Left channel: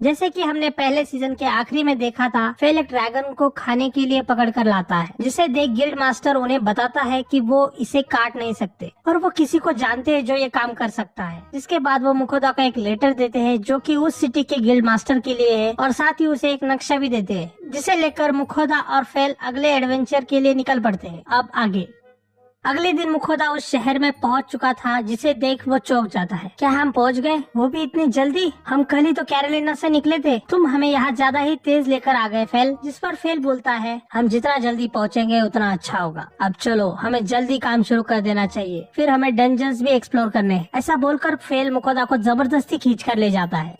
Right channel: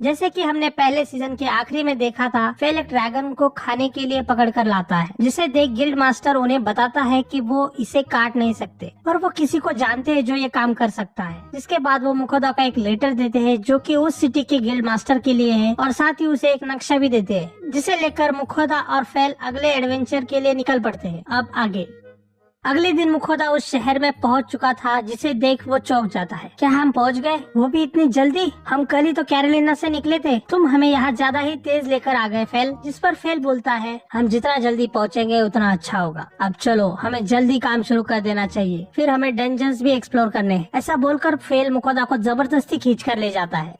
जैसे कि हमने पहले सीजन के आखिरी में देखा था, फेल एक ड्रैगन को खाने के लिए पकड़ कर लाता है, जिसे देख गिल्ड मास्टर उन्हें बताता है कि वो इसे काट नहीं सकते और वो किसी को जानते हैं जो ये काम कर सकता है। जिसके बाद वो मुखोदा को एक लेटर देते हैं जो कि उस सिटी के गिल्ड मास्टर के लिए है और साथ ही उसे एक नक्शा भी देते हैं, जिसे लेकर मुखोदा और फेल अगले एडवेंचर के लिए निकल पड़ते हैं। अब आगे अगले दिन मुखोदा उस शहर में पहुंच चुका था, जिसे देख वो चौंक जाता है। क्या हम पहुंच गए, वो भी इतनी जल्दी? हम कल ही तो कैरोलिना से निकले थे, तुम हमें यहाँ ज्यादा ही तेज लेकर आ गए फेल। जिस पर फेल बोलता है, हम जितना जल्दी पहुँचेंगे उतना अच्छा होगा। अब चलो, हमें जल्दी काम शुरू कर देना चाहिए, फिर हमें डंजन्स भी एक्सप्लोर करने हैं। ऐसा बोलकर फेल मुखोदा को जबरदस्ती खींच कर ले जाता है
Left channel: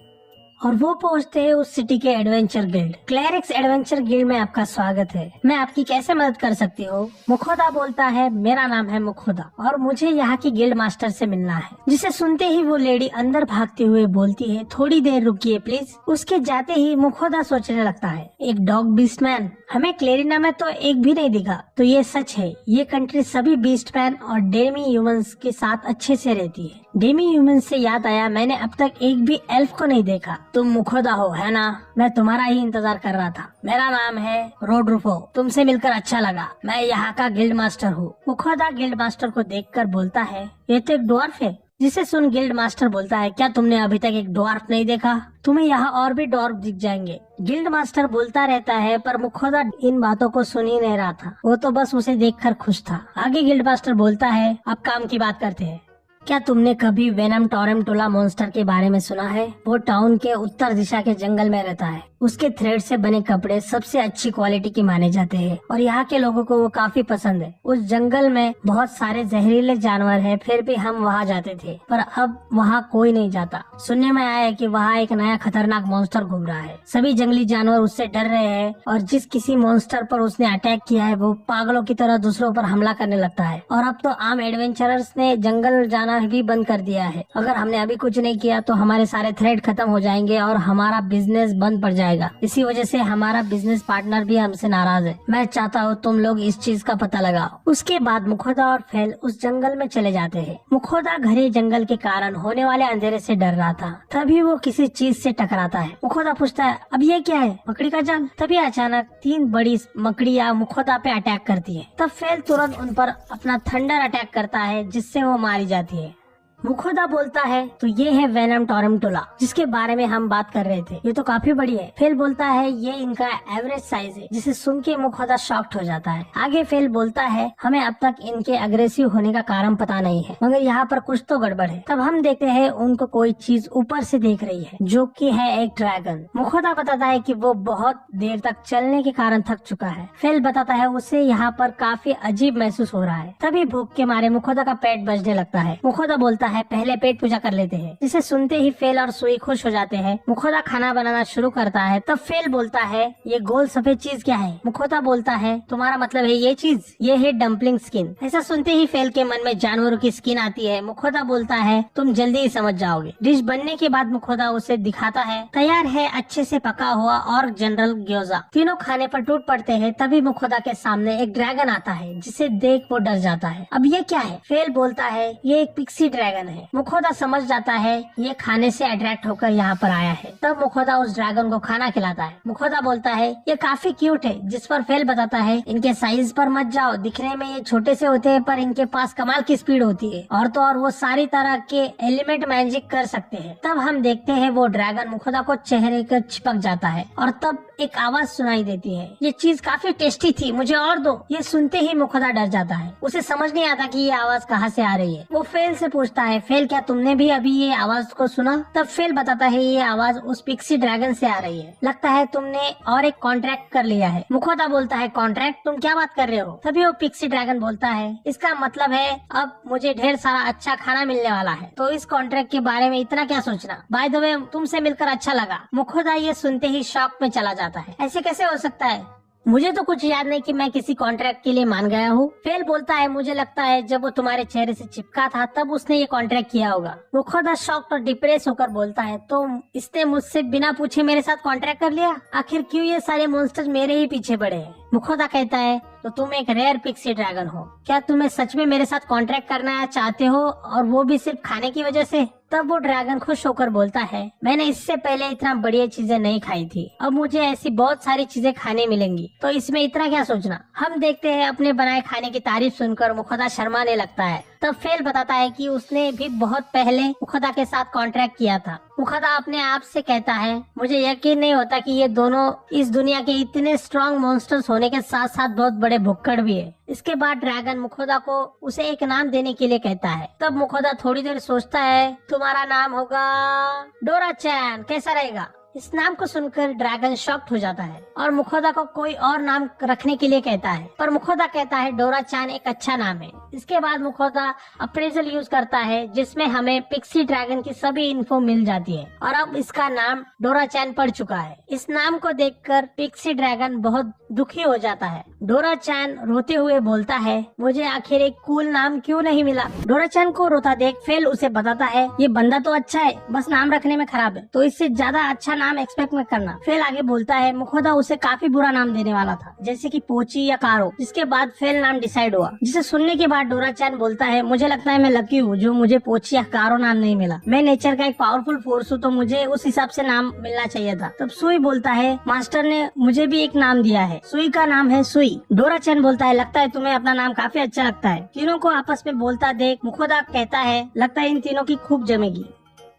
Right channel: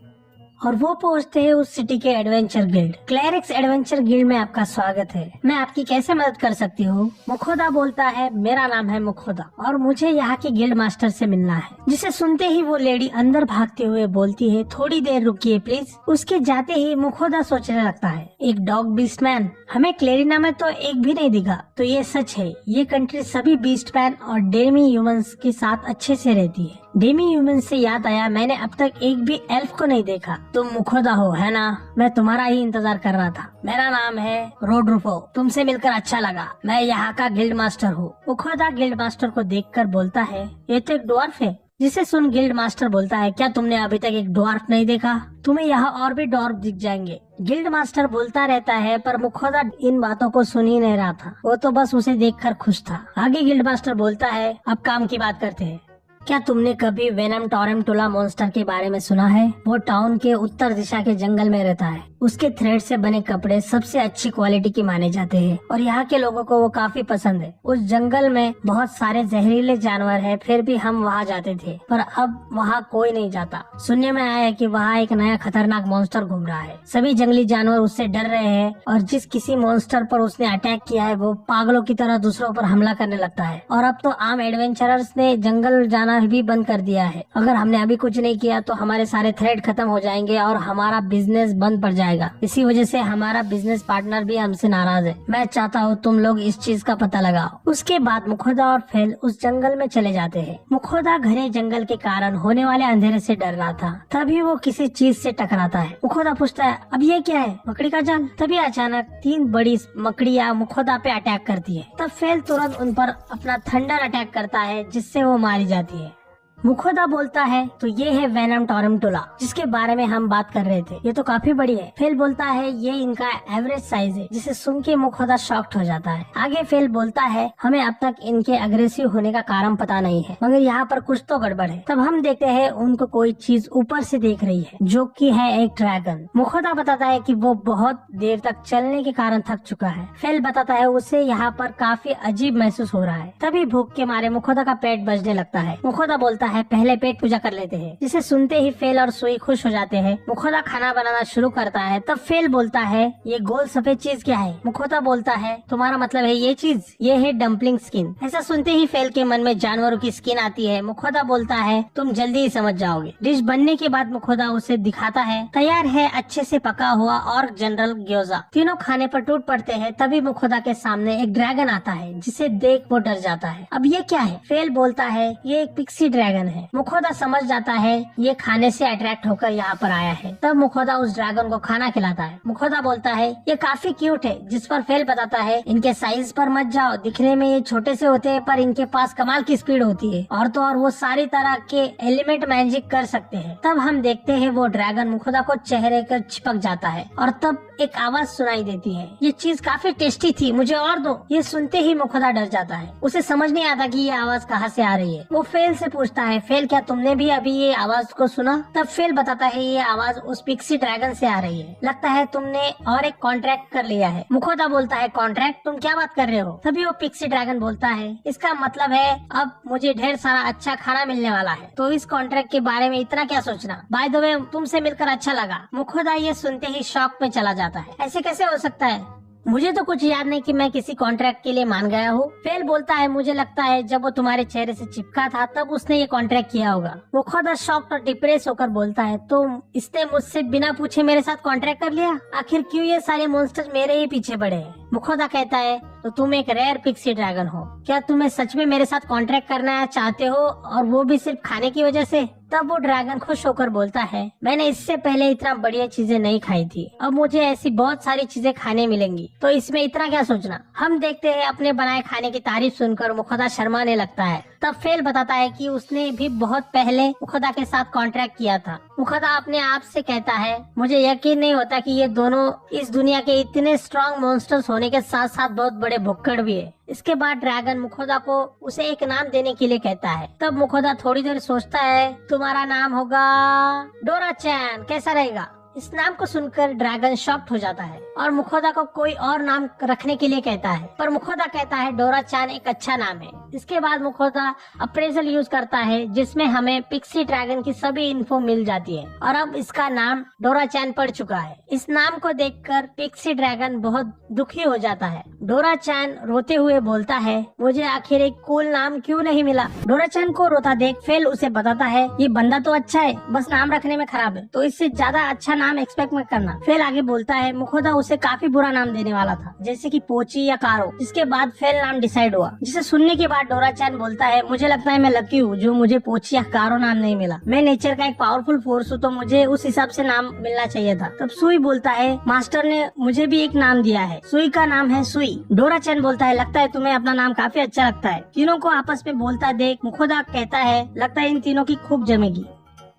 और वो पहुंचते हैं उस सिटी के adventure guild. Clerics adventure guild में आपका स्वागत है, मैं आपकी कैसे मदद कर सकती हूँ? मुखोदा बोलता है, मेरा नाम है मुखोदा और मुझे यहाँ की गिल्ड मास्टर से मिलना है। जिसे सुनते ही वो लेडी अंदर भागते हुए बोलती है, थोड़ी देर रुकिए प्लीज। उसके जाते ही मुखोदा सोचने लगता है, एक डॉग बीस्टमैन हमें क्लेरिना में तो एक भी नहीं दिखा, तो ये सच है, ये कंट्री सभी बीस्टमैन और डेमी ह्यूमंस के साथ अच्छे से रहती है। डेमी ह्यूमन से याद आया, मैंने अब तक एक भी एल्फ को नहीं देखा। तुम मुखोदा हो है ना? मैं तुम्हारा ही इंतजार कर रहा था। मेरा नाम है रोड्रुफो, तुमसे मिलकर अच्छा लगा। मैं यहाँ का गिल्ड मास्टर हूँ। मुखोदा गिल्ड मास्टर को देखकर बोलता है, ये तो एक ड्वार्फ है। जिसे सुन गिल्ड मास्टर बोलता है, क्या तुमने अभी तक एक ड्वार्फ नहीं देखा? तुम्हें यहाँ और भी ड्वार्फ दिख जाएंगे। गिल्ड मास्टर बोलता रहता है, पर मुखोदा इन बातों को सुन ही नहीं रहा था, वो तो बस उसे देखकर खुश था। आगे गिल्ड मास्टर बोलता है, अब काम की बात करते हैं। क्या तुमने कभी वेनम टोरेंटुला मॉन्स्टर के बारे में सुना है? वो टाउन के उत्तर दिशा के जंगल में रहता है। उसके थ्रेड से बने कपड़े सबसे अच्छी क्वालिटी के माने जाते हैं और यहाँ के लोगों को वो काफी पसंद है। उस जंगल में बहुत सारे जहरीले जानवर हैं, फिर भी हम वहाँ जाते थे, पर अब वहाँ कोई नहीं जाता। सुनने में आया है कि वहाँ एक नया खतरनाक मॉन्स्टर घूम रहा है। सभी जंगली जानवर उससे डर रहे हैं और जिस किसी मॉन्स्टर पर उसने अटैक किया है वो पागलों की तरह दूसरों पर हमला करने लगता है। और अब तो आम एडवेंचरर्स ने जंगल जाना भी बंद कर दिया है। अगर हमने अभी कुछ नहीं किया तो हमारे सारे थ्रेड खत्म हो जाएंगे और हमारा बिजनेस बंद पड़ जाएगा। इसी वजह से हमारा बिजनेस पार्टनर भी हमसे नाराज है। मैं चाहता हूँ तुम लोग इस चीज का पता लगाओ। उसके बाद मुखोदा और फेल उस जंगल में चले जाते हैं। मुखोदा घने जंगल के कारण होने वाले अंधेरे से डर रहा था, तभी वो किसी चीज से टकराता है। मुखोदा पूछता है, अब ये क्या है? मकड़ी का जाल। तभी अचानक 3 बड़ी मकड़ियाँ मुखोदा पे अटैक करती है। तब फेल तुरंत उन पर अपना थंडर अटैक करता है, जिससे वो मारी जाती है। मुखोदा बोलता है, तो ये है वेनम टोरेंटुला जिसके बारे में हम बात कर रहे थे, ये तो काफी बड़ी है। फेल बोलता है, ये इनका एवरेज साइज है, जिसे सुन के मुखोदा शॉक्ड हो जाता है। आगे फेल बोलता है, हमें अब तक इनके अग्रेसिव होने का कारण पता नहीं है, मगर यहाँ पर कुछ तो गड़बड़ है। तब हम देखते हैं उनको कोई चीज ऊपर से देख रही है, जो कि है एक ड्रैगन। मुखोदा बताता है कि वो बहुत देर तक चलने के कारण थक चुका है। फेल बताता है उसे यहाँ पर काफी अजीब महसूस हो रहा है। तभी भूख के मारे मुखोदा का पेट बजने लगता है। मुखोदा बोलता है, पहले पेट पूजा कर लेते हैं। जिसे सुनते ही फेल और सुई खुश हो जाते हैं। मुखोदा खाना बनाना शुरू करता है। तब फेल बोलता है, ये गोल सफेद चीज क्या है? मुखोदा बोलता है, तुम्हारा मतलब है ये चीज? ये है डम्पलिंग स्किन। ऐसा सुनते ही फेल के मन में जानवरों की स्किन आती है। मुखोदा बोलता है, तुम जल्दी ही समझ जाओगे। डिश बनने के बाद मुखोदा उसे दिखाता है, तैयार है अच्छे से पका हुआ और जनरल ग्योजा। तीनों खाने पर टूट पड़ते हैं। तभी मुखोदा के सामने एक ड्रैगन आता है, जिसे देख वो डर जाता है। अब ये क्या है? फेल बोलता है, ये एक पिक्सी ड्रैगन है। मुखोदा समझ जाता है ये खाने से अट्रैक्ट होकर यहाँ पर आया है। तब मुखोदा उस ड्रैगन को खाना खिलाता है। मुखोदा बोलता है, ये काफी क्यूट है। जिस पर फेल बताता है, इनके साइज पर मत जाओ, दिखने में ये छोटे से होते हैं पर इनके पास कमाल की स्पीड होती है और तो और वो सारी तरह के एलिमेंट मैजिक कर सकते हैं। तब हम देखते हैं वो ड्रैगन मुखोदा को चेहरे कर चिपक जाता है और तब एक आवाज सुनाई देती है, ये चीज काफी टेस्टी थी, मुझे और दो। ये सुनते ही मुखोदा डर जाता है। उसे समझ नहीं आता कि ये आवाज कहाँ से आ रही है। वो फेल से पूछता है, फेल क्या तुमने भी अभी ये आवाज को सुना? तब फेल बताता है, ये आवाज उस पिक्सी ड्रैगन से आ रही है। लगता है तुमने और एक कॉन्ट्रैक्ट कर लिया है। मुखोदा बोलता है, कॉन्ट्रैक्ट? तुम क्या बात कर रहे हो? तभी वो पिक्सी ड्रैगन बोलता है, इसका मतलब है अब मुझे ढेर सारा अच्छा खाना मिलने वाला है, तो इस कॉन्ट्रैक्ट के बारे में इतना क्या सोचना। बाय द वे, तुमसे मिलकर अच्छा लगा। मुखोदा ये सुनते ही शॉक में चला जाता है। ऐसे कैसे हो सकता है? मुझे तो कुछ याद नहीं कि मैं किसी कॉन्ट्रैक्ट के लिए मान गया हूँ। फेल बोलता है, मुझे लगता है जब वो तुम्हारे चेहरे से चिपका था तब उसने ये कॉन्ट्रैक्ट किया होगा। मुखोदा शॉक्ड और डिप्रेस होकर बोलता है, तो इसने मुझसे बिना पूछे मेरे साथ कॉन्ट्रैक्ट कर लिया? आखिर क्यों ये सारे मॉन्स्टर मेरे ही पीछे पड़े हैं? मुखोदा कहता है, तो तुम एक रेयर पिक्सी ड्रैगन हो। क्या तुम्हें सच में मेरे साथ कॉन्ट्रैक्ट करना चाहते हो, और वो भी सिर्फ खाने की वजह से? तब वो ड्रैगन खुश होकर बोलता है, मैंने इससे पहले इतना बढ़िया चीजें नहीं खाई थी, अब मुझे ऐसी बहुत सारी चीजें खाने मिलेंगी, तो इसमें इतना क्या सोचना। हम देखते हैं अपने बनाए खाने की तारीफ सुनकर मुखोदा शर्माने लगता है। तब फेल बताता है कि उसने भी बहुत पहले मुखोदा के साथ कॉन्ट्रैक्ट किया था। मुखोदा अपने आप से कहता है, मुझे यकीन नहीं होता कि ये दोनों इस दुनिया के इतने स्ट्रॉन्ग मॉन्स्टर्स होने के साथ साथ बहुत बड़े भुक्कड़ भी है। इसके बाद ड्रैगन मुखोदा को उसे एक नाम देने के लिए कहता है। तब मुखोदा थोड़ी देर सोचता है, तुम्हारा नाम होगा डोरा चैन, कैसा रहेगा। इस नाम को सुनकर ड्रैगन शॉक्ड हो जाता है और मुखोदा को कोई और नाम रखने के लिए कहता है, पर मुखोदा कहता है डोरा चैन एक अच्छा नाम है। इसके बाद मुखोदा अप्रेजल यूज करता है जिसमें हमें पिक्सी ड्रैगन की सभी इन्फो मिल जाती है और अब इसका नाम डोरा चैन पड़ चुका है। इस नाम को देखकर पिक्सी ड्रैगन बहुत दुखी हो जाता है। डोरा चैन रोते हुए बोलता है, मुझे आखिर एक कूल नाम क्यों नहीं मिला। डोरा चैन को रोता देख फेल उसे बताता है, ये बंदा तो अच्छा है, बस नाम रखने में खराब है, तो इससे ज्यादा अच्छा नाम एक्सपेक्ट मत करना। फेल आगे बोलता है, मुखोदा उसे काफी बुरा नाम देने वाला था, जैसे कि पोची या कारो। जिसके बाद फेल नाम डिसाइड हुआ, जिसे सुनने के बाद डोरा चैन बोलता है, मुझे लगता है मैं लकी हूँ जो मुझे पोची या कारो नाम नहीं मिला। मैं नेचर का एक पावरफुल फोर्स हूँ, तो मुझे उस हिसाब से नाम मिलना चाहिए था। तब सुई बोलता है, मास्टर ने मुझे भी एक नाम दिया है, सुई का नाम है सुई। डोरा चैन बोलता है, लगता है तुम्हें अपना नाम काफी अच्छा लगता है। तीनों को आपस में बोलता देख मुखोदा कहता है, लगता है इन तीनों की खूब जमेगी।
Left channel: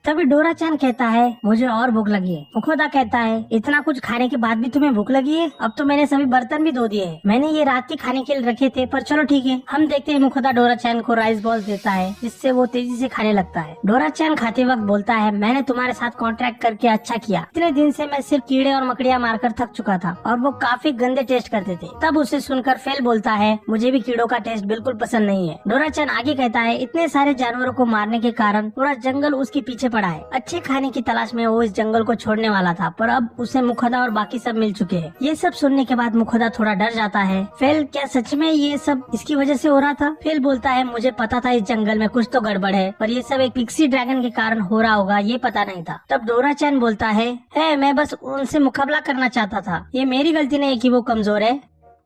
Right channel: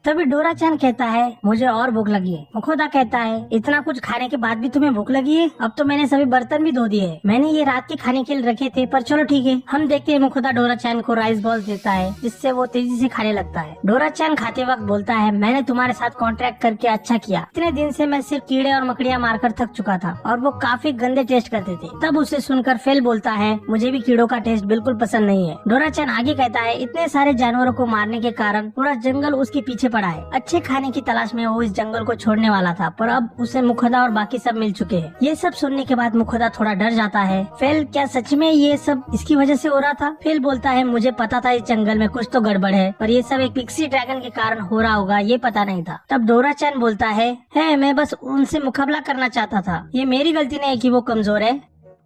तभी डोरा चैन कहता है, मुझे और भूख लगी है। मुखोदा कहता है, इतना कुछ खाने के बाद भी तुम्हें भूख लगी है, अब तो मैंने सभी बर्तन भी धो दिए हैं। मैंने ये रात के खाने के लिए रखे थे, पर चलो ठीक है। हम देखते हैं मुखोदा डोरा चैन को राइस बॉल्स देता है जिससे वो तेजी से खाने लगता है। डोरा चैन खाते वक्त बोलता है, मैंने तुम्हारे साथ कॉन्ट्रैक्ट करके अच्छा किया। इतने दिन से मैं सिर्फ कीड़े और मकड़ियाँ मारकर थक चुका था और वो काफी गंदे टेस्ट करते थे। तब उसे सुनकर फेल बोलता है, मुझे भी कीड़ों का टेस्ट बिल्कुल पसंद नहीं है। डोरा चैन आगे कहता है, इतने सारे जानवरों को मारने के कारण पूरा जंगल उसके पीछे पड़ा है। अच्छे खाने की तलाश में वो इस जंगल को छोड़ने वाला था, पर अब उसे मुखोदा और बाकी सब मिल चुके हैं। ये सब सुनने के बाद मुखोदा थोड़ा डर जाता है। फेल, क्या सच में ये सब इसकी वजह से हो रहा था? फेल बोलता है, मुझे पता था इस जंगल में कुछ तो गड़बड़ है, पर ये सब एक पिक्सी ड्रैगन के कारण हो रहा होगा, ये पता नहीं था। तब डोरा चैन बोलता है, मैं बस उनसे मुकाबला करना चाहता था, ये मेरी गलती नहीं है कि वो कमजोर है।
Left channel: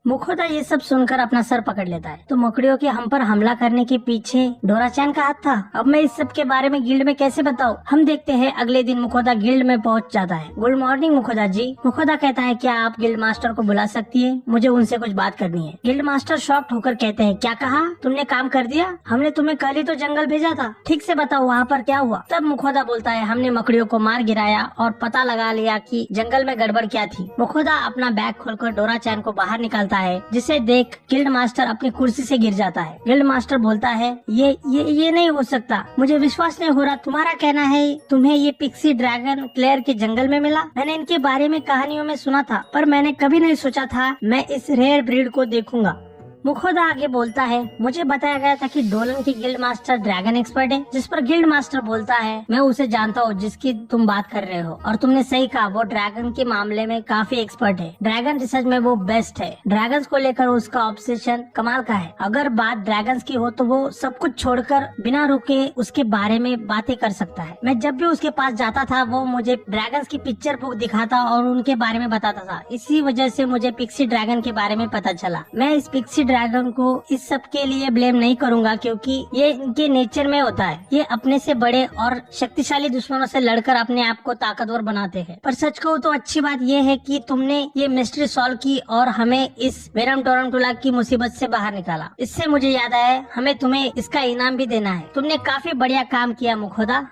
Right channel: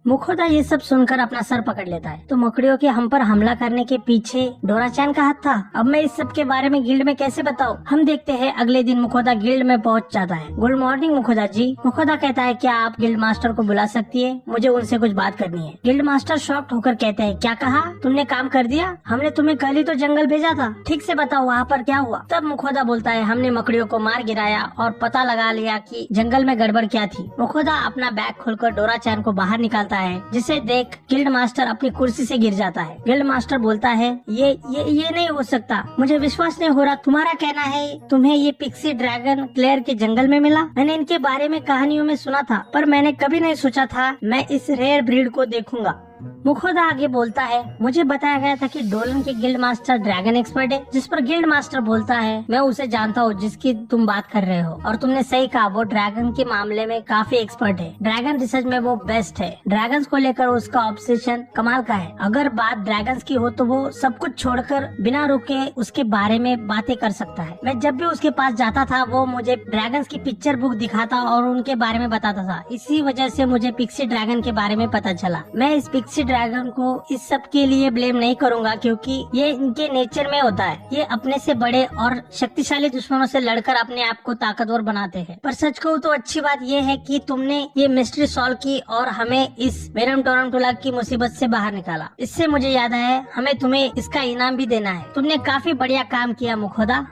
मुखोदा ये सब सुनकर अपना सर पकड़ लेता है। तो मकड़ियों के हम पर हमला करने के पीछे डोरा चैन का हाथ था। अब मैं इस सब के बारे में गिल्ड में कैसे बताऊं? हम देखते हैं अगले दिन मुखोदा गिल्ड में पहुंच जाता है। गुड मॉर्निंग मुखोदा जी। मुखोदा कहता है, क्या आप गिल्ड मास्टर को बुला सकती है? मुझे उनसे कुछ बात करनी है। गिल्ड मास्टर शॉक्ड होकर कहते हैं, क्या कहा? तुमने काम कर दिया? हमने तुम्हें कल ही तो जंगल भेजा था, ठीक से बताओ वहाँ पर क्या हुआ? तब मुखोदा बोलता है, हमने मकड़ियों को मार गिराया और पता लगा लिया कि जंगल में गड़बड़ क्या थी। मुखोदा अपना बैग खोलकर डोरा चैन को बाहर निकालता है, जिसे देख गिल्ड मास्टर अपनी कुर्सी से गिर जाता है। गिल्ड मास्टर बोलता है, ये नहीं हो सकता, मुझे विश्वास नहीं हो रहा। तुम्हारा कहना है तुम्हें ये पिक्सी ड्रैगन क्लेयर के जंगल में मिला? मैंने इनके बारे में कहानियों में सुना था, पर मैंने कभी नहीं सोचा था मैं इस रेयर ब्रीड को देखूंगा। मुखोदा आगे बोलता है, मुझे बताया गया था कि डोलन के गिल्ड मास्टर ड्रैगन एक्सपर्ट है। जिस पर गिल्ड मास्टर बोलता है, मैं उसे जानता हूँ जिसकी तुम बात कर रहे हो, और तुमने सही कहा, वो ड्रैगन के मामले में काफी एक्सपर्ट है। ड्रैगन रिसर्च में वो बेस्ट है। ड्रैगन्स को लेकर उसका ऑब्सेशन कमाल का है। अगर बात ड्रैगन्स की हो तो वो सब कुछ छोड़कर बिना रुके उसके बारे में बातें कर सकता है। मैं जब भी उसके पास जाता था वो मुझे ड्रैगन्स की पिक्चर बुक दिखाता और उनके बारे में बताता था। इसी वजह से मुझे पिक्सी ड्रैगन के बारे में पता चला। मैं इस पिक्सी ड्रैगन को इस सब के लिए ब्लेम नहीं करूंगा, क्योंकि ये इनके नेचर में होता है। ये अपने से बड़े और शक्तिशाली दुश्मनों से लड़कर अपने आप को ताकतवर बनाते हैं। पर सच कहूँ तो अच्छी बात ये है कि तुमने ये मिस्ट्री सॉल्व की और हमें इस वेनम टोरंटोला की मुसीबत से बाहर निकाला। इससे मुझे याद आया, हमें तुम्हें इसका इनाम भी देना है। तुमने काफी बढ़िया काम किया मुखोदा।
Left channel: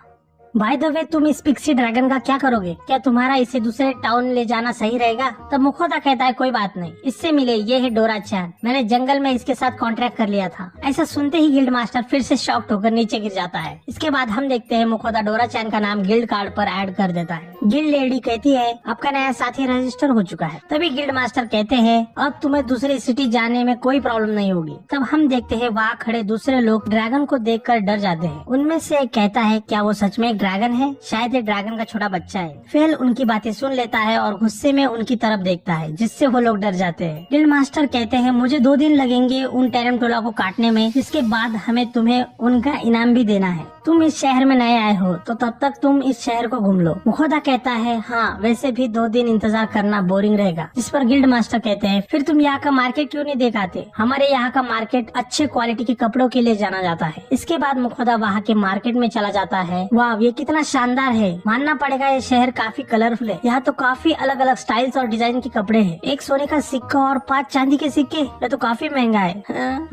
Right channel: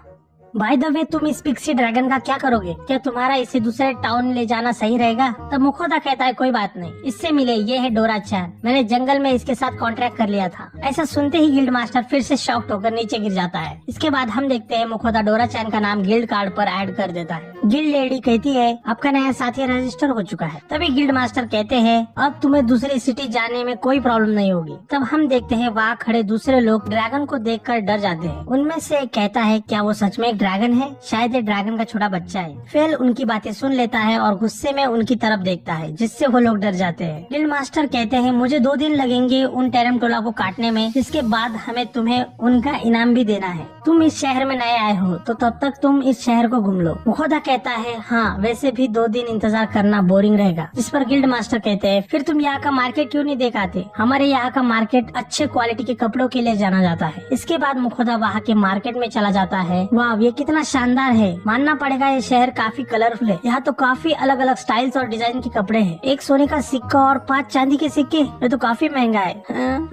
बाय द वे, तुम इस पिक्सी ड्रैगन का क्या करोगे? क्या तुम्हारा इसे दूसरे टाउन ले जाना सही रहेगा? तब मुखोदा कहता है, कोई बात नहीं, इससे मिले, ये है डोरा चैन, मैंने जंगल में इसके साथ कॉन्ट्रैक्ट कर लिया था। ऐसा सुनते ही गिल्ड मास्टर फिर से शॉक्ड होकर नीचे गिर जाता है। इसके बाद हम देखते हैं मुखोदा डोरा चैन का नाम गिल्ड कार्ड पर ऐड कर देता है। गिल्ड लेडी कहती है, आपका नया साथी रजिस्टर हो चुका है। तभी गिल्ड मास्टर कहते हैं, अब तुम्हें दूसरी सिटी जाने में कोई प्रॉब्लम नहीं होगी। तब हम देखते हैं वहाँ खड़े दूसरे लोग ड्रैगन को देखकर डर जाते हैं। उनमें से एक कहता है, क्या वो सच में एक ड्रैगन है? शायद ये ड्रैगन का छोटा बच्चा है। फेल उनकी बातें सुन लेता है और गुस्से में उनकी तरफ देखता है, जिससे वो लोग डर जाते हैं। गिल्ड मास्टर कहते हैं, मुझे 2 दिन लगेंगे उन टेरंटोला को काटने में, जिसके बाद हमें तुम्हें उनका इनाम भी देना है। तुम इस शहर में नए आए हो तो तब तक तुम इस शहर को घूम लो। मुखोदा कहता है हाँ वैसे भी 2 दिन इंतजार करना बोरिंग रहेगा। जिस पर गिल्ड मास्टर कहते हैं फिर तुम यहाँ का मार्केट क्यों नहीं दिखाते? हमारे यहाँ का मार्केट अच्छे क्वालिटी के कपड़ों के लिए जाना जाता है। इसके बाद मुखोदा वहाँ के मार्केट में चला जाता है। वाह ये कितना शानदार है, मानना पड़ेगा ये शहर काफी कलरफुल है। यहाँ तो काफी अलग अलग स्टाइल्स और डिजाइन के कपड़े हैं। एक सोने का सिक्का और 5 चांदी के सिक्के, ये तो काफी महंगा है।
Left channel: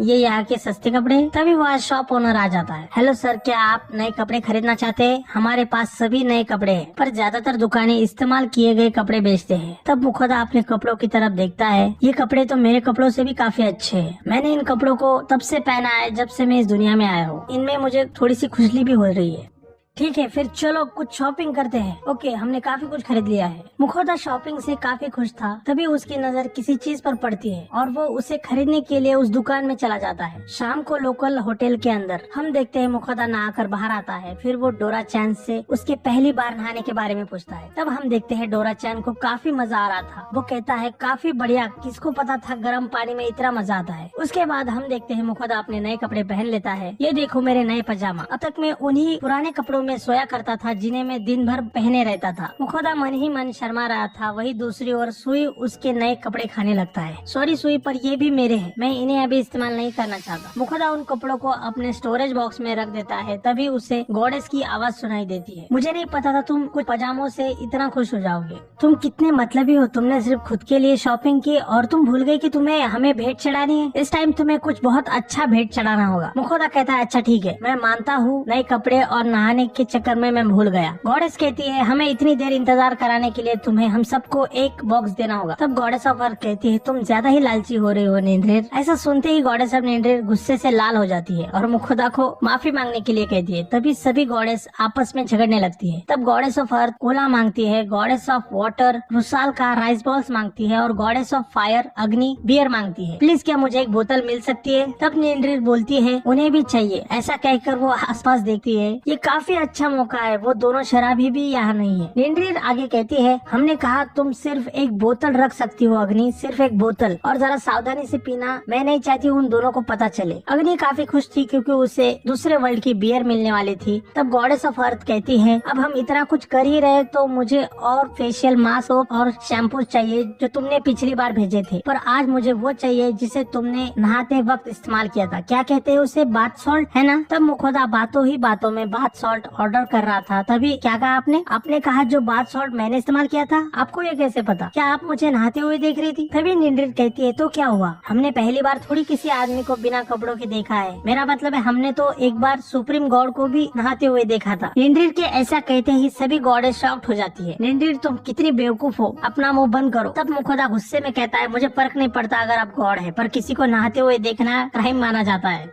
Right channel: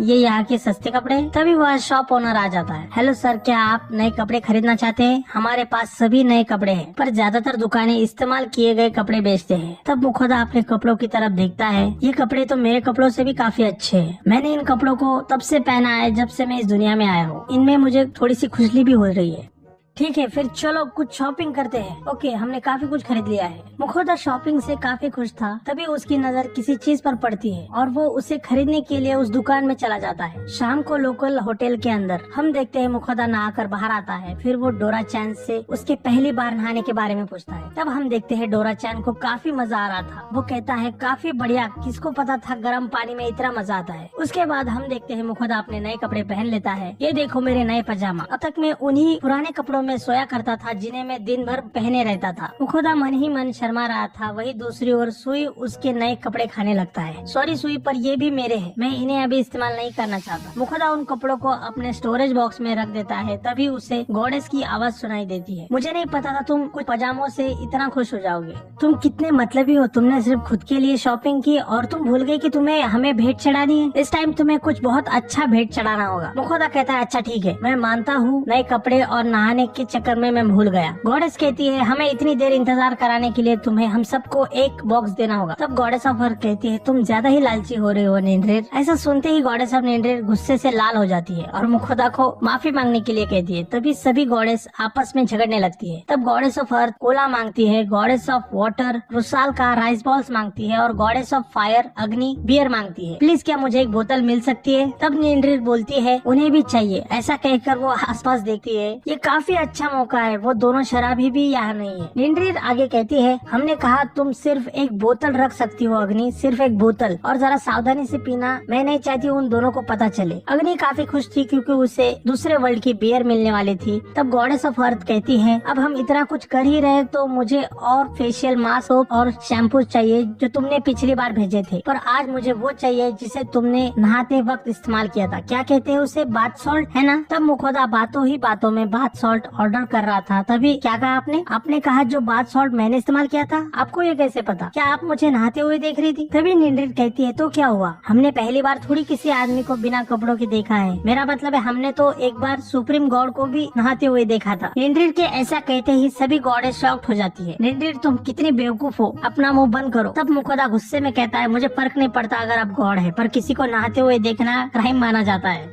ये यहाँ के सस्ते कपड़े हैं। तभी वह शॉप ओनर आ जाता है। हेलो सर, क्या आप नए कपड़े खरीदना चाहते हैं? हमारे पास सभी नए कपड़े हैं, पर ज्यादातर दुकानें इस्तेमाल किए गए कपड़े बेचते हैं। तब मुखोदा अपने कपड़ों की तरफ देखता है। ये कपड़े तो मेरे कपड़ों से भी काफी अच्छे हैं। मैंने इन कपड़ों को तब से पहना है जब से मैं इस दुनिया में आया हूँ। इनमें मुझे थोड़ी सी खुजली भी हो रही है। ठीक है फिर चलो कुछ शॉपिंग करते हैं। ओके, हमने काफी कुछ खरीद लिया है। मुखोदा शॉपिंग से काफी खुश था। तभी उसकी नजर किसी चीज पर पड़ती है और वो उसे खरीदने के लिए उस दुकान में चला जाता है। शाम को लोकल होटल के अंदर हम देखते हैं मुखोदा नहाकर बाहर आता है। फिर वो डोरा चैन से उसके पहली बार नहाने के बारे में पूछता है। तब हम देखते हैं डोरा चैन को काफी मजा आ रहा था। वो कहता है काफी बढ़िया, किसको पता था गर्म पानी में इतना मजा आता है। उसके बाद हम देखते हैं मुखोदा अपने नए कपड़े पहन लेता है। ये देखो मेरे नए पजामा। अब तक मैं उन्हीं पुराने कपड़ों में सोया करता था जिन्हें मैं दिन भर पहने रहता था। मुखोदा मन ही मन शर्मा रहा था। वही दूसरी ओर सुई उसके नए कपड़े खाने लगता है। सॉरी सुई, पर ये भी मेरे हैं, मैं इन्हें अभी इस्तेमाल नहीं करना चाहता। मुखोदा उन कपड़ों को अपने स्टोरेज बॉक्स में रख देता है। तभी उसे गॉडेस की आवाज सुनाई देती है। मुझे नहीं पता था तुम कुछ पजामों से इतना खुश हो जाओगे। तुम कितने मतलबी हो, तुमने सिर्फ खुद के लिए शॉपिंग की और तुम भूल गई कि तुम्हें हमें भेंट चढ़ानी है। इस टाइम तुम्हें कुछ बहुत अच्छा भेंट चढ़ाना होगा। मुखोदा कहता है अच्छा ठीक है, मैं मानता हूँ नए कपड़े और नहाने के चक्कर में मैं भूल गया। गॉडेस कहती है हमें इतनी देर इंतजार कराने के लिए तुम्हें हम सबको एक बॉक्स देना होगा। तब गॉडेस ऑफ अर्थ कहती है तुम ज्यादा ही लालची हो रहे हो निंद्रेर। ऐसा सुनते ही गॉडेस ऑफ निंद्रेर गुस्से से लाल हो जाती है और मुखोदा को माफी मांगने के लिए कहती है। तभी सभी गॉडेस आपस में झगड़ने लगती है। तब गॉडेस ऑफ अर्थ कोला मांगती है, गॉडेस ऑफ वाटर रुसाल का राइस बॉल्स मांगती है और गॉडेस ऑफ फायर अग्नि बियर मांगती है। प्लीज क्या मुझे एक बोतल मिल सकती है? तब निंद्रेर बोलती है उन्हें भी चाहिए। ऐसा कहकर वो आसपास देखती है। ये काफी अच्छा मौका है, वो दोनों शराबी भी यहाँ नहीं है। निंद्रेर आगे कहती है हमने कहा तुम सिर्फ एक बोतल रख सकती हो अग्नि, सिर्फ एक बोतल, और जरा सावधानी से पीना, मैं नहीं चाहती उन दोनों को पता चले। अग्नि काफी खुश थी क्योंकि उसे दूसरे वर्ल्ड की बियर मिलने वाली थी। तब गॉडेस ऑफ अर्थ कहती है अब हम इतना कुछ कर ही रहे तो मुझे और फेशियल मास्क और शैम्पू चाहिए जो तुमने पिछली बार भेजे थे, पर आज मुझे वो चाहिए जिसे तुमने नहाते वक्त इस्तेमाल किया था। क्या कहते हैं उसे? बाथ सॉल्ट, है ना? तब मुखोदा बातों ही बातों में बाथ सॉल्ट ऑर्डर कर रहा था। तभी क्या कहा आपने? आपने कहा जो बाथ सॉल्ट मैंने इस्तेमाल किया था। आपको ये कैसे पता? क्या आप मुझे नहाते हुए देख रही थी? तभी निंद्रेर कहती है तो क्या हुआ, हमने पहली बार थोड़ी किसी आदमी को बिना कपड़ों के देखा है। मेरा मतलब है हमने तो एक बार सुप्रीम गॉड को भी नहाते हुए देखा था। निंद्रेर के ऐसा कहते ही सभी गॉडेस शॉक्ड हो जाती है। निंद्रेर तुम कितनी बेवकूफ हो, अपना मुंह बंद करो। तब मुखोदा गुस्से में कहता है मुझे फर्क नहीं पड़ता अगर आप गॉड है, पर किसी को नहाते हुए देखना क्राइम माना जाता है।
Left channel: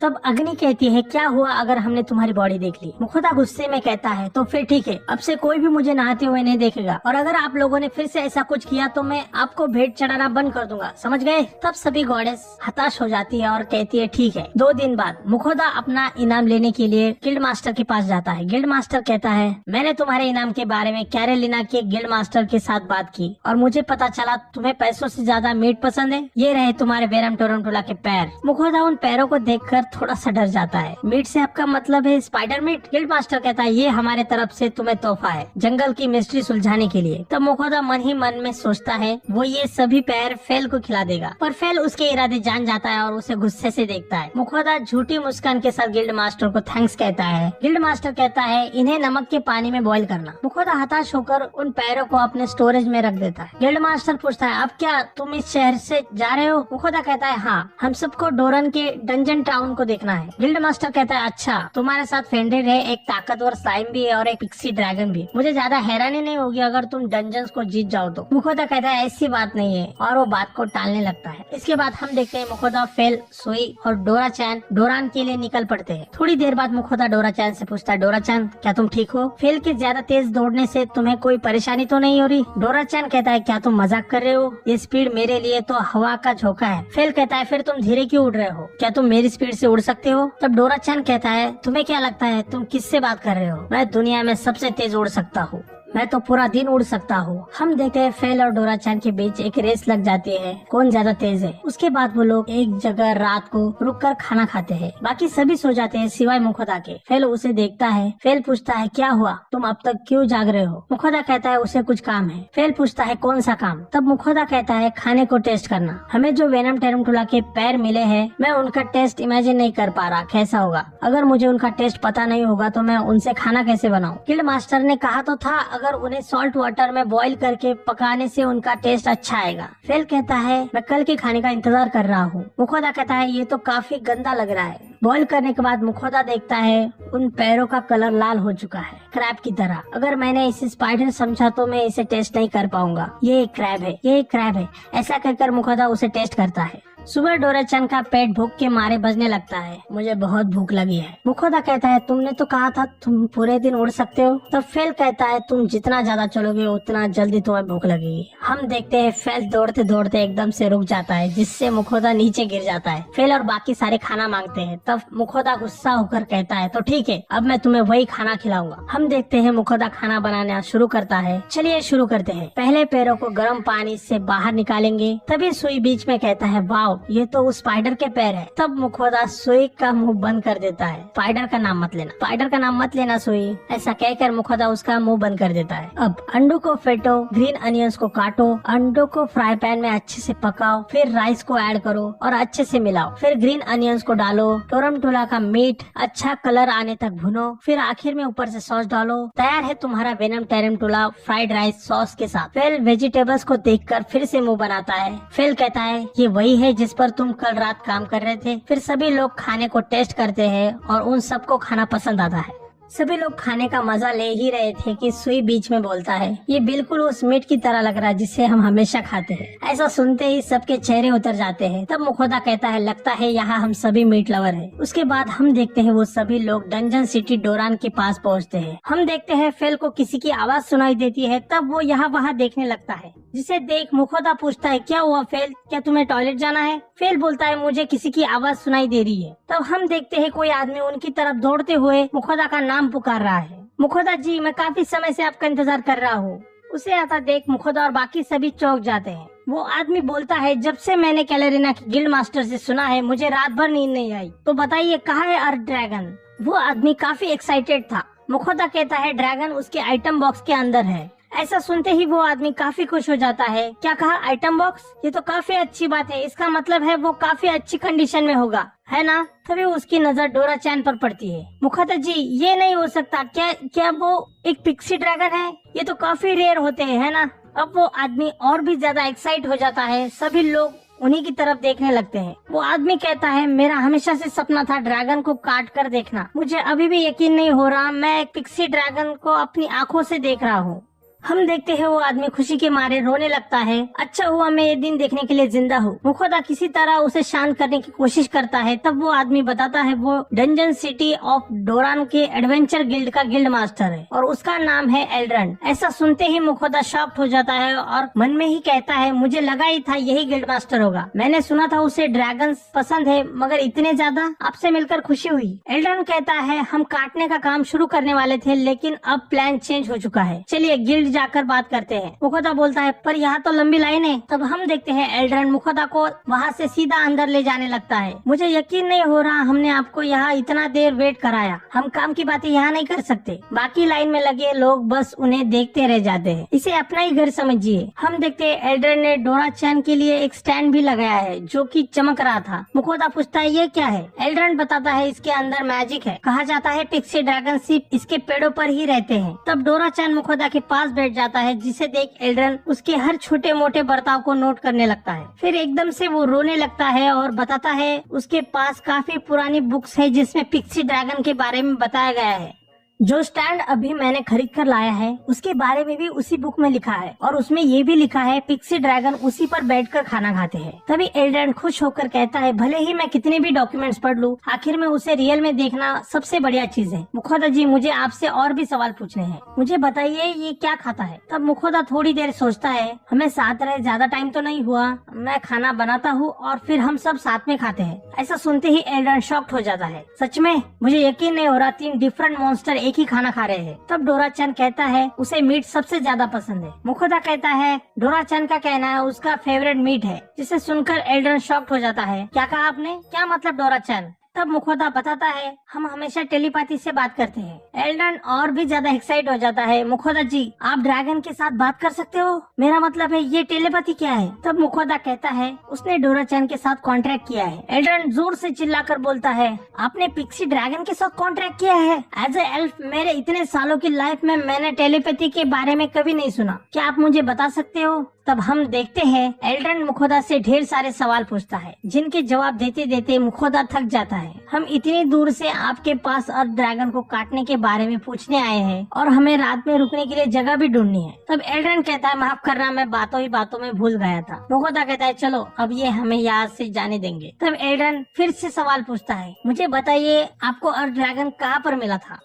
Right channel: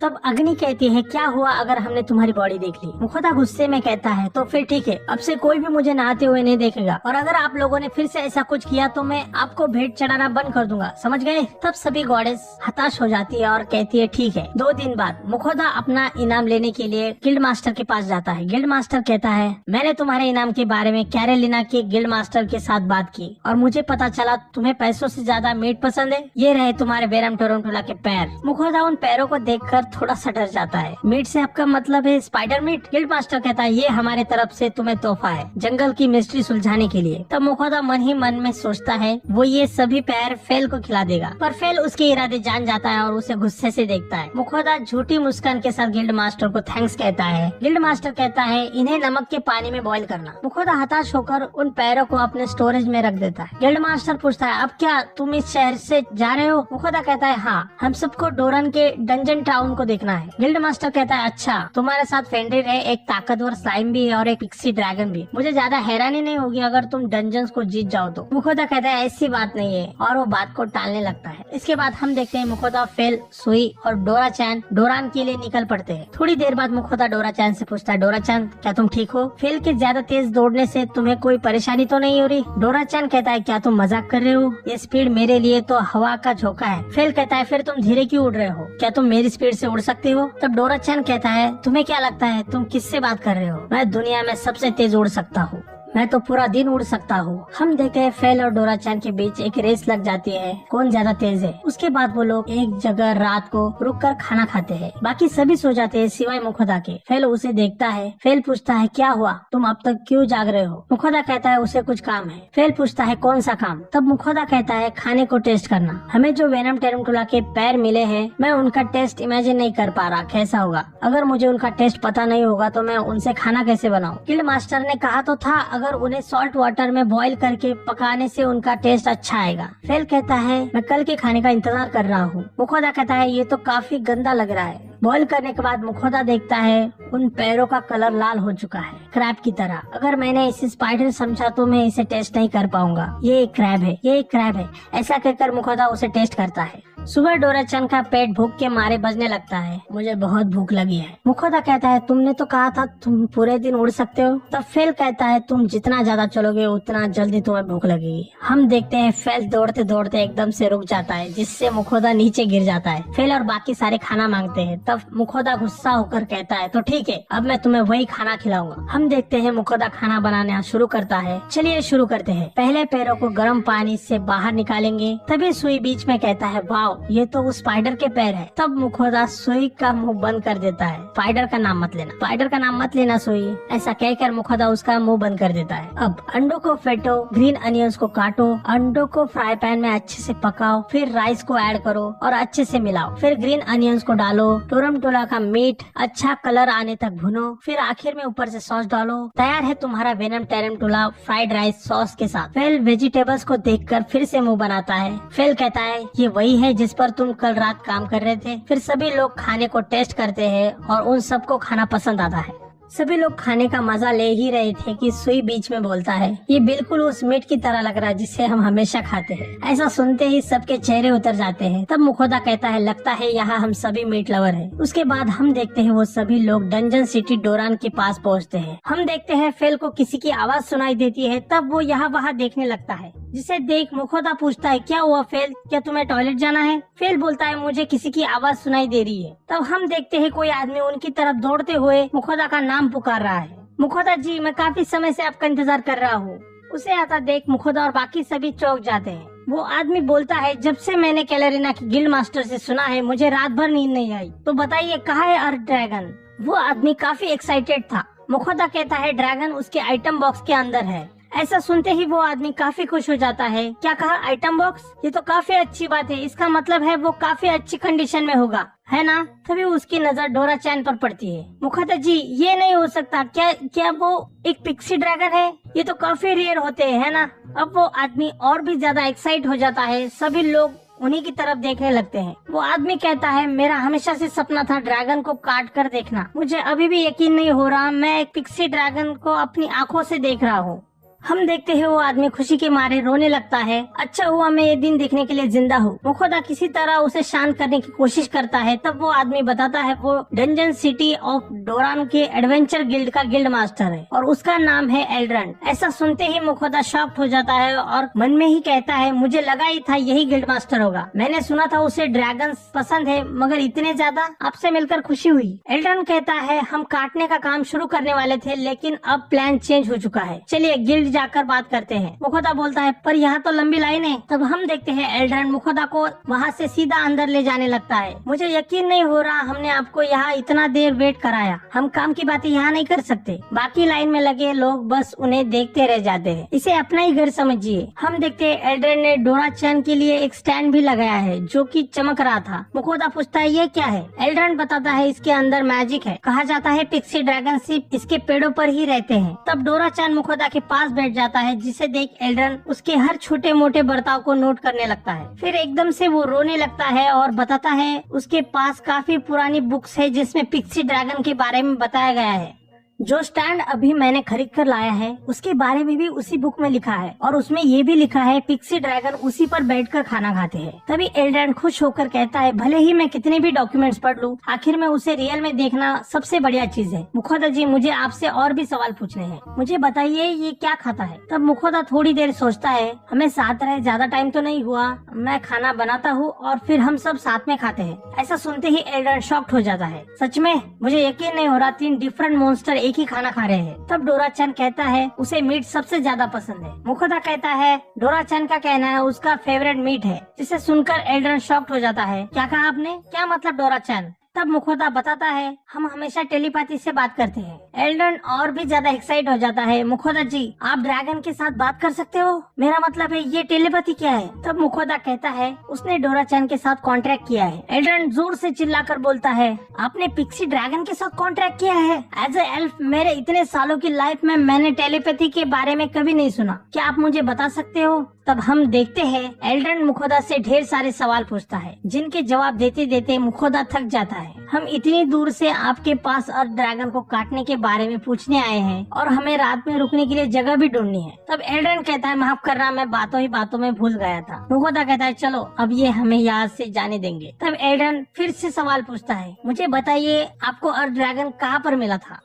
तब अग्नि कहती है क्या हुआ अगर हमने तुम्हारी बॉडी देख ली? मुखोदा गुस्से में कहता है तो फिर ठीक है, अब से कोई भी मुझे नहाते हुए नहीं देखेगा, और अगर आप लोगों ने फिर से ऐसा कुछ किया तो मैं आपको भेंट चढ़ाना बंद कर दूंगा, समझ गए? तब सभी गॉडेस हताश हो जाती है और कहती है ठीक है। 2 दिन बाद मुखोदा अपना इनाम लेने के लिए गिल्ड मास्टर के पास जाता है। गिल्ड मास्टर कहता है मैंने तुम्हारे इनाम के बारे में कैरोलिना के गिल्ड मास्टर के साथ बात की और मुझे पता चला तुम्हें पैसों से ज्यादा मीट पसंद है। ये रहे तुम्हारे बेरम टोरंटोला के पैर। मुखोदा उन पैरों को देखकर थोड़ा सा डर जाता है। मीट से आपका मतलब है स्पाइडर मीट? गिल्ड मास्टर कहता है ये हमारे तरफ से तुम्हें तोहफा है जंगल की मिस्ट्री सुलझाने के लिए। तब मुखोदा मन ही मन में सोचता है वो ये सभी पैर फेल को खिला देगा, पर फेल उसके इरादे जान जाता है और उसे गुस्से से देखता है। मुखोदा झूठी मुस्कान के साथ गिल्ड मास्टर को थैंक्स कहता है। गिल्ड मास्टर कहता है इन्हें नमक के पानी में बॉईल करना। मुखोदा हताश होकर उन पैरों को अपने स्टोरेज में रख देता है। गिल्ड मास्टर पूछता है अब क्या तुम इस शहर से जा रहे हो? मुखोदा कहता है हाँ, हम सबको डोरन के डंजन टाउन को देखना है। गिल्ड मास्टर कहता है अच्छा, तुम्हारे साथ फेंड्रिल है, एक ताकतवर स्लाइम भी है और एक पिक्सी ड्रैगन भी। मुझे ज्यादा हैरानी नहीं होगी अगर तुम डंजन्स को जीत जाओ तो। मुखोदा कहता है ऐसी बात नहीं है और वो बात को टालने लगता है। इसके बाद हम देखते हैं मुखोदा, फेल, सुई और डोरा चैन डोरान के लिए निकल पड़ते हैं। थोड़ी देर बाद मुखोदा डोरा चैन से पूछता है डोरा चैन क्या तुम ठीक हो? फेल के ज्यादा तेज दौड़ने से तुम्हें कोई परेशानी तो नहीं हो रही? डोरा चैन कहता है क्या तुम मजाक कर रहे हो? ये स्पीड मेरे लिए तो हवा का झोंका है। फेल कहता है फिर तुम धीरे क्यों उड़ रहे हो? क्या तुम मेरी स्पीड से उड़ सकते हो? तब डोरा चैन कहता है तुम्हें क्या लगता है तुम किससे बात कर रहे हो? मैं दुनिया में सबसे तेज उड़ सकता हूँ। मैं तो पूरा दिन उड़ सकता हूँ। हम देखते हैं फेल और डोरा चैन के बीच एक रेस लग जाती है, कौन ज्यादा तेज है। उसके बाद वो लोग एक जगह रात को रुककर खाना खाते हैं। बाकी सभी सो जाते हैं सिवाय मुखोदा के। फेल उसे देखता है। फेल पूछता है क्या हुआ, तुम अब तक क्यों जाग रहे हो। मुखोदा कहता है उसे कुछ काम है। फेल पूछता है कौन सा काम। तब मुखोदा कहता है खाने को टेस्ट करना। हमें जो वेनम टेरंटुला के पैर मिले हैं, मैं उनका टेस्ट इमेजिन नहीं कर पा रहा कैसा होगा। अगर मुझे उनका टेस्ट पता नहीं होगा तो मैं उनसे खाना कैसे बनाऊं। गिल्ड मास्टर ने कहा तो था अगर उन्हें सॉल्ट वाटर में बॉईल करके पकाने से उनका टेस्ट अच्छा आएगा। फेल कहता है मैं कल के खाने का इंतजार कर रहा हूँ। मुखोदा कहता है ये तो काफी गंदा लग रहा है। बॉईल करने के बाद मुखोदा देखता है उन पैरों का कलर लाल हो चुका है, क्रैब की तरह। अगर मैंने इसे स्पाइडर समझा तो मैं इसे टेस्ट नहीं कर पाऊंगा। ये एक क्रैब है, ये एक क्रैब है। ऐसा कहकर मुखोदा उसे टेस्ट करता है। सुबह डोरा-चैन का पेट भूख के मारे बजने लगता है। मुझे बहुत भूख लगी है। मुखोदा कहता है तुमने तो कहा था तुम पूरे दिन उड़ सकते हो। तो फेल कहता है तुम जितना ज्यादा चलोगे उतना जल्दी तुम्हें भूख लगेगी। हम देखते हैं फेल दौड़ते दौड़ते एकदम से रुक जाता है, जिससे मुखोदा नीचे गिर जाता है। फेल और बाकी सारे खाना मांगते हैं। तब मुखोदा गुस्सा होकर कहता है तो ठीक है, अब मैं तुम्हें वही खाना खिलाऊंगा। हम देखते हैं मुखोदा खाना बनाना शुरू करता है। चलिए शुरू करते हैं। पहले पैरों को गर्म पानी से बाहर निकालेंगे। तभी सुई बीच में कहता है वाव, ये तो उस स्पाइडर के पैर है। तब मुखोदा सुई का मुंह बंद कर देता है। स्पाइडर का नाम मत लेना, स्पाइडर का नाम मत लेना सुई। ऐसा कहकर मुखोदा उसका मुंह बंद कर देता है। अब अंडों को फेंटो, ग्रीन अनियंस को काटो, अंडों को फ्राई पैन में अच्छे से पकाओ, फिर राइस को ऐड करो और अच्छे से मिलाओ। फिर ग्रीन अनियंस को डालो, टोरमटोला का मीट अच्छा कलर आने तक भुनो, फिर आखिर में ऊपर से सॉस डालो। तैयार है तुम्हारा वेनम टेरंटुला फ्राइड राइस सॉस के साथ। फेल वेजिटेबल्स को देखकर फिर से मुंह बनाता है। फेल कहता है ये वही है जिस पर तुम कल रात काम कर रहे थे। फिर सभी लोग खाने को टेस्ट करते हैं और उन सबको खाना पसंद आता है। सभी लोग खाने का मजा ले ही रहे थे कि सुई बीच में बोलता है ये बिल्कुल उस मीट की तरह लग रहा है जिसे हम हमेशा खाते हैं। ऐसा सुनते ही सबके चेहरे उतर जाते हैं। तब मुखोदा कहता है लगता है यहाँ हम सभी मीट लवर हैं। उसके बाद हम देखते हैं वो सभी लोग डंजन सिटी डोरान के पास पहुँचते हैं। हम देखते हैं फेल को किसी की आवाज सुनाई देती है। तब वो यहाँ वहाँ देखने लगता है, जिसे देख मुखोदा पूछता है क्या हुआ फेल, क्या तुम्हें टॉयलेट जाना है। फेल बोलता है मुझे किसी की आवाज सुनाई दे रही है। तब हम देखते हैं कोई आदमी उनकी तरफ दौड़ते हुए मुखोदा का नाम पुकार रहा है। मुखोदा जी मैं काफी समय से आपका इंतजार कर रहा हूँ। उसे आता देख मुखोदा और बाकी सभी चौंक जाते हैं। वो आदमी बोलता है जब से मैंने कैलेरिना की गिल्ड मास्टर से सुना है मुझे रात भर नींद नहीं आई। तो बताइए कहाँ है अर्थ ड्रैगन। वो आदमी काफी एक्साइटेड था। मुखोदा कहता है ड्रैगन उसके आइटम बॉक्स के अंदर है। ऐसा सुनते ही वो आदमी काफी खुश हो जाता है। क्या कहा आइटम बॉक्स, ये तो काफी अच्छी बात है। इसका मतलब है वो काफी अच्छी कंडीशन में होगा, है ना। तभी उसकी नजर डोरा-चैन पर पड़ती है। मुखोदा जी ये नहीं हो सकता, क्या वो एक पिक्सी ड्रैगन है। ये तो काफी रेयर होते हैं, है ना। अब वो आदमी और भी ज्यादा एक्साइट हो जाता है। सभी लोग उन्हीं की तरफ देखने लगते हैं। वो आदमी कहता है मेरा हमेशा से सपना था ड्रैगन को काट कर देखना। मुझे अभी भी यकीन नहीं हो रहा मैं एक पिक्सी ड्रैगन को अपनी आंखों से देख रहा हूँ। हम देखते हैं वो आदमी खुशी के मारे रोने लगता है। अच्छा हुआ मैं ये दिन देखने के लिए जिंदा हूँ। मुखोदा किसी तरह उसे शांत करने की कोशिश करता है। तब वो आदमी बताता है वो डंजन सिटी ऑफ डोरान के एडवेंचर गिल्ड का गिल्ड मास्टर है और उसका नाम है एल्ड्रन। ऐसा सुनते ही मुखोदा शॉक्ड हो जाता है और मन में ही कहता है मुझे लगा ही था यही गिल्ड मास्टर होगा। मैंने सुना था उसे ड्रैगन पसंद है मगर इतने ज्यादा। आपसे मिलकर खुशी हुई। एल्ड्रन कहता है हम काटने का काम शुरू करने वाले थे लेकिन अब प्लान चेंज हो चुका है। चलिए गिल्ड जाकर बात करते हैं। मुखोदा बोलता है पर यहाँ तो लंबी लाइन है। तब हम देखते हैं एल्ड्रन मुखोदा को वहाँ से सीधा अंदर ले जाने लगता है। मुझे यकीन नहीं हो रहा हमने आपको यहाँ इतना देर वेट कराया। हम काम की बातें यहाँ नहीं कर सकते। बाकी लाइन में लगे लोग बस उन्हें देखते रह जाते हैं। इसे अपना ही घर समझिए। हम देखते हैं एल्ड्रन ने डोरा-चैन के लिए एक स्टैंड भी लगाया है जो कि चमक रहा था। मुखोदा पूछता है ये क्या है। एल्ड्रन बताता है इसके अंदर मैजिक है। कहा जाता है पिक्सी ड्रैगन सिर्फ इसके पेड़ों पर ही रहते हैं। तब डोरा-चैन मुखोदा के पास बैठ जाता है, जिसे देख एल्ड्रन उसके हर छोटे मोटे बर्ताव को नोट करने लगता है। फिर एकदम से वो रोने लगता है और बताता है उसके पास काफी पुरानी बुक्स है जिसमें पिक्सी ड्रैगन के बारे में बताया गया है। जो स्टैंड अभी मैंने खरीद कर लाया है उसके बारे में भी उसी बुक में लिखा है और उसमें ये भी लिखा है पिक्सी ड्रैगन उसी पर बैठकर खाना खाते हैं। तभी एल्ड्रन खुश होकर कहता है भले ही मैं कितने भी डॉक्यूमेंट्स पढ़ लूं, आखिर में उसे रियल में देखना सबसे बढ़िया चीज है। मुखोदा जी मुझे आपसे और भी सवाल पूछने हैं। मुझे बताइए ये क्या खाता है। तब मुखोदा थोड़ी देर सोचता है हमें साथ रहे ज्यादा टाइम तो नहीं हुआ। मैं खाना बनाता हूँ और फिर हम सब साथ में खाते हैं। ऐसा सुनते ही एल्ड्रन शॉक्ड हो जाता है। सच में मुझे यकीन नहीं हो रहा 3 डिफरेंट मॉन्स्टर एक ही खाना खा रहे हैं। तब डोरा-चैन कहता है उसे मीट सबसे ज्यादा पसंद है। मुखोदा कहता है डोरा-चैन का कहना है उसका फेवरेट मीट है, जिसे सुनकर एल्ड्रन शॉक्ड हो जाता है। क्या कहा आपने? क्या मतलब डोरा-चैन? तब मुखोदा बताता है हम हमेशा टेलीपैथी से बात करते हैं। एल्ड्रन और भी ज्यादा एक्साइट हो जाता है। मुखोदा जी, आप ड्रैगन के साथ बात कर सकते हो? मेरा मतलब है ये टेलीपैथी क्या है? तब मुखोदा कहता है उसने डोरा-चैन के साथ कॉन्ट्रैक्ट किया है। एल्ड्रन जोर से चिल्लाकर बोलता है आपने पिक्सी ड्रैगन के साथ कॉन्ट्रैक्ट किया है? एज ए एल्फ मेरे इतने सालों की लाइफ में मैंने टेलीपैथी के बारे में कभी नहीं सुना। क्या आप मुझे बता सकते हो? तब हम देखते हैं एल्ड्रन मुखोदा से ढेर सारे सवाल पूछता है, जिनके जवाब देते देते मुखोदा थक जाता है। हम इतनी दूर से आपके पास अर्थ ड्रैगन को काटने के बारे में पूछने आए हैं और हमें रात में रुकने के लिए जगह भी ढूंढनी है। तब एल्ड्रन कहता है माफ करना, मैं बातों ही बातों में भूल गया था। मुखोदा कहता है चलो अब ये हमें यहाँ से जाने देंगे। तब एल्ड्रन फिर से सवाल पूछता है मुझे बताइए आपको अर्थ ड्रैगन कहाँ पर मिला था?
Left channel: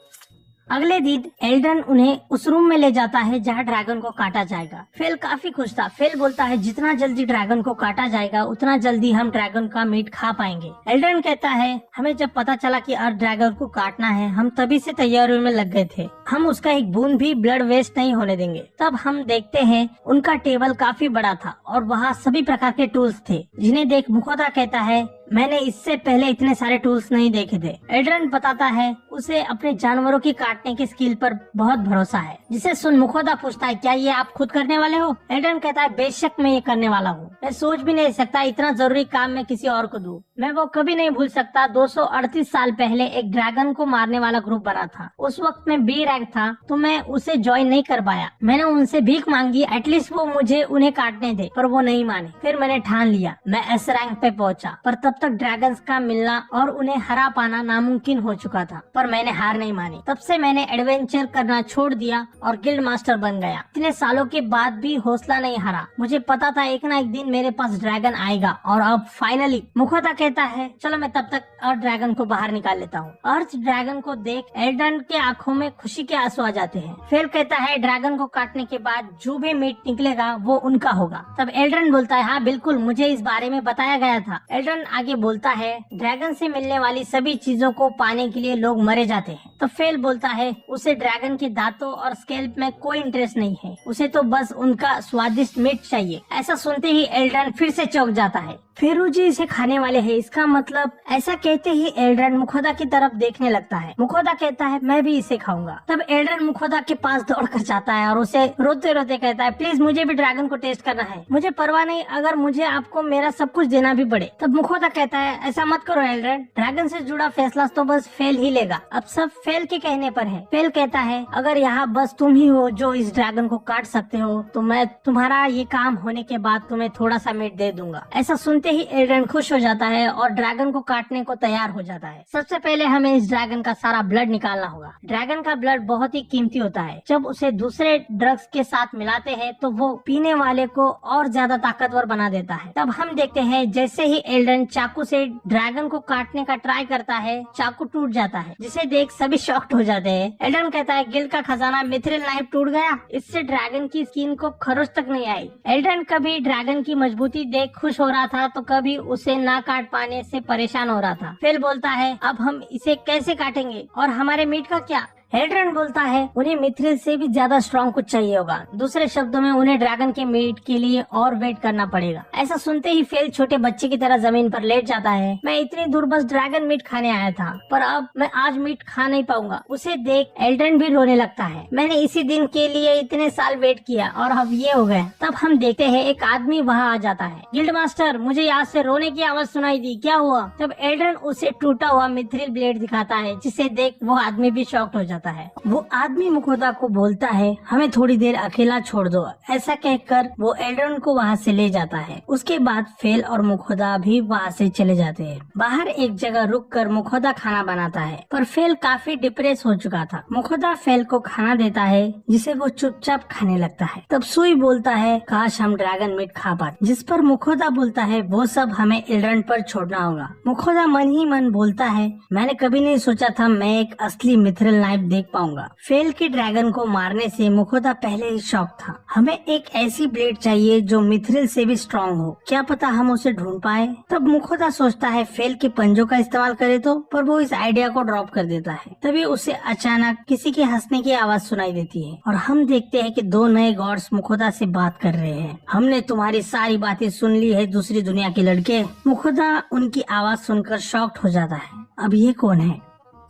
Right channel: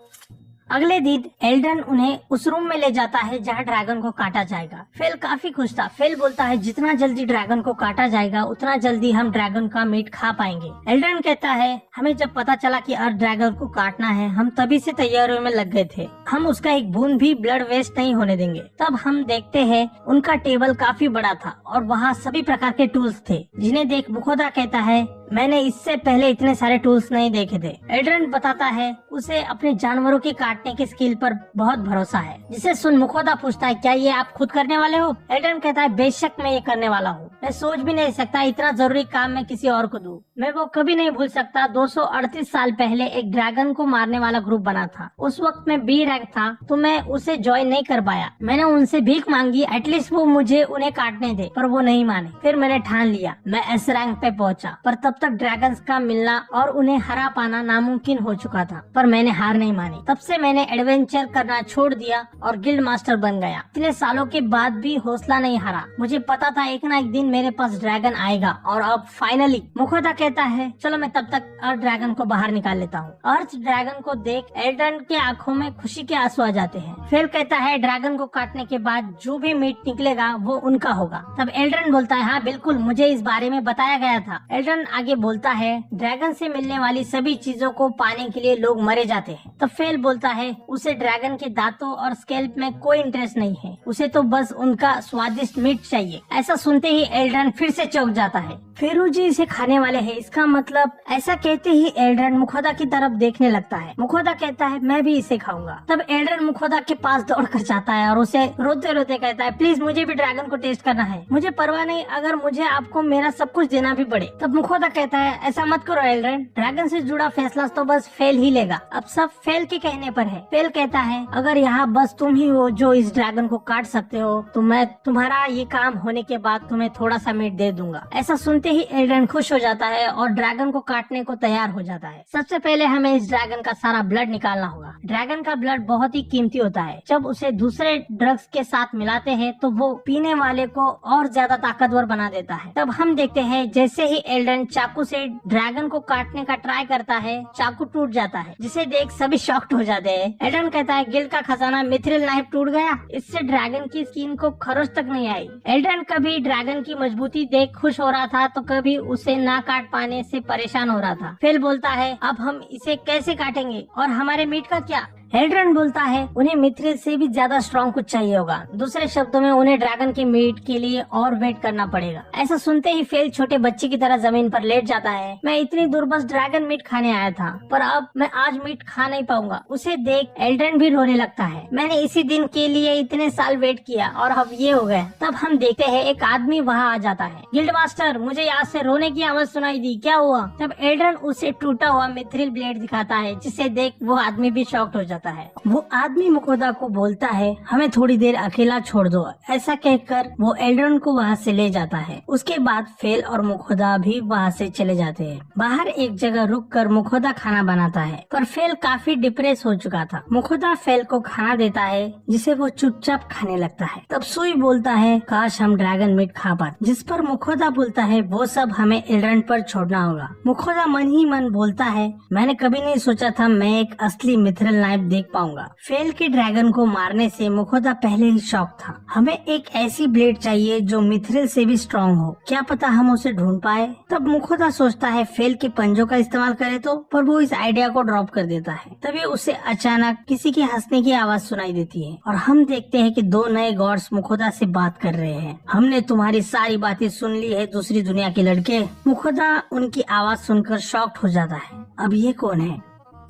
अगले दिन एल्ड्रन उन्हें उस रूम में ले जाता है जहाँ ड्रैगन को काटा जाएगा। फेल काफी खुश था। फेल बोलता है जितना जल्दी ड्रैगन को काटा जाएगा उतना जल्दी हम ड्रैगन का मीट खा पाएंगे। एल्ड्रन कहता है हमें जब पता चला कि अर्थ ड्रैगन को काटना है हम तभी से तैयारियों में लग गए थे। हम उसका एक बूंद भी ब्लड वेस्ट नहीं होने देंगे। तब हम देखते हैं उनका टेबल काफी बड़ा था और वहाँ सभी प्रकार के टूल्स थे, जिन्हें देख मुखोदा कहता है मैंने इससे पहले इतने सारे टूल्स नहीं देखे थे। एल्ड्रन बताता है उसे अपने जानवरों की काटने के स्किल पर बहुत भरोसा है, जिसे सुन मुखोदा पूछता है क्या ये आप खुद करने वाले हो? एल्ड्रन कहता है बेशक मैं ये करने वाला हूँ। मैं सोच भी नहीं सकता इतना जरूरी काम मैं किसी और को दूं। मैं वो कभी नहीं भूल सकता 238 साल पहले एक ड्रैगन को मारने वाला ग्रुप बना था। उस वक्त मैं बी रैंक था तो मैं उसे ज्वाइन नहीं कर पाया। मैंने उनसे भीख मांगी एटलीस्ट वो मुझे उन्हें काटने दे, पर वो नहीं माने। फिर मैंने ठान लिया मैं एस रैंक पे पहुंचा, पर तब तक ड्रैगन्स का मिलना और उन्हें हरा पाना नामुमकिन हो चुका था। पर मैंने हार नहीं मानी। तब से मैंने एडवेंचर करना छोड़ दिया और गिल्ड मास्टर बन गया। इतने सालों के बाद भी हौसला नहीं हारा। मुझे पता था एक ना एक दिन मेरे पास ड्रैगन आएगा और अब फाइनली। मुखोदा कहता है चलो मैं तब तक अर्थ ड्रैगन को बाहर निकाल लेता हूँ। अर्थ ड्रैगन को देख एल्ड्रन के आंखों में खुशी के आंसू आ जाते हैं। फेल कहता है ड्रैगन को काटने के बाद जो भी मीट निकलेगा वो उनका होगा। तब एल्ड्रन बोलता है हाँ बिल्कुल, मुझे इस बारे में बताया गया था। एल्ड्रन आगे बोलता है ड्रैगन से मिलने वाली सभी चीजों को पाने के लिए लोग मरे जाते हैं। तो फेल बोलता है उसे ड्रैगन के दांतों और स्केल्प में कोई इंटरेस्ट नहीं है, उसे तो बस उनका स्वादिष्ट मीट चाहिए। ऐसा सुनते ही एल्ड्रन फिर से चौंक जाता है। फेरू जी इसे खाने वाले हैं, इसका मतलब? ऐसा कहते ही एल्ड्रन मुखोदा की तरफ देखने लगता है। मुखोदा कहता है मैं भी इसे खाऊंगा। तब एल्ड्रन मुखोदा के पास दौड़कर जाता है और उसे रोते रोते कहता है प्लीज मुझे भी ड्रैगन को टेस्ट करना है। मुझे परवाह नहीं अगर मुझे आपको मेरा सब कुछ देना भी पड़े। तब मुखोदा कहता है ऐसा मत करो एल्ड्रन, ड्रैगन से जुड़ा फैसला तो बस फेल ही लेगा। अब सब फेल के कहने पर है। फेल कहता है अगर यहाँ बस तुम ही हो जो इस ड्रैगन को काट सकते हो तो मैं तुम्हारा ये काम होने के बाद तुम्हें थोड़ा सा मीट दे दूंगा। ऐसा सुनते ही एल्ड्रन खुश हो जाता है और ड्रैगन को काटने को तैयार हो जाता है। सबसे पहले हमें इस ड्रैगन का सारा ब्लड निकालना होगा। ड्रैगन का ब्लड बहुत ही कीमती होता है। जब उसे दूसरे ड्रग्स के साथ मिलाते हैं तो वो पीने वाले को और ज्यादा ताकतवर बना देता है। तब हम देखते हैं जैसे ही एल्ड्रन चाकू से ड्रैगन को काटने का ट्राई करता है चाकू टूट जाता है, जिसे देख सभी शॉक्ड हो जाते हैं। एल्ड्रन कहता है गिल्ड का खजाना मिथ्रिल नाइफ टूट गया, इससे ड्रैगन की स्किन को खरोच तक नहीं आई। एल्ड्रन कभी ड्रैगन की मजबूती देख खुश हो रहा था तो कभी उसे ना काट पाने से परेशान हो रहा था। फेल बोलता है अब हम इसे कैसे काटेंगे और हमारे मीट का क्या? एल्ड्रन बोलता है उन्हें मिथ्रिल से भी ज्यादा स्ट्रॉन्ग कुछ चाहिए होगा। दूसरे शब्दों में उन्हें ड्रैगन के मीट के लिए और वेट करना पड़ेगा। ऐसा सुनते ही फेल छोटे बच्चे की तरह जमीन पर लेट जाता है। मैं इतनी दूर बस ड्रैगन मीट खाने आया था, पर अब मैं आज मीट खा नहीं पाऊंगा। उसे देख एल्ड्रन भी रोने लगता है। मैंने इसी दिन के लिए इतने साल वेट किया और अब ये हो गया। तब हम देखते हैं एक आदमी वहाँ आ जाता है। गिल्ड मास्टर, मुझे यहाँ से रोने की आवाज सुनाई दी, क्या हुआ? तब एल्ड्रन उसे टूटा हुआ मिथ्रिल ब्लेड दिखाता है, जिसे देख वो आदमी भी शॉक्ड हो जाता है। वो आदमी मुखोदा को बोलता है हमें थोड़ी देर अकेला छोड़ दो। ऐसा कहकर वो एल्ड्रन को वहाँ से ले जाता है। उसके बाद फेल और मुखोदा भी वहाँ से चले जाते हैं। बाहर एक जगह रुककर मुखोदा खाना बनाता है, पर फेल काफी डिप्रेस हो चुका था। मुखोदा फेल को खाना देता है, जिसे वो चुपचाप खाने लगता है। तब सुई बोलता है काश हम ड्रैगन मीट खा पाते, जिस पर मुखोदा बोलता है वो सब हमें एल्ड्रन पर छोड़ना होगा। मुखोदा मन ही मन बोलता है मैंने कभी नहीं सोचा था मैं एक असली मिथ्रिल नाइफ शायद देख पाऊंगा। फेल के ड्रैगन को मारने से मुखोदा पहले ही शॉक था। हमें एक ऐसी ब्लेड चाहिए जो मिथ्रिल से भी स्ट्रॉन्ग हो, क्या पता हम उसे ढूंढ पाए। तब मुखोदा सोचता है फेल के पंजों का इस्तेमाल करे तो, पर वो इस आइडिया को ड्रॉप कर देता है। तभी उसे अचानक किसी के हंसने की आवाज सुनाई देती है और हम देखते हैं कि दो नए गॉड्स मुखोदा से बात कर रहे हैं। हमने तुम्हारी सारी बातें सुन ली है दूसरी दुनिया के लड़के। मुखोदा उनकी आवाज सुनकर शॉक्ड हो जाता है। अब ये कौन है?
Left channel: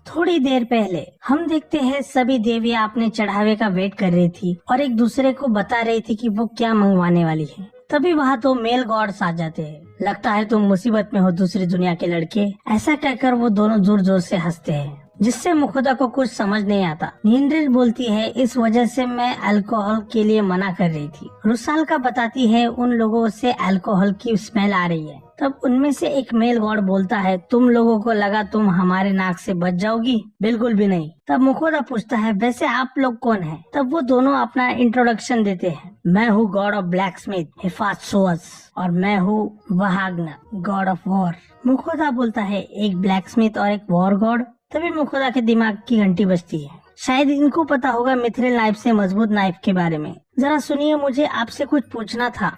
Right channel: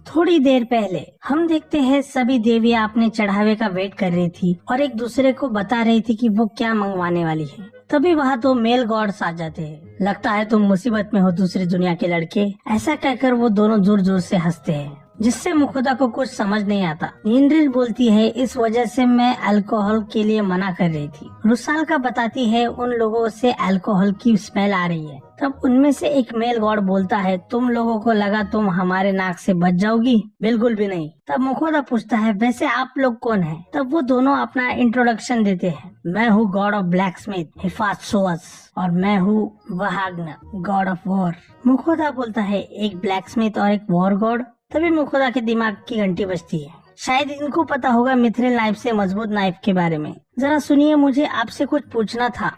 थोड़ी देर पहले हम देखते हैं सभी देवियां अपने चढ़ावे का वेट कर रही थी और एक दूसरे को बता रही थी कि वो क्या मंगवाने वाली है। तभी वहाँ तो मेल गॉड्स आ जाते हैं। लगता है तुम मुसीबत में हो दूसरी दुनिया के लड़के, ऐसा कहकर वो दोनों जोर जोर से हंसते हैं, जिससे मुखोदा को कुछ समझ नहीं आता। नींद्रिल बोलती है इस वजह से मैं अल्कोहल के लिए मना कर रही थी। रुसाल्का बताती है उन लोगों से अल्कोहल की स्मेल आ रही है। तब उनमें से एक मेल गॉड बोलता है तुम लोगों को लगा तुम हमारे नाक से बच जाओगी? बिल्कुल भी नहीं। तब मुखोदा पूछता है वैसे आप लोग कौन हैं? तब वो दोनों अपना इंट्रोडक्शन देते हैं। मैं हूँ गॉड ऑफ ब्लैक स्मिथ हिफात्सुअस और मैं हूँ वहाग्न गॉड ऑफ वॉर। मुखोदा बोलता है एक ब्लैक स्मिथ और एक वॉर गॉड। तभी मुखोदा के दिमाग की घंटी बजती है। शायद इनको पता होगा मिथ्रिल नाइफ से मजबूत नाइफ के बारे में। जरा सुनिए, मुझे आपसे कुछ पूछना था।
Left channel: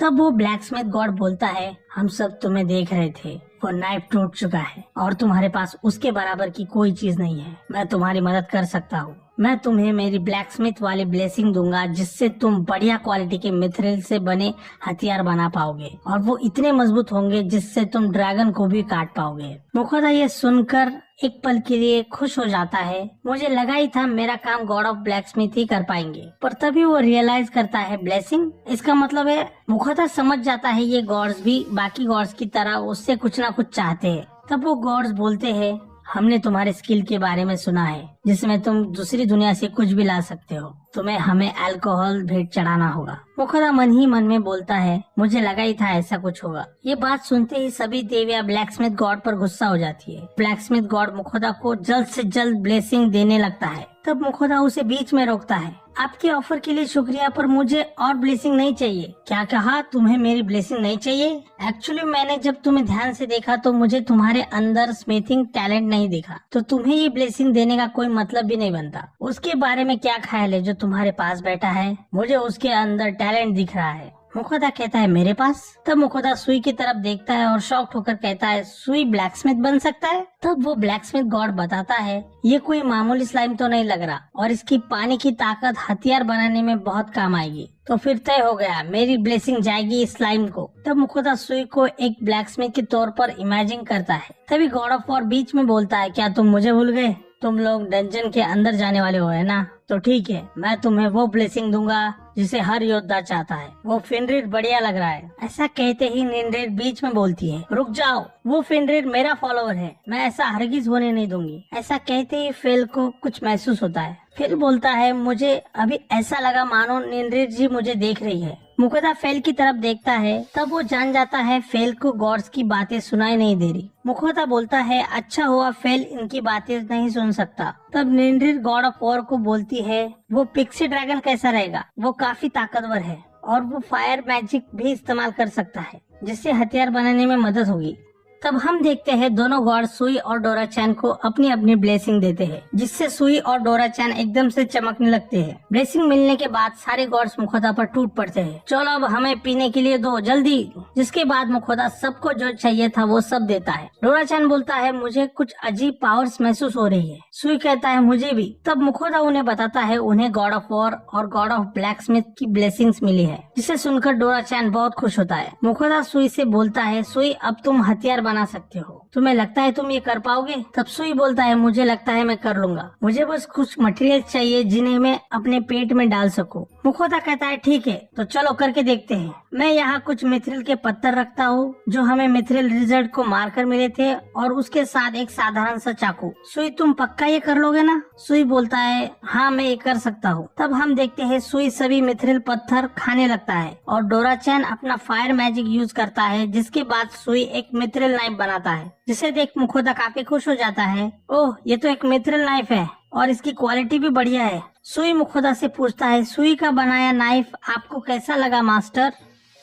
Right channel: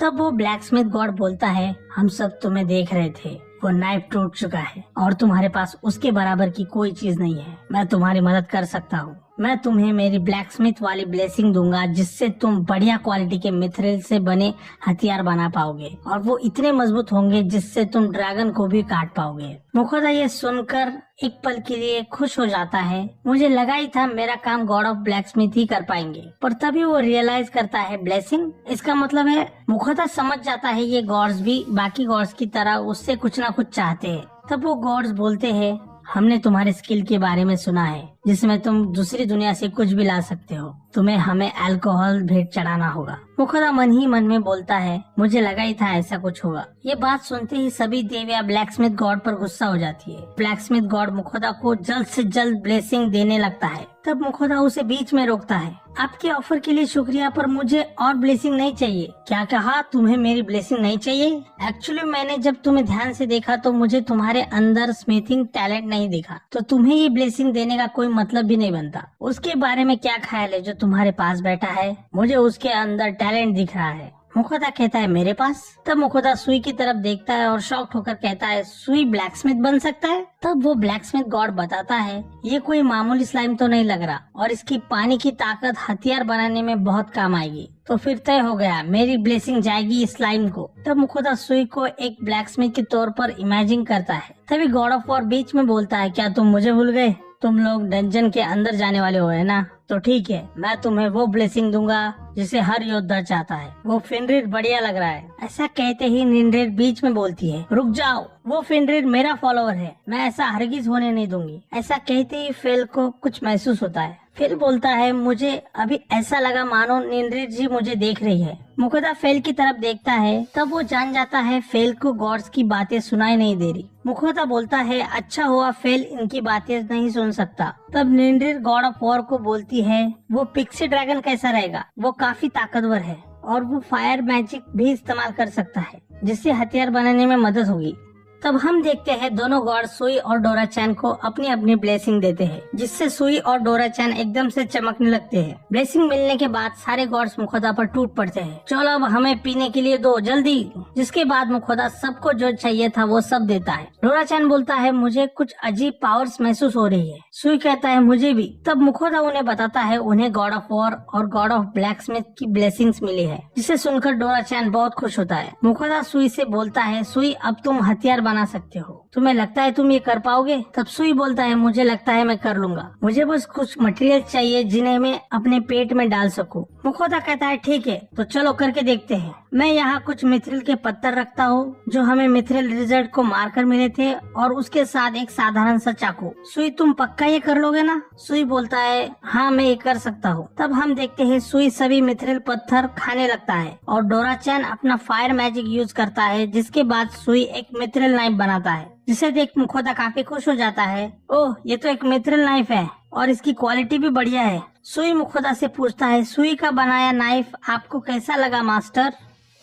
तब वो ब्लैक स्मिथ गॉड बोलता है हम सब तुम्हें देख रहे थे, वो नाइफ टूट चुका है और तुम्हारे पास उसके बराबर की कोई चीज नहीं है। मैं तुम्हारी मदद कर सकता हूँ। मैं तुम्हें मेरी ब्लैक स्मिथ वाली ब्लेसिंग दूंगा जिससे तुम बढ़िया क्वालिटी के मिथ्रिल से बने हथियार बना पाओगे और वो इतने मजबूत होंगे जिससे तुम ड्रैगन को भी काट पाओगे। मुखोदा ये सुनकर एक पल के लिए खुश हो जाता है। मुझे लगा ही था मेरा काम गॉड ऑफ ब्लैक स्मिथ ही कर पाएंगे, पर तभी वो रियलाइज करता है ब्लेसिंग, इसका मतलब है मुखोदा समझ जाता है ये गॉड्स भी बाकी गॉड्स की तरह उससे कुछ ना कुछ चाहते हैं। तब वो गॉड्स बोलते हैं हमने तुम्हारे स्किल के बारे में सुना है जिसमें तुम दूसरी दुनिया से कुछ भी ला सकते हो। तुम्हें हमें अल्कोहल भेंट चढ़ाना होगा। मुखोदा मन ही मन में बोलता है मुझे लगा ही था ऐसा कुछ होगा। ये बात सुनते ही सभी देवियां ब्लैक स्मिथ गॉड पर गुस्सा हो जाती है। ब्लैक स्मिथ गॉड मुखोदा को जल्द से जल्द ब्लेसिंग देने लगता है। तब मुखोदा उसे बीच में रोकता है। आपके ऑफर के लिए शुक्रिया, पर मुझे और ब्लेसिंग नहीं चाहिए। क्या कहा? तुम्हें मेरी ब्लेसिंग नहीं चाहिए? एक्चुअली मैंने जब तुम्हें ध्यान से देखा तो मुझे तुम्हारे अंदर स्मिथिंग टैलेंट नहीं दिखा, तो तुम्हें ये ब्लेसिंग देने का कोई मतलब भी नहीं बनता। उसके बारे में क्या ख्याल है जो तुम्हारे पास बैठा है? मुझे उसके अंदर टैलेंट दिख रहा है। मुखोदा कहता है मेरे पास? तब मुखोदा सुई की तरफ देखता है और शॉक्ड होकर कहता है सुई ब्लैक स्मिथ बन सकता है? तब वो ब्लैक स्मिथ गॉड बताता है ये कोई मामूली स्लाइम तो नहीं लग रहा और इसकी पानी की ताकत हथियार बनाने में बहुत काम आएगी। तो फिर तय हो गया, मेरी ब्लेसिंग जाएगी इस स्लाइम को। तब मुखोदा सुई को एक ब्लैक स्मिथ के तौर पर इमेजिन करता है। तभी गॉड ऑफ वॉर बीच में बोलता है क्या तुम मुझे भूल गए? तुम लोग डंजन के अंदर जाने वाले हो है ना? तो ठीक है, मैं तुम्हें वो ब्लेसिंग दूंगा जिसे हर योद्धा चाहता है। वो फेनरिर बढ़िया लग रहा है। ऐसा कहते ही निंद्रिल बीच में बोलती है रुक जाओ, वो फेनरिर मेरा फॉलोअर है, मैं ऐसा हरगिज होने नहीं दूंगी। ऐसा कहते ही फेल को कुछ महसूस होता है। फेल बोलता है मुझे अभी ऐसा लगा मानो निंद्रिल जी मुझे देख रही है। मुखोदा फेल की तरफ देखता है। तब वो जान जाता है फेल को गॉड्स की बातें सुनाई नहीं दे रही। मुखोदा बोलता है अच्छा हुआ फेल इनकी बातें नहीं सुन सकता। तब निंद्रिल गॉड ऑफ वॉर को बोलती है वो पिक्सी ड्रैगन कैसा रहेगा? वो काफी ताकतवर है और वो फायर मैजिक भी इस्तेमाल कर सकता है जिससे हथियार बनाने में मदद होगी। तब हम देखते हैं दोनों गॉड सुई और डोरा चैन को अपनी अपनी ब्लेसिंग देते हैं जिससे सुई और डोरा चैन एकदम से चमकने लगते हैं। ब्लेसिंग मिलने के बाद सारे गॉड्स मुखोदा पर टूट पड़ते हैं। चलो अब हमें पीने के लिए दो जल्दी। जिसके बाद मुखोदा सबको जो चाहिए था वो सब देता है। डोरा चैन बोलता है मुझे कुछ अजीब पावर्स महसूस हो रही है। सुई कहता है मुझे भी। तब मुखोदा उन्हें बताता है उन्हें गॉड ऑफ वॉर और गॉड ऑफ ब्लैक स्मिथ की ब्लेसिंग्स मिली है, जिसे सुनकर डोरा चैन बहुत खुश होता है। मुखोदा सुई से बोलता है सुई अब तुम हथियार बना सकते हो, तुम्हें लगता है तुम ये कर पाओगे? तब सुई बोलता है मुझे लगता है मैं कर लूंगा, मुझे बस कुछ मटेरियल चाहिए जिन्हें मैं अपने पेट में डाल सकूं। मुखोदा कहता है ठीक है तो चलो करके देखते हैं। मैं यहाँ कुछ मिथ्रिल के पत्थर रखता हूँ जो हमें मिथ्रिल रिजर्ट को मारकर मिले थे और उसके साथ एक साधारण सा चाकू। सुई तुम पक्का ये कर लोगे ना? सुई बोलता है हाँ मैं ये कर सकता हूँ। तब हम देखते हैं सुई सभी मिथ्रिल पत्थर खाने लगता है और डोरा चैन अपना फायर मैजिक यूज करता है, जिसके बाद सुई एक मिथ्रिल नाइफ बनाता है जिसे देख मुखोदा काफी खुश हो जाता है। ओह ये तो एक मिथ्रिल नाइफ है और इसकी क्वालिटी भी बढ़िया है। सुई मुखोदा से पूछता है सुई का बनाया नाइफ आपको कैसा लगा मास्टर?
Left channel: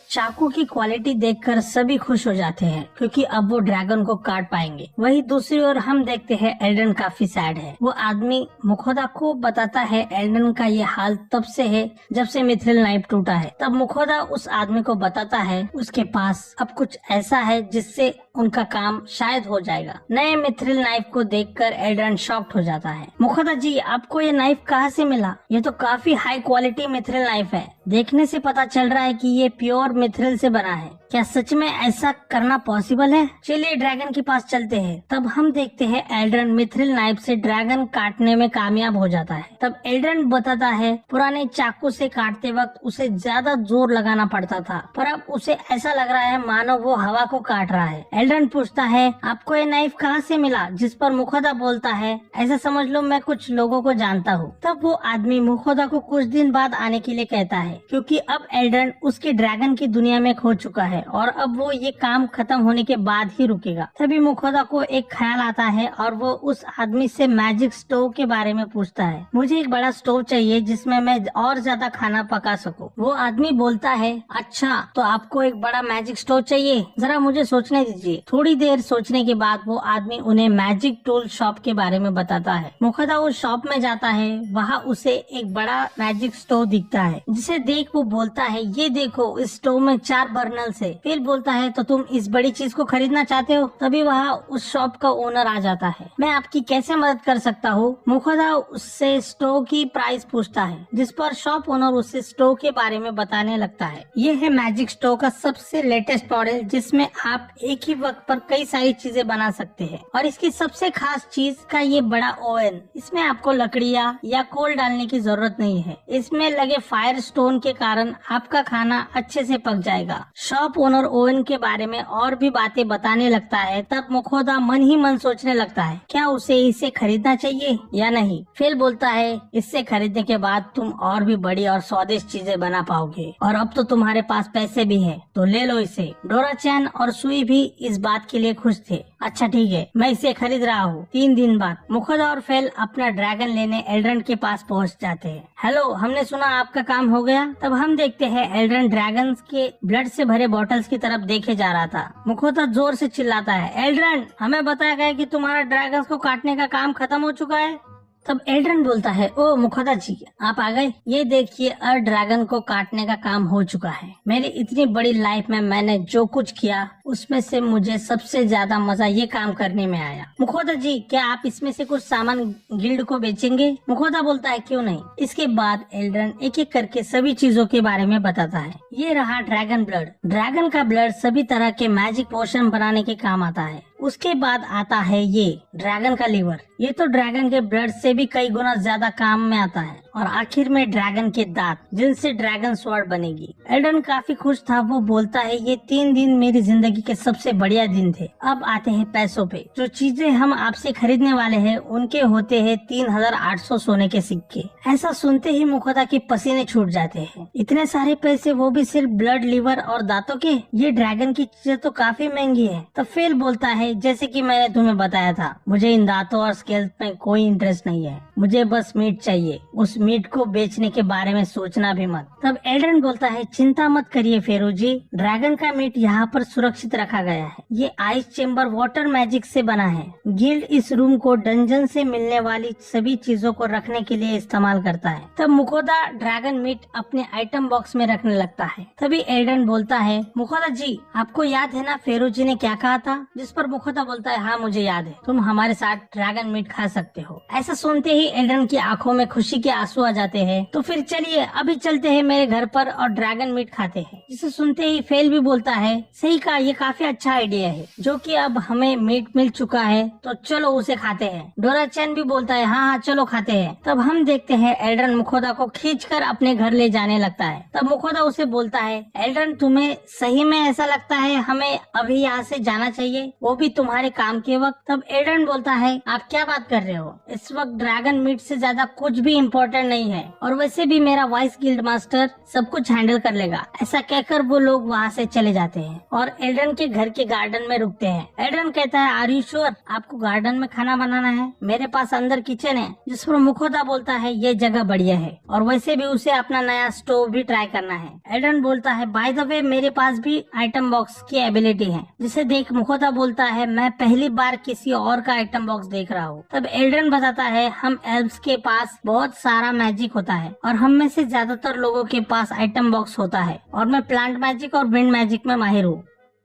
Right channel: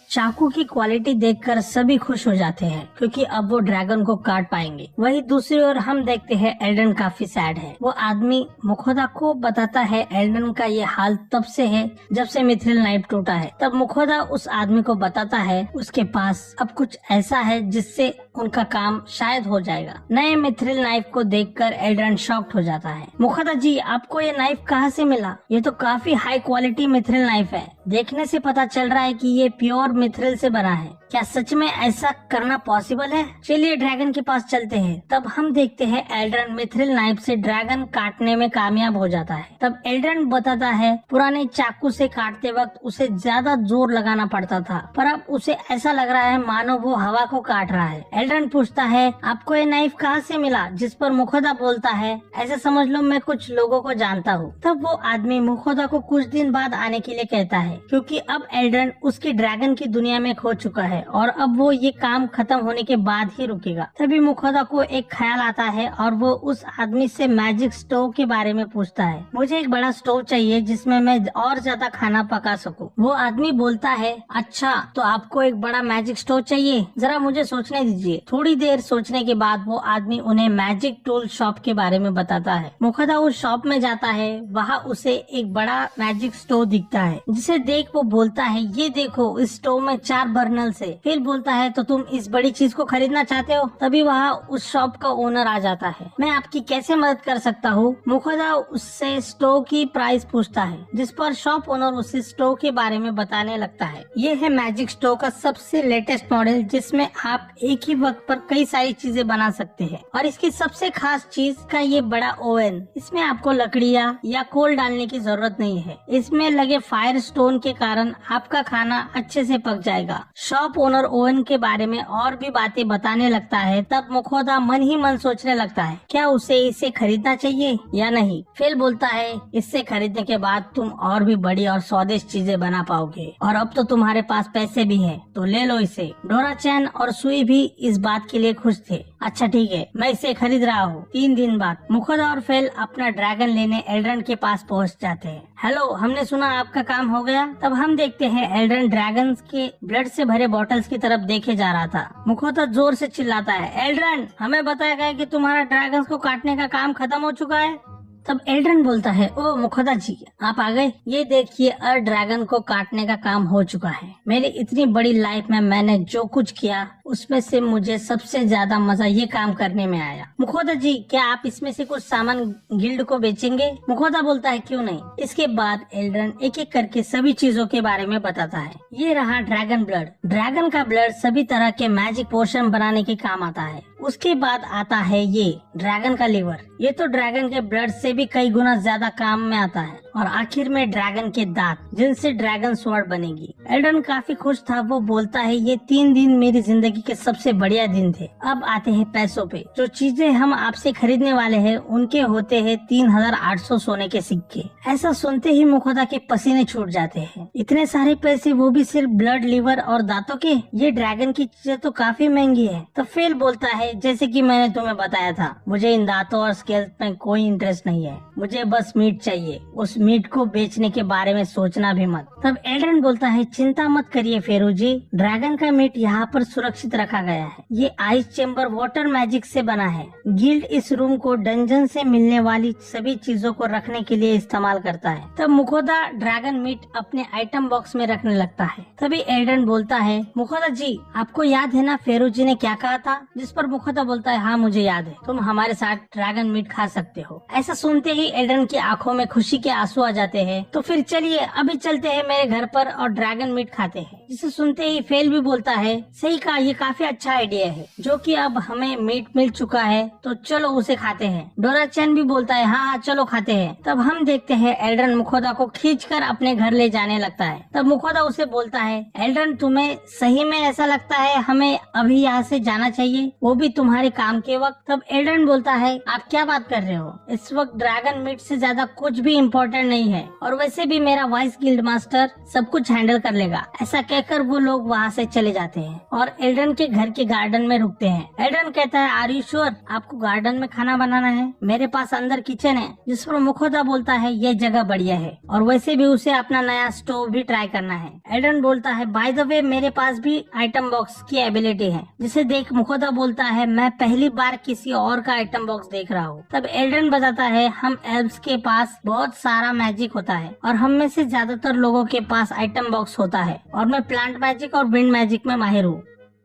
चाकू की क्वालिटी देखकर सभी खुश हो जाते हैं क्योंकि अब वो ड्रैगन को काट पाएंगे। वहीं दूसरी ओर हम देखते हैं एल्डन काफी सैड है। वो आदमी मुखोदा को बताता है एल्डन का ये हाल तब से है जब से मिथ्रिल नाइफ टूटा है। तब मुखोदा उस आदमी को बताता है उसके पास अब कुछ ऐसा है जिससे उनका काम शायद हो जाएगा। नए मिथ्रिल नाइफ को देखकर एल्डन शॉक्ड हो जाता है। मुखोदा जी, आपको ये नाइफ कहाँ से मिला? ये तो काफी हाई क्वालिटी मिथ्रिल नाइफ है। देखने से पता चल रहा है कि ये प्योर मिथ्रिल से बना है। क्या सच में ऐसा करना पॉसिबल है? चलिए ड्रैगन के पास चलते हैं। तब हम देखते हैं एल्ड्रन मिथ्रिल नाइफ से ड्रैगन काटने में कामयाब हो जाता है। तब एल्ड्रन बताता है पुराने चाकू से काटते वक्त उसे ज्यादा जोर लगाना पड़ता था, पर अब उसे ऐसा लग रहा है मानो वो हवा को काट रहा है। एल्ड्रन पूछता है आपको ये नाइफ कहाँ से मिला? जिस पर मुखोदा बोलता है ऐसा समझ लो मैं कुछ लोगों को जानता हूँ। तब वो आदमी मुखोदा को कुछ दिन बाद आने के लिए कहता है क्योंकि अब एल्ड्रन उसकी ड्रैगन की दुनिया में खो चुका है और अब वो ये काम खत्म होने के बाद ही रुकेगा। तभी मुखोदा को एक ख्याल आता है और वो उस आदमी से मैजिक स्टोव के बारे में पूछता है। मुझे एक बड़ा स्टोव चाहिए जिसमें मैं और ज्यादा खाना पका सकूं। वो आदमी बोलता है अच्छा तो आपको एक बड़ा मैजिक स्टोव चाहिए, जरा मुझे सोचने दीजिए। थोड़ी देर सोचने के बाद वो आदमी उन्हें मैजिक टूल शॉप के बारे में बताता है। मुखोदा उस शॉप में जाता है। वहाँ उसे एक बड़ा मैजिक स्टोव दिखता है जिसे देख वो बोलता है ये देखो इस स्टोव में 4 बर्नल्स है। फिर बोलता है तो तुम इस बड़ी चीज को खरीदना चाहते हो? तभी वहाँ उस शॉप का ओनर आ जाता है। मैं आपकी कैसे मदद कर सकता हूँ? मुखोदा उससे स्टोव की प्राइस पूछता है जिस पर शॉप ओनर उसे स्टोव के बारे में बताने लगता है। ये है मैजिक स्टोव का सबसे लेटेस्ट मॉडल जिसमें आप एक ही वक्त पर कई सारी चीजें बना सकते हैं और इसकी सबसे खास चीज का ये बड़ा ओवन। इसमें आपको लकड़ियाँ या कोल डालने की जरूरत नहीं है। इसमें लगे फायर स्टोन के कारण आपका खाना अच्छे से पक जाएगा। शॉप ओनर ओवन के बारे में और भी बातें बताने लगता है। तब मुखोदा मन ही मन सोचने लगता है क्या उसे इसे खरीदना चाहिए या नहीं। फिर बोलता है इससे खरीदने के बाद तुम और भी बड़ी और स्वादिष्ट चीजें बना पाओगे और अब तो तुम्हारे पास पैसे भी है तो ले लो इसे। डोरा-चैन और सुई भी इस बात के लिए खुश थे। अच्छा ठीक है, मैं इसे खरीद रहा हूँ। 3 दिन बाद मुखोदा और फेल अपना ड्रैगन लेने एल्ड्रन के पास पहुँच जाते हैं। हेलो, हमने सुना आपका काम हो गया। तब हम देखते हैं एल्ड्रन ड्रैगन के ब्लड से भरे बॉटल्स की तरफ देखे जा रहा था। मुखोदा जोर से चिल्लाता है एल्ड्रन, हमें बताया गया कि तुम्हारा ड्रैगन को काटने का काम खत्म हो चुका है। तब एल्ड्रन बोलता है ओ मुखोदा जी, आप आ गए। ये देखिए ड्रैगन को काटने का काम हो चुका है। मेरी इतनी बड़ी लाइफ में मैंने जो कुछ किया उसमें से मुझे सबसे ज्यादा मजा ये काम करने में आया। मुखोदा जी, क्या आप इसमें से कुछ सामान गिल्ड को बेचेंगे? मुखोदा बोलता है क्यों नहीं। इसके बाद एल्ड्रन एक एक करके सभी चीजों के बारे में बताता है। ये रहा ड्रैगन ब्लड। ड्रैगन का ब्लड सभी तरह के मैजिक पोशन बनाने के काम आता है। उसके बाद आता है ये ड्रैगन का लिवर। ये तो ड्रैगन के ब्लड से भी कई गुना ज्यादा काम में आता है। और आखिर में ड्रैगन के दांत जिनसे ड्रैगन स्वॉर्ड बनेगी। एल्ड्रन काफी खुश था। वो बोलता है ये 3 दिन मेरी जिंदगी के सबसे बढ़िया दिन थे। अब आते हैं पैसों पे। जो चीजें हम आपसे खरीदने वाले हैं उनके होते हैं 3800 सोने के सिक्के। ऐसा सुनते ही मुखोदा के पसीने छूट जाते हैं। इतने सारे पैसे, वो भी सिर्फ ब्लड, लिवर और दांतों के? ये ड्रैगन की चीजें तो काफी महंगी है। तो फेल बोलता है जैसे कि मैंने तुम्हें बताया था, मुझे इन दांतों और स्केल्स में कोई इंटरेस्ट नहीं है। मुझे बस मीट चाहिए। उस मीट को बेचने के बारे में सोचना भी मत। तब एल्ड्रन बोलता है चिंता मत करिए फेरू जी, ड्रैगन का मीट यहाँ पर सुरक्षित रखा गया है। ये आइस चेम्बर वाटर मैजिक से बना है। गिल्ड इस रूम को डंजन से मिलने वाली सभी चीजों को रखने के लिए इस्तेमाल करता है। तब मुखोदा ड्रैगन मीट अपने आइटम बॉक्स में रखने लगता है। तभी एल्ड्रन बोलता है मुखोदा जी, आपको याद है ना फेरू जी ने क्या कहा था? जिस पर मुखोदा बोलता है हाँ मुझे याद है, तुम हमारे साथ ड्रैगन मीट खा सकते हो। ऐसा सुनते ही एल्ड्रन की आंखों में खुशी के आंसू आ जाते हैं। तो फिर चलिए अभी चलते हैं मेरे घर पर और ड्रैगन मीट खाते हैं। जिसे सुनते ही फेल भी बोलता है सही कहा, ये काफी अच्छा आइडिया है। जो कि अब हमें मीट मिल चुका है तो चलो उसे खाते हैं। डोरा-चैन भी बोलता है हाँ हाँ चलो खाते हैं। तब हम देखते हैं एल्ड्रन मुखोदा को खींचकर अपने घर ले जाने लगता है। तब मुखोदा उसे बोलता है एल्ड्रन, तुम्हें सही में ऐसा लगता है हमें अभी यहाँ से जाना चाहिए, वो भी तुम्हारे काम के वक्त? तब एल्ड्रन बोलता है आप क्या बात कर रहे हो, इस वक्त ड्रैगन मीट से ज्यादा कुछ भी इम्पोर्टेंट नहीं है और वैसे भी मेरा वाइस गिल्ड मास्टर सब कुछ हैंडल कर लेगा। ऐसा कहकर वो लोग वहाँ से चले जाते हैं और एल्ड्रन के घर के गार्डन में रुकते हैं। एल्ड्रन कहता है आर यू श्योर आपको गार्डन में खाना बनाना है? मेरे पास अंदर किचन है। जिस पर मुखोदा बोलता है ये जगह बढ़िया है और वैसे भी उसे अपना नया स्टोव भी ट्राई करना है। एल्ड्रन बोलता है बाय द वे मेरे पास भी आइटम बॉक्स की एबिलिटी है, जिसे देख मुखोदा बोलता है मैं पहली बार किसी और का आइटम बॉक्स देख रहा हूँ। तब एल्ड्रन बताता है हम एल्व्स के पास बहुत सारा मैजिक होता है और हम में से ज्यादातर लोगों के पास आइटम बॉक्स होता है और मैं प्लांट मैजिक और विंड मैजिक में माहिर हूँ।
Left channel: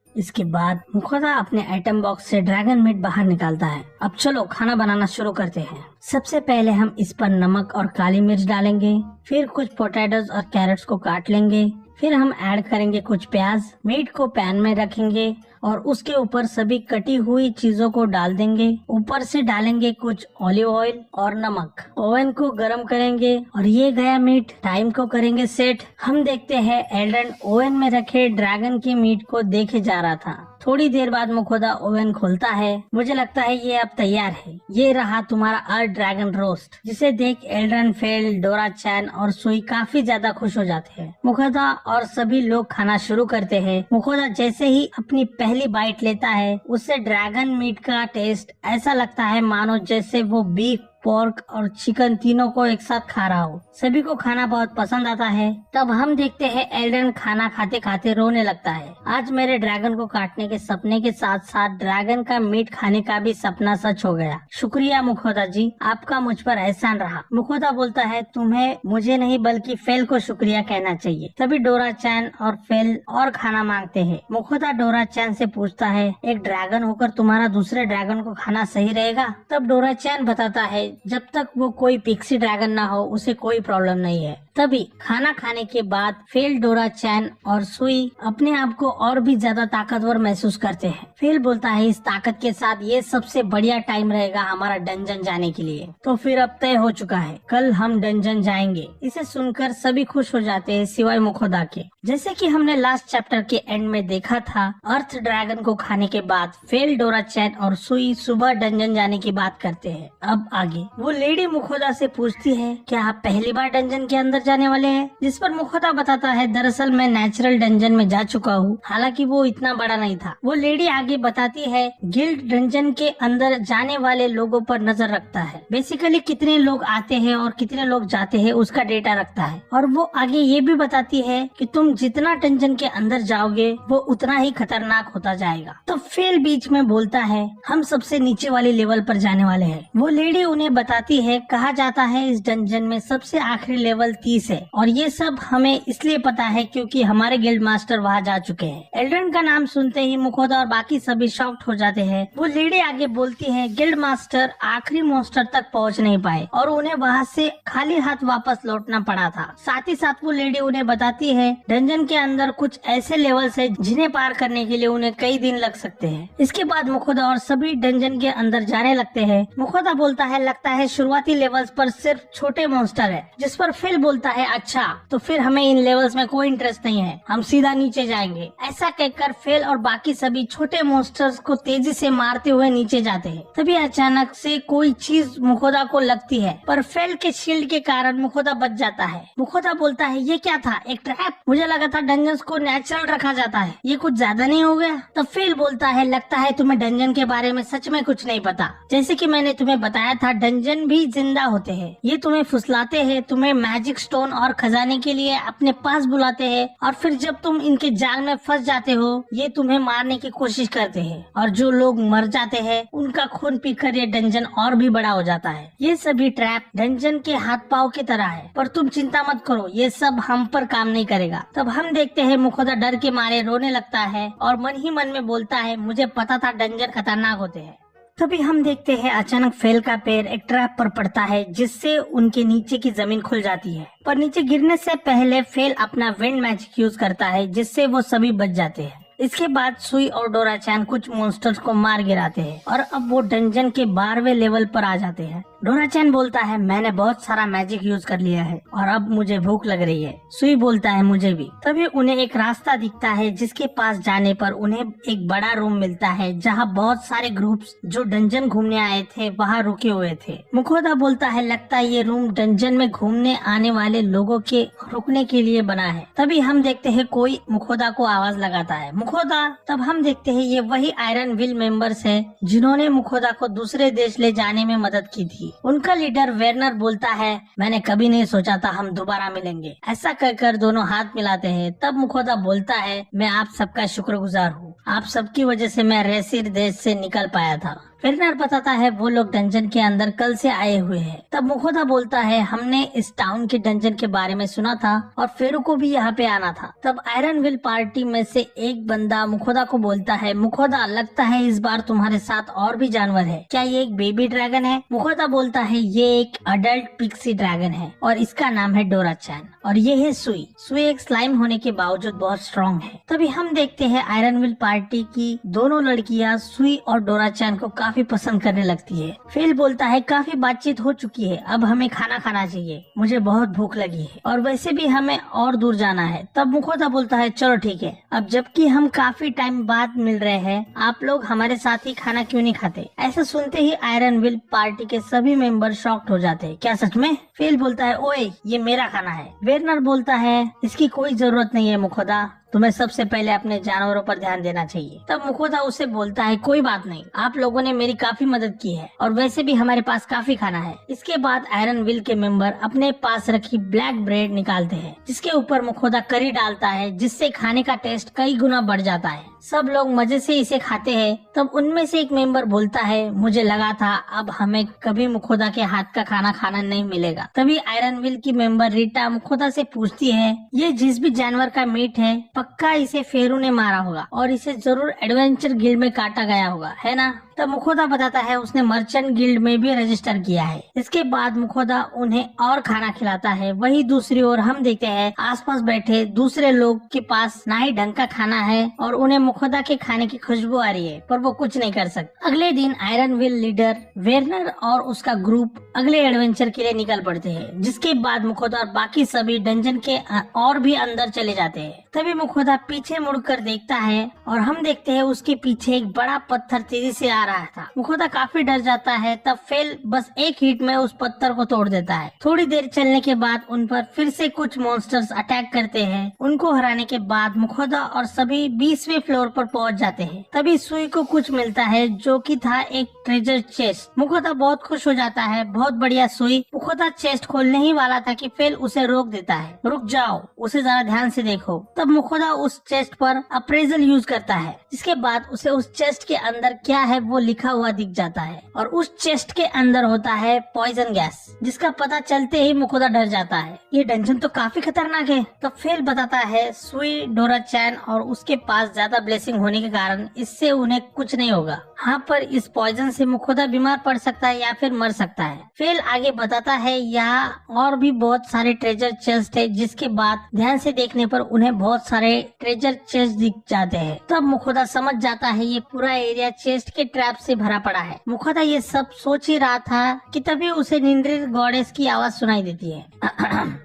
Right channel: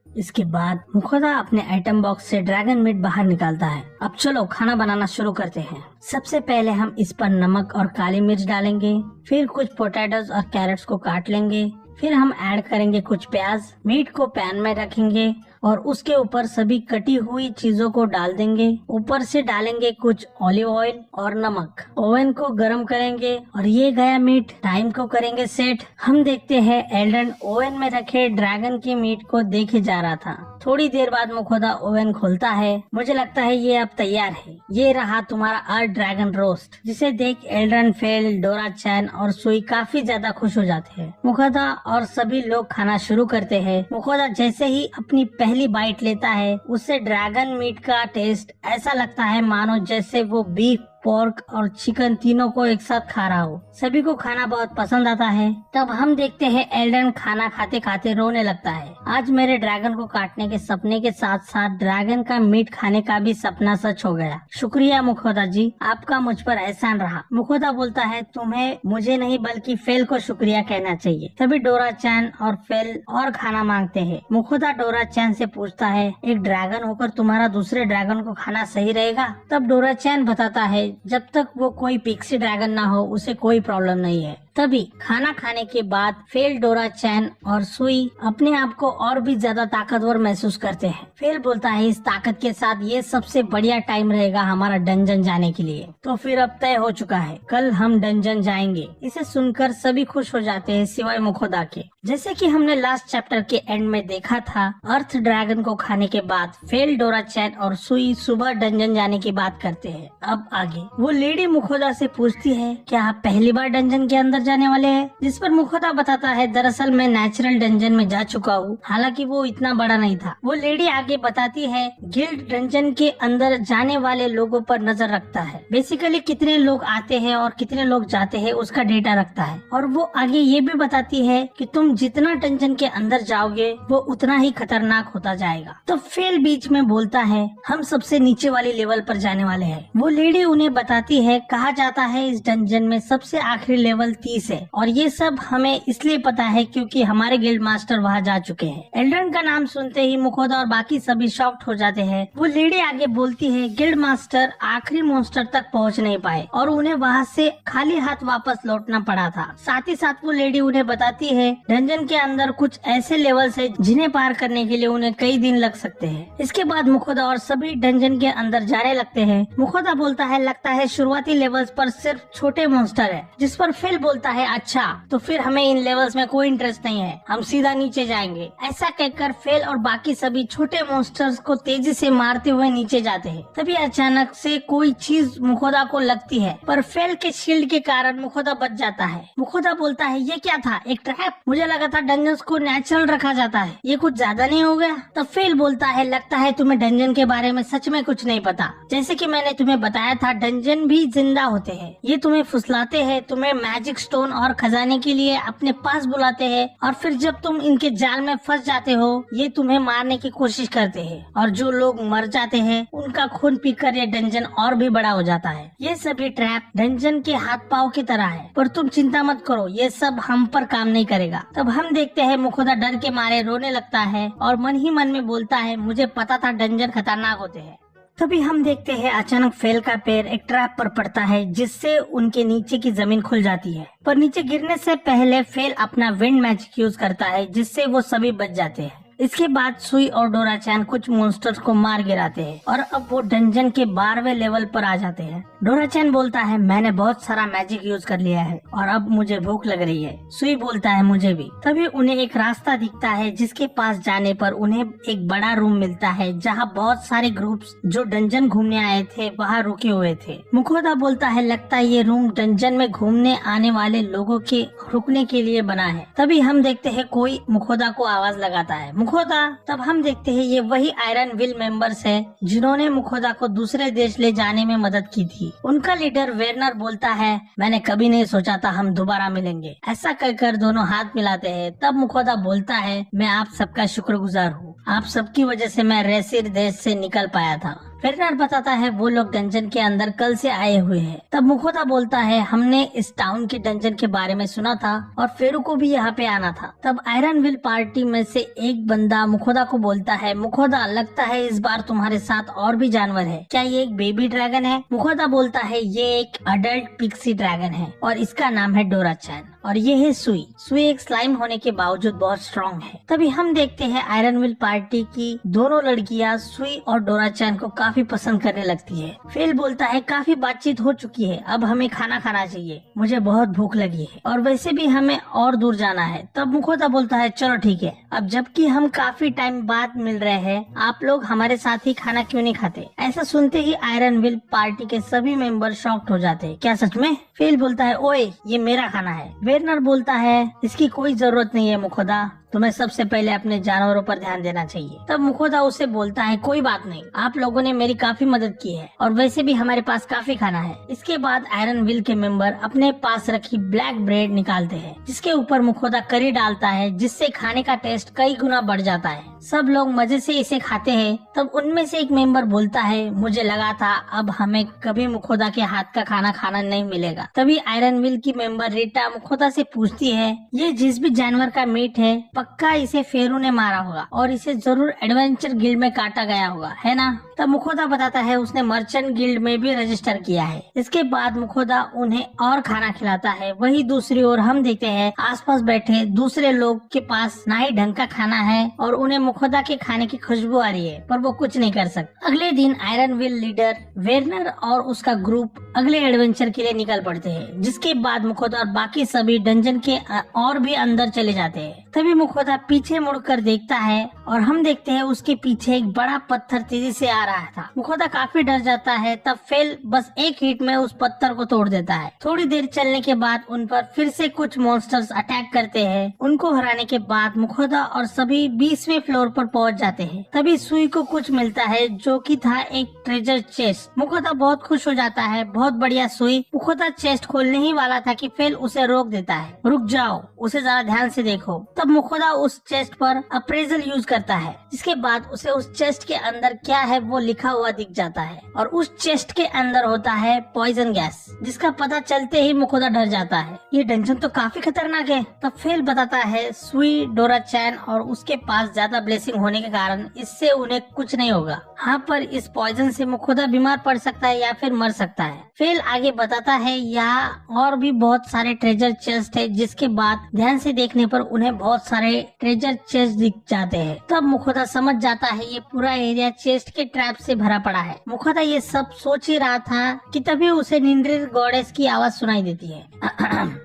इसके बाद मुखोदा अपने आइटम बॉक्स से ड्रैगन मीट बाहर निकालता है। अब चलो खाना बनाना शुरू करते हैं। सबसे पहले हम इस पर नमक और काली मिर्च डालेंगे, फिर कुछ पोटैटोज और कैरेट्स को काट लेंगे, फिर हम ऐड करेंगे कुछ प्याज, मीट को पैन में रखेंगे और उसके ऊपर सभी कटी हुई चीजों को डाल देंगे। ऊपर से डालेंगे कुछ ऑलिव ऑयल और नमक। ओवन को गरम करेंगे और ये गया मीट। टाइम को करेंगे सेट। हम देखते हैं एल्ड्रन ओवन में रखे ड्रैगन के मीट को देखे जा रहा था। थोड़ी देर बाद मुखोदा ओवन खोलता है। मुझे लगता है ये अब तैयार है। ये रहा तुम्हारा अर्थ ड्रैगन रोस्ट, जिसे देख एल्ड्रन, फेल, डोरा चैन और सुई काफी ज्यादा खुश हो जाते हैं। मुखोदा और सभी लोग खाना शुरू करते हैं। मुखोदा जैसे ही अपनी पहली बाइट लेता है, उससे ड्रैगन मीट का टेस्ट ऐसा लगता है मानो जैसे वो बीफ, पोर्क और चिकन तीनों को एक साथ खा रहा हो। सभी को खाना बहुत पसंद आता है। तब हम देखते हैं एल्ड्रन खाना खाते खाते रोने लगता है। आज मेरे ड्रैगन को काटने के सपने के साथ साथ ड्रैगन का मीट खाने का भी सपना सच हो गया। शुक्रिया मुखोदा जी, आपका मुझ पर एहसान रहा। मुखोदा बोलता है तुम्हें मुझे नहीं बल्कि फेल को शुक्रिया कहना चाहिए। तभी डोरा चैन और फेल और खाना मांगते हैं। मुखोदा डोरा चैन से पूछता है एक ड्रैगन होकर तुम्हारा दूसरे ड्रैगन को खाना सही रहेगा? तब डोरा चैन बताता है जब तक वो कोई पिक्सी ड्रैगन ना हो उसे कोई प्रॉब्लम नहीं है। तभी खाना खाने के बाद फेल, डोरा चैन और सुई अपने आप को और भी ज्यादा ताकतवर महसूस करते हैं। फेल बोलता है इस ताकत के साथ ये सबसे बढ़िया टाइम रहेगा हमारा डंजन जाने के लिए। तो फिर अब तय हो चुका है, कल हम डंजन जाएंगे। इसे सुनकर सभी खुश हो जाते हैं सिवाय मुखोदा के। जैसे कि हमने लास्ट चैप्टर के एंड में देखा था, अर्थ ड्रैगन को खाने के बाद फेल, डोरा चैन और सुई सुबह डंजन जाने की बात करते हैं। अब आगे वो लेडी मुखोदा से पूछती है क्या आप पहली बार डंजन के अंदर जाने वाले हैं? जिस पर मुखोदा बताता है दरअसल मैं नेचुरल डंजन में जा चुका हूँ, हालांकि वो इतना बड़ा नहीं था। वो लेडी आगे बताती है गिल्ड डंजन के अंदर जाने वाले लोगों पर नजर रखता है। बेसिकली कितने लोग आते हैं और कितने लोग जाते हैं उसका डेटा रखता है। और वो आगे ये भी बताती है कि तुम जितना डंजन के अंदर जाओगे वो उतना ही खतरनाक होता जाएगा। तो फेल बीच में बोलता है हम सबसे नीचे वाले लेवल पर जाने वाले हैं। वो लेडी उन्हें बताती है कहा जाता है इस डंजन में सबसे आखिरी लेवल 30 है और ये सब हमें इसलिए पता है क्योंकि हमारे गिल्ड मास्टर वहाँ जा चुके हैं। एल्ड्रन का नाम सुनते ही मुखोदा और बाकी सभी शॉक्ड हो जाते हैं। वो लेडी आगे बोलती है गिल्ड मास्टर आखिरी मॉन्स्टर तक पहुँच नहीं पाए और उन्हें वहाँ से खाली हाथ वापस लौटना पड़ा था। साथ ही साथ वो लेडी उन्हें बताती है डंजन के अंदर कुछ ऐसे लेवल्स है जिन्हें पार करने के लिए उन्हें कई दिन लग सकते हैं। इसके बाद मुखोदा और सभी डंजन के अंदर जाने लगते हैं। मुखोदा बोलता है लगता है शुरुआती लेवल्स पर सिर्फ छोटे मॉन्स्टर है। जिस पर फिल बोलता है अच्छा तो फिर हमें इन लेवल्स में कोई इंटरेस्ट नहीं है, हम सीधा नीचे जाएंगे। ऐसा कहकर फेल और बाकी सभी छोटे मॉन्स्टर्स को तेजी से मारते हुए नीचे जाते हैं। तभी अचानक से कोई चीज मुखोदा को लगती है पर फेल के शील्ड के कारण मुखोदा बच जाता है। मुखोदा बोलता है ये क्या था, एक ट्रैप? मुझे लगा था डंजन्स को नेचुरल रखा जाता है, ये कुछ ज्यादा नहीं हो गया? तब फेल बोलता है लगता है तुम्हें डंजन के बारे में सच में कुछ नहीं पता। जैसे कि मैंने तुम्हें बताया था डंजन भी जिंदा होते हैं, ये तुम्हें फुसलाते हैं, तुम्हें मैजिक स्टोन और खजाने के लिए अपने पास बुलाते हैं और फिर जब तुम इनके जाल में फंस जाते हो ये तुम्हें मारने की कोशिश करते हैं और जो लोग मर जाते हैं उनका खून पीकर ये डंजन और भी बड़ा हो जाता है। ये सभी ट्रैप डंजन के हाथ पाँव की तरह है पर तुम चिंता मत करो, ये सब हम पर काम नहीं करेगा। तब हम देखते हैं मुखोदा डर के मारे रोने लगता है और मन ही मन में बोलता है मुझे पता था डंजन खतरनाक होते हैं। तभी हम देखते हैं अचानक फेल का पैर एक ट्रैप पर पड़ता है जिससे उनके नीचे की जमीन खुल जाती है। पर नीचे गिरने से पहले फेल अपना विंड मैजिक यूज करता है जिससे वो सभी बच जाते हैं। इसके बाद सुई और डोरा चैन कुछ मॉन्स्टर्स को मार गिराते हैं और अब वो डंजन के 12वें लेवल पर आ जाते हैं। डोरा चैन बोलता है मैंने बहुत सारा मैजिक यूज कर लिया है और अब मुझे भूख लग रही है। सुई बोलता है मुझे भी। तभी उन्हें एक रास्ता दिखता है जिसके पास जाने पर उन्हें एक बड़ा रूम मिलता है जहाँ बहुत सारे ग्रुप्स जो डंजन घूमने आए थे वहाँ रुके हुए थे। मुखोदा बोलता है लगता है ये रूम डंजन में घूमने आने वाले लोगों के रुकने के लिए बना है। तभी हम देखते हैं कोई मुखोदा को आवाज लगाता है। मुखोदा। तब हम देखते हैं ये वही आयरन विल मेंबर्स है जिन्होंने मुखोदा को दूसरे देश ले जाने में मदद की थी। उनका लीडर वेरनर बोलता है, मैंने कभी नहीं सोचा था हम दोबारा मिलेंगे। ऐसा कहकर दोनों हाथ मिलाते हैं। तब मुखोदा बोलता है, मैं आप सबका शुक्रगुजार हूँ, आप सबकी वजह से मैं रेसिर देश से निकल पाया था। वेरनर बताता है वो लोग डंजन के अंदर कल से आए हुए हैं। तब मुखोदा बोलता है, हमने इस टाउन के डंजन के बारे में सुना था और फेरो को भी यहाँ पे आना था। तब आयरन विल पार्टी में से एक बंदा मुखोदा को बोलता है, मुखोदा लगता है इस बार तुम्हारे साथ और भी जानवर है, क्या ये एक बेबी ड्रैगन है? मुखोदा बोलता है, ये एक अडल्ट पिक्सी ड्रैगन है और इसका नाम है डोरा-चैन और ये है सुई। सुई एक स्लाइम होने के बावजूद बहुत स्ट्रॉन्ग है। तभी हम देखते हैं आयरन विल पार्टी की दोनों लड़कियां सुई और डोरा-चैन को काफी पसंद करने लगती है। फेल बोलता है, काफी बातचीत हो चुकी है, अब हमें खाना खाना चाहिए, मुझे बहुत भूख लगी है और वैसे भी हमें और दूर जाना है। तब मुखोदा बोलता है, चलो ठीक है, अब जबकि हम काफी टाइम बाद मिल रहे हैं, आप लोग हमारे साथ ही खाना क्यों नहीं खाते? ऐसा सुनते ही आयरन विल पार्टी के सभी मेंबर शॉक्ड हो जाते हैं। क्या सच में? फेल बोलता है, ओए ये मेरा खाना है। वेरनर बोलता है, इसकी कोई जरूरत नहीं है मुखोदा, तुम्हें सबसे पहले अपने जानवरों पर ध्यान देना चाहिए। तब मुखोदा उससे बोलता है, कोई बात नहीं, आप लोगों ने मेरी काफी मदद की है और वैसे भी हमारे पास काफी खाना है। इसके बाद आयरन विल के मेंबर अपने पास रखी ब्लैक ब्रेड निकालते हैं जिसके ऊपर मुखोदा करी डालता है, जिससे खाने का टेस्ट कई गुना बढ़ जाता है। सब लोग मजे से इसे खाते हैं। तब उनमें से एक मेंबर बोलता है, मुझे लगा था अब हमें कभी मुखोदा के हाथ का खाना खाना नहीं मिलेगा। तभी आयरन विल की मेंबर रीटा मुखोदा से पूछती है, ये जिस भी जानवर का मीट है पक्का इसे फेरू ने मारा होगा और इसे जरूर एडवेंचर गिल्ड में काटा गया होगा, है ना? तब मुखोदा बताता है उसने मर्चेंट गिल्ड में भी रजिस्टर किया है। इसके बाद मुखोदा उन्हें और खाना खिलाता है। वही दूसरी ओर हम देखते हैं आसपास बैठे दूसरे लोग के पास ना ही ढंग का खाना है और उन्हें मुखोदा के खाने की खुशबू आ रही है, पर वो कुछ नहीं कर सकते। अगले दिन आयरन विल लीडर वेरनर और उसका ग्रुप अगले एडवेंचर के लिए निकल पड़ते हैं, जिसके बाद मुखोदा और बाकी सभी डंजन के और भी अंदर चले जाते हैं। तभी मुखोदा पीछे मुड़कर देखता है और हम देखते हैं उसके पीछे एक बड़ा पत्थर तेजी से आ रहा था। मुखोदा काफी डर जाता है। तब फेल बस एक हिट में उस पत्थर को तोड़ देता है। थोड़ी देर चलने के बाद उन पर फिर से कुछ मॉन्स्टर्स अटैक करते हैं। उनको हराने के बाद मुखोदा और सभी 20वें फ्लोर पर पहुंच जाते हैं। तभी सुई को कुछ मिलता है जो कि था एक ट्रेजर चेस्ट। मुखोदा बहुत खुश हो जाता है, बहुत बढ़िया सुई। मुखोदा चेस्ट खोलने ही वाला था कि फेल उसे रोक देता है, रुक जाओ, उसे जरा ध्यान से देखो। तब मुखोदा उस चेस्ट पर अप्रेजल यूज करता है, जिसके बाद उसे उस चेस्ट के अंदर क्या है वो लिखा हुआ दिख जाता है और उस चेस्ट के अंदर होता है पॉइजन गैस, जिसका पता चलते ही मुखोदा डर जाता है। ये डंजन तो काफी खतरनाक है। तब फेल बताता है सुई, डोरा-चैन और उसके पास ज्यादा ब्लेसिंग होने के कारण इससे उन्हें कुछ नहीं होगा। हाँ, पर इस पॉइजन से मुखोदा बीमार पड़ सकता है या फिर मर सकता है। फेल आगे बताता है यहाँ और भी बहुत सारे ट्रेजर चेस्ट है, जिसके बाद ध्यान से देखने पर उन्हें बहुत सारे ट्रेजर चेस्ट दिख जाते हैं। तब मुखोदा समझ जाता है ये पूरा एरिया चेस्ट के ट्रैप से भरा पड़ा है। मुखोदा ये सब सोच ही रहा था कि तभी उसे निंद्रित गॉडेस की आवाज सुनाई देती है।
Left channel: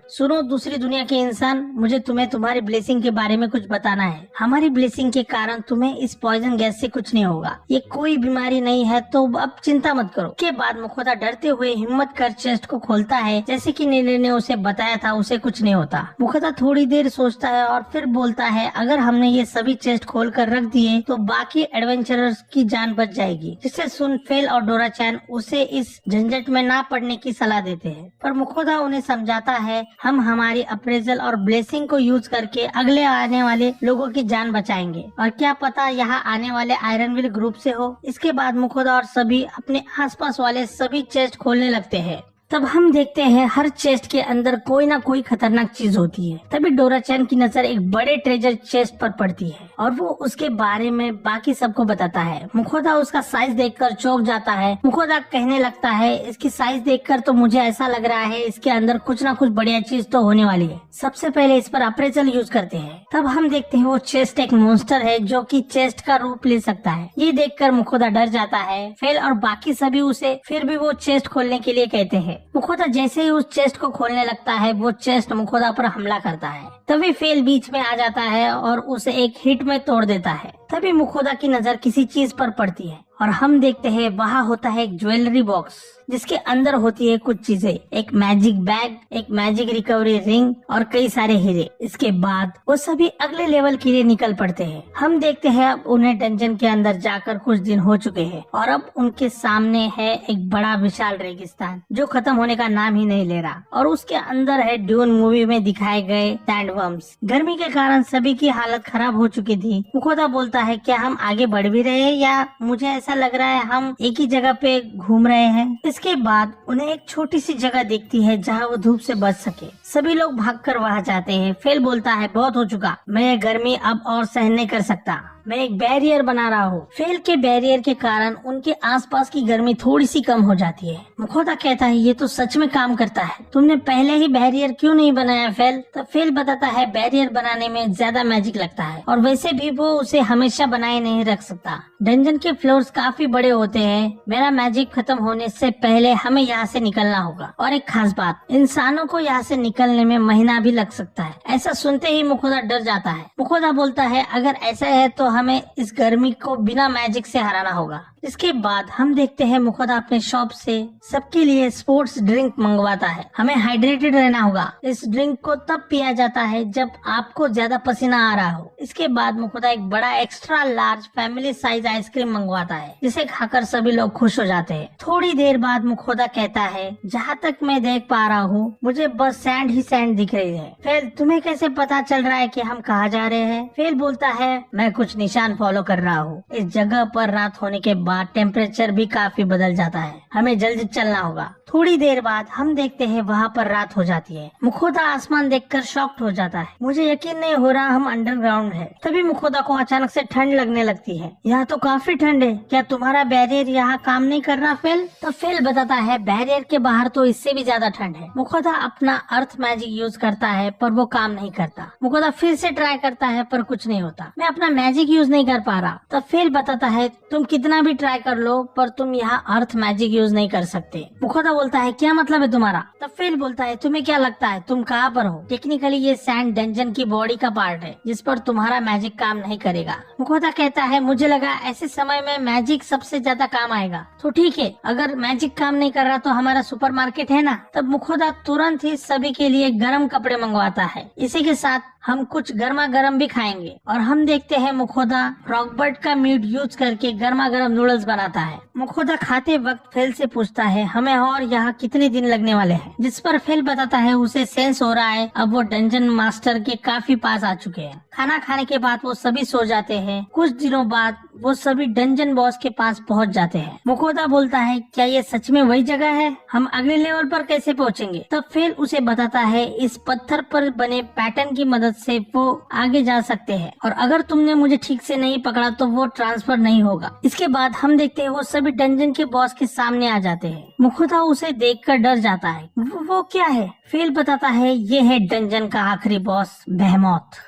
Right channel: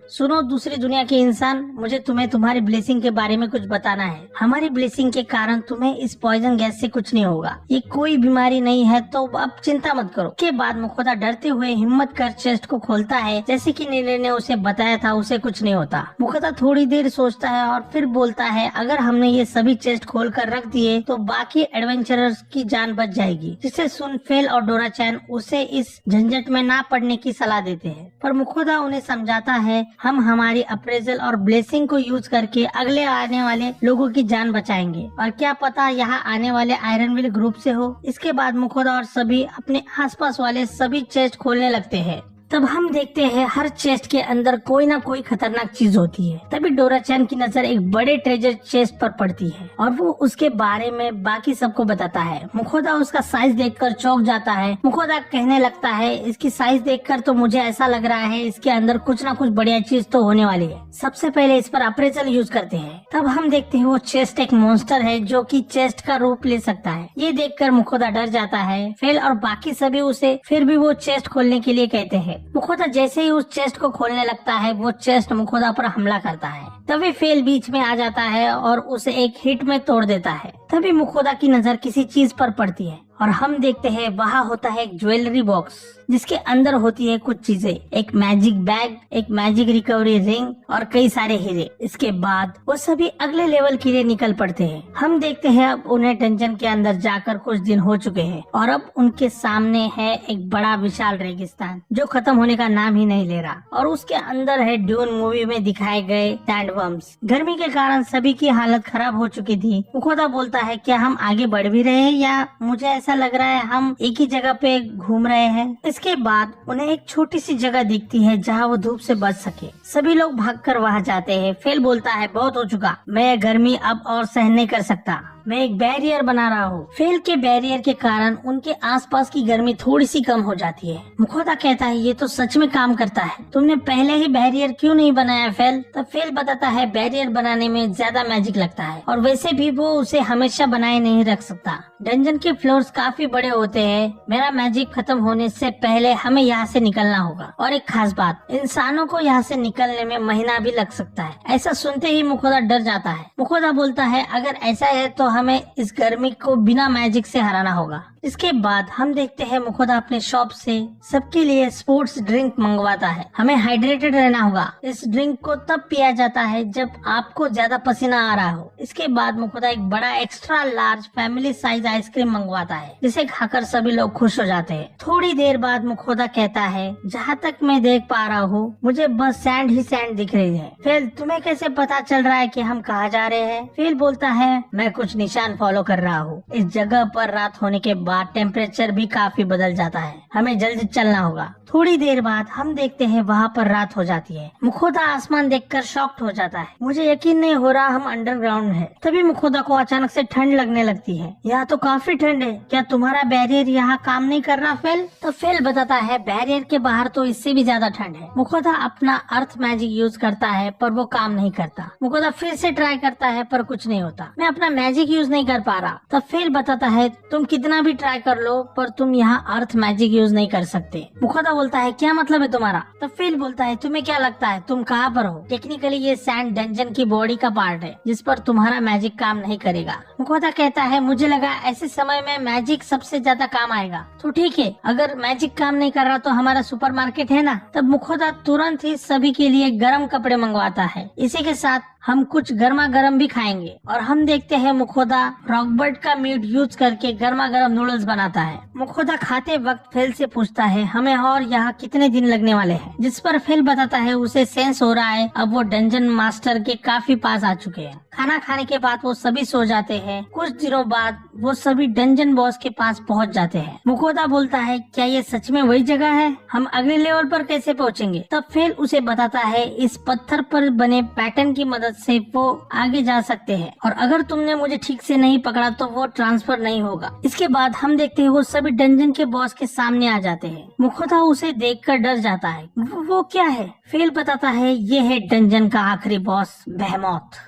सुनो दूसरी दुनिया के इंसान, मुझे तुम्हें तुम्हारी ब्लेसिंग के बारे में कुछ बताना है। हमारी ब्लेसिंग के कारण तुम्हें इस पॉइजन गैस से कुछ नहीं होगा, ये कोई बीमारी नहीं है, तो अब चिंता मत करो। के बाद मुखोदा डरते हुए हिम्मत कर चेस्ट को खोलता है, जैसे कि नीले ने उसे बताया था उसे कुछ नहीं होता। मुखोदा थोड़ी देर सोचता है और फिर बोलता है, अगर हमने ये सभी चेस्ट खोल कर रख दिए तो बाकी एडवेंचरर्स की जान बच जाएगी। जिसे सुन फेल और डोरा-चैन उसे इस झंझट में ना पड़ने की सलाह देते हैं, पर मुखोदा उन्हें समझाता है हम हमारी अप्रेजल और ब्लेसिंग को यूज करके अगले आने वाले लोगों की जान बचाएंगे और क्या पता यहाँ आने वाले आयरन विल ग्रुप से हो। इसके बाद मुखोदा और सभी अपने आसपास वाले सभी चेस्ट खोलने लगते हैं। तब हम देखते हैं हर चेस्ट के अंदर कोई ना कोई खतरनाक चीज होती है। तभी डोरा-चैन की नजर एक बड़े ट्रेजर चेस्ट पर पड़ती है और वो उसके बारे में बाकी सबको बताता है। मुखोदा उसका साइज देखकर चौंक जाता है। मुखोदा कहने लगता है, इसकी साइज देखकर तो मुझे ऐसा लग रहा है इसके अंदर कुछ ना कुछ बढ़िया चीज तो होने वाली है। सबसे पहले इस पर अप्रेजल यूज करते हैं। तब हम देखते हैं वो चेस्ट एक मॉन्स्टर है जो कि चेस्ट का रूप ले सकता है। ये देखकर मुखोदा डर जाता है। फेल और बाकी सभी उसे फिर भी वो चेस्ट खोलने के लिए कहते हैं। मुखोदा जैसे ही उस चेस्ट को खोलने लगता है वो चेस्ट मुखोदा पर हमला करता है। तभी फेल बीच में आ जाता है और उसे एक हिट में तोड़ देता है। तभी मुखोदा की नजर किसी चीज पर पड़ती है और हम देखते हैं वहाँ होता है एक ज्वेलरी बॉक्स जिसके अंदर होती है कुछ चीजें, एक मैजिक बैग, एक मैजिक रिकवरी रिंग और कई सारे हीरे। इसके बाद वो सभी अगले लेवल के लिए निकल पड़ते हैं। हम देखते हैं अब उन्हें डंजन के अंदर जाकर कुछ दिन हो चुके हैं और अब उनके सामने है एक बड़ा विशाल रेगिस्तान जो खत्म होने का नाम ही नहीं ले रहा, और उसके अंदर है ड्यून मूवी में दिखाए गए सैंडवर्म्स। गर्मी के कारण सभी की हालत खराब हो चुकी थी। मुखोदा बोलता है क्या हम आगे बढ़ भी रहे हैं या मुझे ऐसा लग रहा है हम एक ही जगह पे घूम रहे हैं। इसके बाद उन्हें एक छोटी सी जगह दिखती है जहाँ वो धूप से बच सके। सभी लोग भागकर वहाँ जाते हैं। फेल बोलता है बहुत हो चुका, मैं ये गर्मी अब और सहन नहीं कर सकता, मैं एक बैरियर बना रहा हूँ। फेल के बैरियर के कारण उनके आसपास की गर्मी थोड़ी सी कम हो जाती है। मुखोदा कहता है ये तो सच में काम करता है, तुमने पहले ही बैरियर क्यों नहीं बनाया फेल। तब फेल बताता है बैरियर बनाने में ज्यादा मैजिक लगता है और वैसे भी वो उसे हमेशा बनाए नहीं रख सकता। डंजन के फ्लोर्स काफी बड़े होते हैं, मेरा मैजिक खत्म होने से पहले हमें यहाँ से निकलना होगा। और एक खास बात, इंसानों को यहाँ से निकलने में महीना भी लग सकता है। ऐसा सुनते ही मुखोदा डर जाता है। मुखोदा बोलता है अगर ऐसा है तो हमें इस गर्मी को बिना मैजिक से हराना होगा। इसके बाद हम देखते हैं मुखोदा अपने शॉप से सबके लिए स्पोर्ट्स ड्रिंक मंगवाता है। हमें हाइड्रेटेड रहना होगा। इस ड्रिंक को तब पिया जाता है जब आपको ज्यादा पसीना आ रहा हो। इसके बाद मुखोदा एक बड़ा extra large family size ice cream मंगवाता है जिसे खाकर सभी लोग खुश हो जाते हैं। थोड़ी देर बाद मुखोदा कहता है जहाँ तक मैं देख पा रहा हूँ मुझे बस सैंड ही सैंड दिख रही है। फेल तुम्हें कैसे पता चल रहा है कि हम कहाँ जा रहे हैं। फेल बोलता है मैं कुछ निशान फॉलो कर रहा हूँ। इस जगह पर रात होने के बाद टेम्परेचर भी काफी बदल जाता है, हमें जल्दी चलना होगा। थोड़ी देर बाद हम देखते हैं वहाँ पर रात हो जाती है। मुखोदा आसमान देखकर शॉक्ड हो जाता है, मुझे यकीन नहीं हो रहा हम अंडरग्राउंड है। तभी मुखोदा को अचानक से ठंड लगने लगती है। यह तो काफी ठंड है, क्या तुम्हारा बैरियर यहाँ काम नहीं कर रहा फेल। तो फेल बताता है बैरियर के बाहर तो इससे भी ज्यादा ठंड है। मुखोदा अपना अर्थ मैजिक यूज करता है पर वो काम नहीं करता। मुखोदा फिर से ट्राई करता है पर कुछ नहीं होता। मैं अपना मैजिक यूज नहीं कर पा रहा। तब फेल बताता है तुम कितना भी ट्राई कर लो पर तुम यहाँ अर्थ मैजिक यूज नहीं कर सकते। मुखोदा बोलता है क्या मतलब है तुम्हारा। तब फेल बोलता है तुम्हें क्या लगता है तुम कहाँ पर हो। टेक्निकली ये सैंड डंजन की बॉडी का पार्ट है जिस पर तुम्हारा मैजिक काम नहीं करेगा। मुखोदा कहता है मुझे लगा ऐसे समय में मैजिक सबसे ज्यादा काम आएगा। तो ठीक है, अगर मैजिक काम नहीं कर रहा तो हमारा सुपरमार्केट है ना। तब मुखोदा तुरंत ही सभी के लिए गर्म कपड़े मंगवाता है। इसी के साथ हम कुछ गर्मा गर्म भी खाएंगे। और हम देखते हैं मुखोदा रॉकबर्ट का मीट यूज करके गर्मा गर्म नूडल्स बनाता है। मुखोदा खाते वक्त फेल से पूछता है हमें और यहाँ कितने दिन लगने वाले हैं। जिस पर फेल बताता है उसे सेंस हो रहा है अब वो डंजन मास्टर के काफी पास आ चुके हैं। खाना खाने के बाद वो सभी सो जाते हैं। कुछ दिनों बाद वो सभी डंजन बॉस के पास पहुँच जाते हैं। मुखोदा बोलता है क्या ये सच में वही जगह है, हम अगले लेवल पर कैसे पहुँचेंगे। तब फेल उसे बताता है इस पत्थर पर बने पैटर्न की मदद से वो आगे जा सकते हैं और अगर तुमने मुझे ठीक से नहीं पकड़ा तो वो ट्रांसफर नहीं होगा। इसके बाद हम देखते हैं वो सभी डंजन के बॉस के सामने आ जाते हैं। मुखोदा उसे देखकर डर जाता है। वो क्या है। फेल बताता है ये है डंजन का आखिरी बॉस बेहेमोथ।